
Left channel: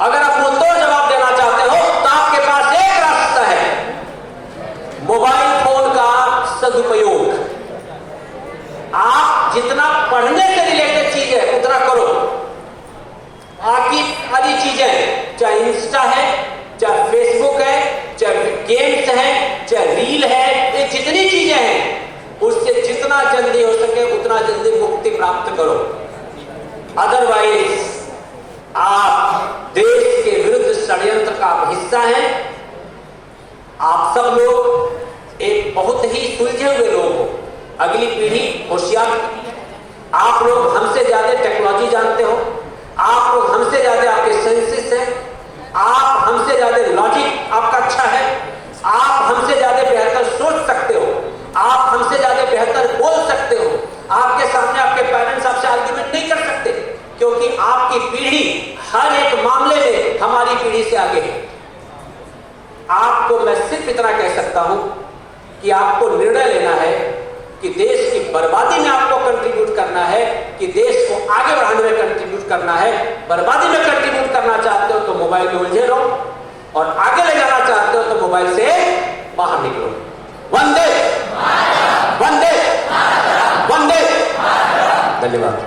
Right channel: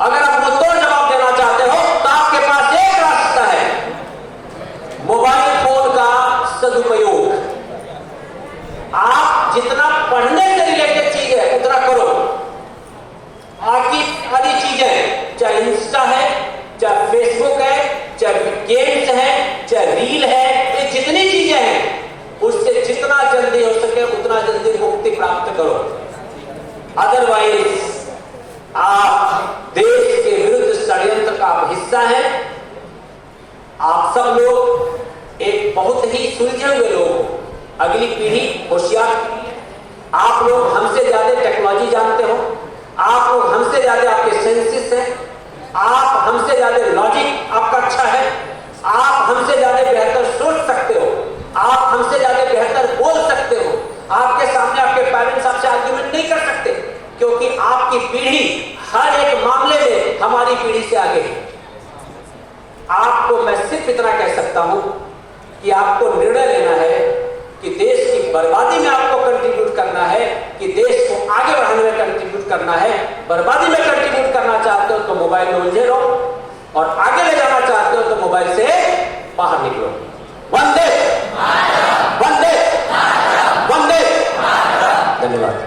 अगर आप मुंहतोड़ जवाब देना चाहते हो तो आपके पास एक रास्ता है, मोबाइल फोन का सदुपयोग। आप जितना पढ़ने से रिलेटेड चीज है उतना करो, बाकी सारी चीजें, चाहे इंस्टा है, चाहे फेसबुक है, चाहे गेम्स है, चाहे रील है, ये जितनी चीजें हैं उससे जितना जल्दी हो सके उतना जल्दी मुक्ति प्राप्त करो। अदरवाइज आप देश के विरुद्ध षड्यंत्र का हिस्सा हैं। आप सब लोग एक बहुत ही सुलझे हुए लोग हो, अगली पीढ़ी होशियार पीढ़ी है। आप लोग हमसे ज्यादा टेक्नोलॉजी जानते हो, आप लोग हमसे ज्यादा आपके सेंसेस हैं, आप हमसे ज्यादा लॉजिक आपका अच्छा है, आप हमसे ज्यादा बेहतर सोच सकते हो, आप हमसे ज्यादा बेहतर बोल सकते हो। आपके सामने आपके पेरेंट्स आपसे आर्ग्यूमेंट नहीं कर सकते, क्योंकि आपकी पीढ़ी हर एक मामले में हमारी पीढ़ी से आगे है। आपको मैं सिर्फ इतना कह सकता हूं कि आपको निर्णय लेना है कि देश की बर्बादी में आपको कंट्रीब्यूट करना है कि देश को आगे बढ़ाने में कंट्रीब्यूट करना है। बर्बादी में कंट्रीब्यूट करना चाहते हो मोबाइल में उलझे रहो, और आगे ले जाना चाहते हो तो मोबाइल से बाहर निकलो। वंदे वंदे वंदे। धन्यवाद।